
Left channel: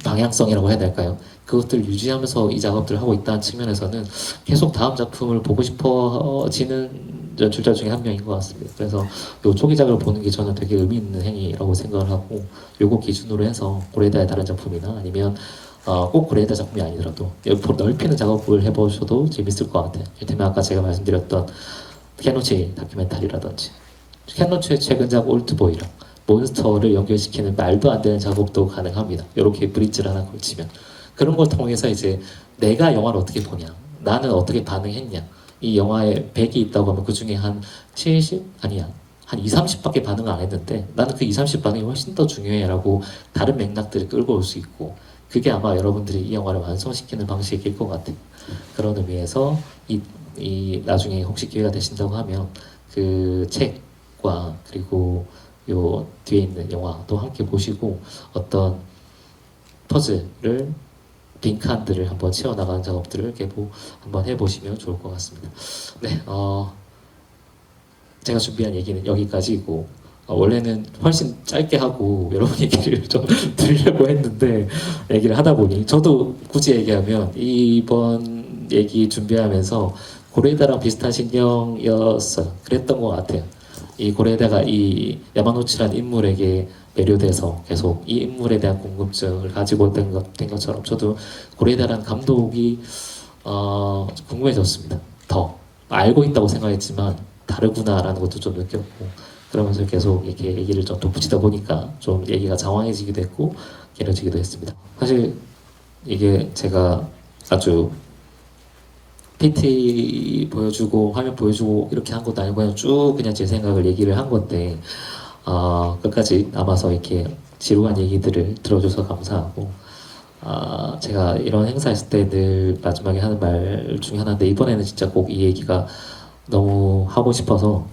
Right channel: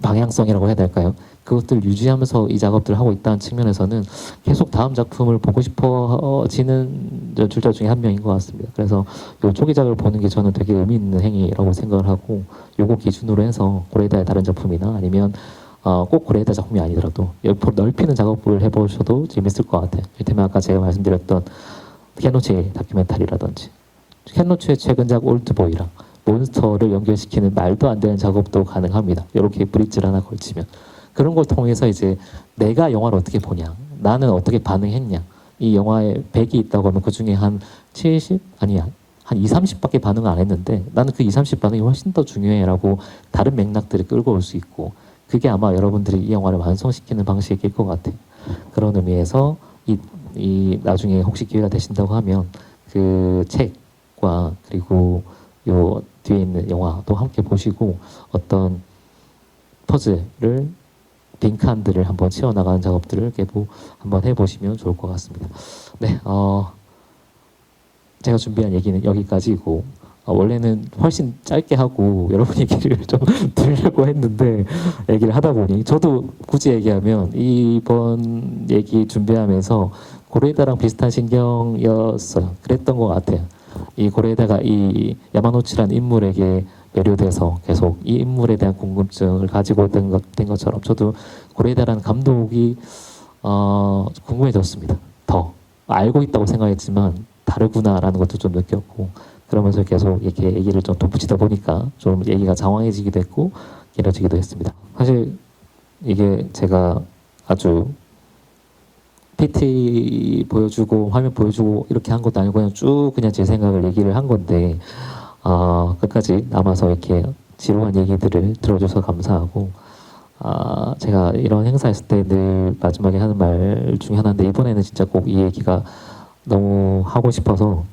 방향성이라고 해야 될까요? 그것들 유지하면서 이 작업들을 하고 있다는 측면에서는 계속 다음 작품을 보고 싶어지는 연출자 중에 한 명인 것 같습니다. 그래서 요 초기작을 보는 게 저는 되게 의미 있는 행위라고 생각을 하고, 요거 기준으로 해서 고레에다의 다른 작품이나 아니면 꼭 고레에다 작품이 아니더라도 옆으로 넓히는 작업을 해보셔도 재밌을 것 같아요. 이를테면 아까 제가 말씀드렸던 케노치 다큐멘터리라든지, 케노치의 최근작 올드보이랑 몬스터를 연결시키는 말도 안 되는 작업도 가능합니다. 이렇게 브릿지를 하나 걸치면. 그런 걸 통해서 이제 내가 영화를 어떻게 보냐, 나는 어떻게 반응했냐, 이 영화에 100이 있다고 하면 그 중에 한 70? 아니야. 한 2, 30밖에 반응을 안 했는데 나는 그 2, 30 반응이 훨씬 더 중요해라고 다른 맥락들을 끌고 올 수 있고, 그게 아마 여러분들이 이 영화를 완성시키는 방식일 것 같아요. 그런 의미에서 이 나중에 혹시 기회가 되신다고 하면 그 책과 그리고 요 뒤에 있는 영화도 함께 보시고 어떤 퍼즐을 빈칸들을 한번 채워나가는 작업들을 계속 한번 해보시면 좋을 것 같습니다. 네, 제가 준비한 얘기는 여기까지고, 원래는 훨씬 짧게 하고 여러분 얘기를 좀 들으려고 했는데 얘기를 하다 보니 저도 굳이 얘기하면 이번 얘기 준비하면서 고레에다랑 비슷한 신경이었어요. 그랬던 것 같아요. 이 고레에다가 이 야마노치라는 인물에게 매료돼서 계속 이 인물에 대한 궁금증을 가지고 된 것처럼 저도 고레에다라는 감독이 궁금해졌습니다. 더 알고 있다고 생각했지만 다르구나라는 것도 좀 느꼈고, 그러면서 계속 이렇게 얘기를 좀 덧붙이다 보니까 좀 얘기가 장황해지기도 했고 길어지기도 했습니다. 사실 이게 제가 아주 PT 보여주고 화면 보여주고 이렇게 한 것도 아니고 그냥 제 생각을 얘기를 한 건데 끝까지 남아서 이렇게 지루한 얘기들을 들어줘서 감사하고, 제가 이런 행사 했을 때 늘 마지막에 하는 말 중에 하나인데 이번에는 진짜 꼭 이 얘기가 너무 하고 싶어서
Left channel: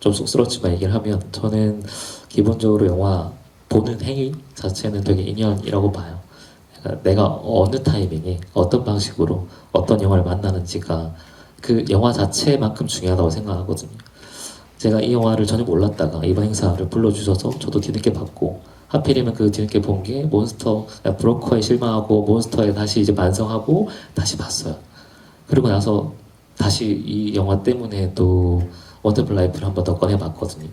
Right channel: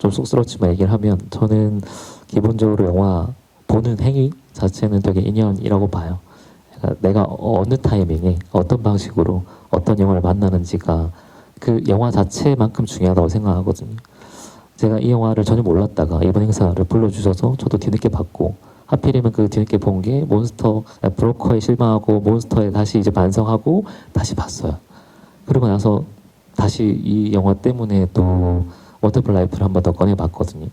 좀 쑥스럽지만 얘기를 하면, 저는 기본적으로 영화 보는 행위 자체는 되게 인연이라고 봐요. 그러니까 내가 어느 타이밍에 어떤 방식으로 어떤 영화를 만나는지가 그 영화 자체만큼 중요하다고 생각하거든요. 제가 이 영화를 전혀 몰랐다가 이번 행사를 불러주셔서 저도 뒤늦게 봤고, 하필이면 그 뒤늦게 본 게 브로커에 실망하고 몬스터에 다시 이제 반성하고 다시 봤어요. 그리고 나서 다시 이 영화 때문에 또 원더풀 라이프를 한 번 더 꺼내봤거든요.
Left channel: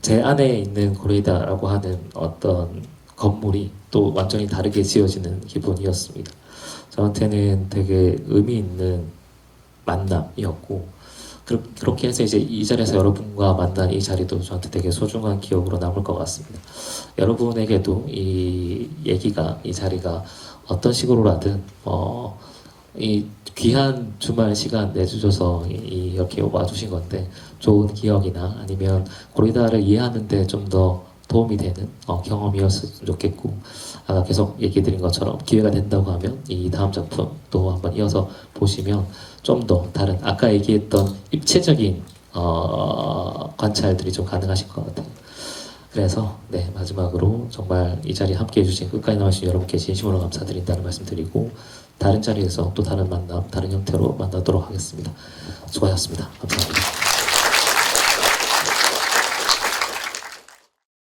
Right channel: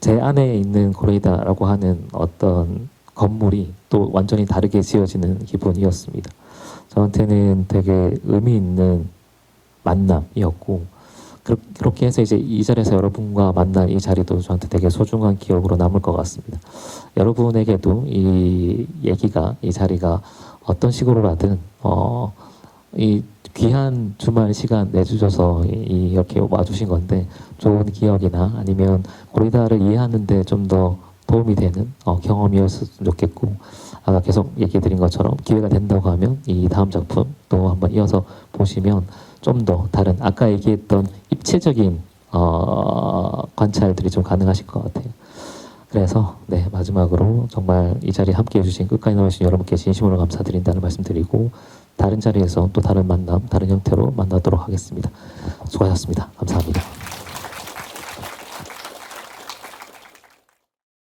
제 안에 있는 고레이다라고 하는 어떤 건물이 또 완전히 다르게 지어지는 기분이었습니다. 저한테는 되게 의미 있는 만남이었고, 그렇게 해서 이제 이 자리에서 여러분과 만난 이 자리도 저한테 되게 소중한 기억으로 남을 것 같습니다. 여러분에게도 이 얘기가, 이 자리가 어떤 식으로라든 이 귀한 주말 시간 내주셔서 이렇게 와주신 건데 좋은 기억이나 아니면 고리다를 이해하는데 좀 더 도움이 되는 경험이었으면 좋겠고, 아까 계속 얘기해드린 것처럼 기회가 된다고 하면 이 다음 작품도 한번 이어서 보시면 좀 더 다른 아까 얘기했던 입체적인 관찰들이 좀 가능하실 것 같아요. 그래서 네, 마지막으로 정말 이 자리에 함께 해주신 끝까지 나오신 여러분께 진심으로 감사드린다는 말씀드리고, 다른 자리에서 또 다른 만남, 다른 형태로 만나도록 하겠습니다. 수고하셨습니다. 감사합니다.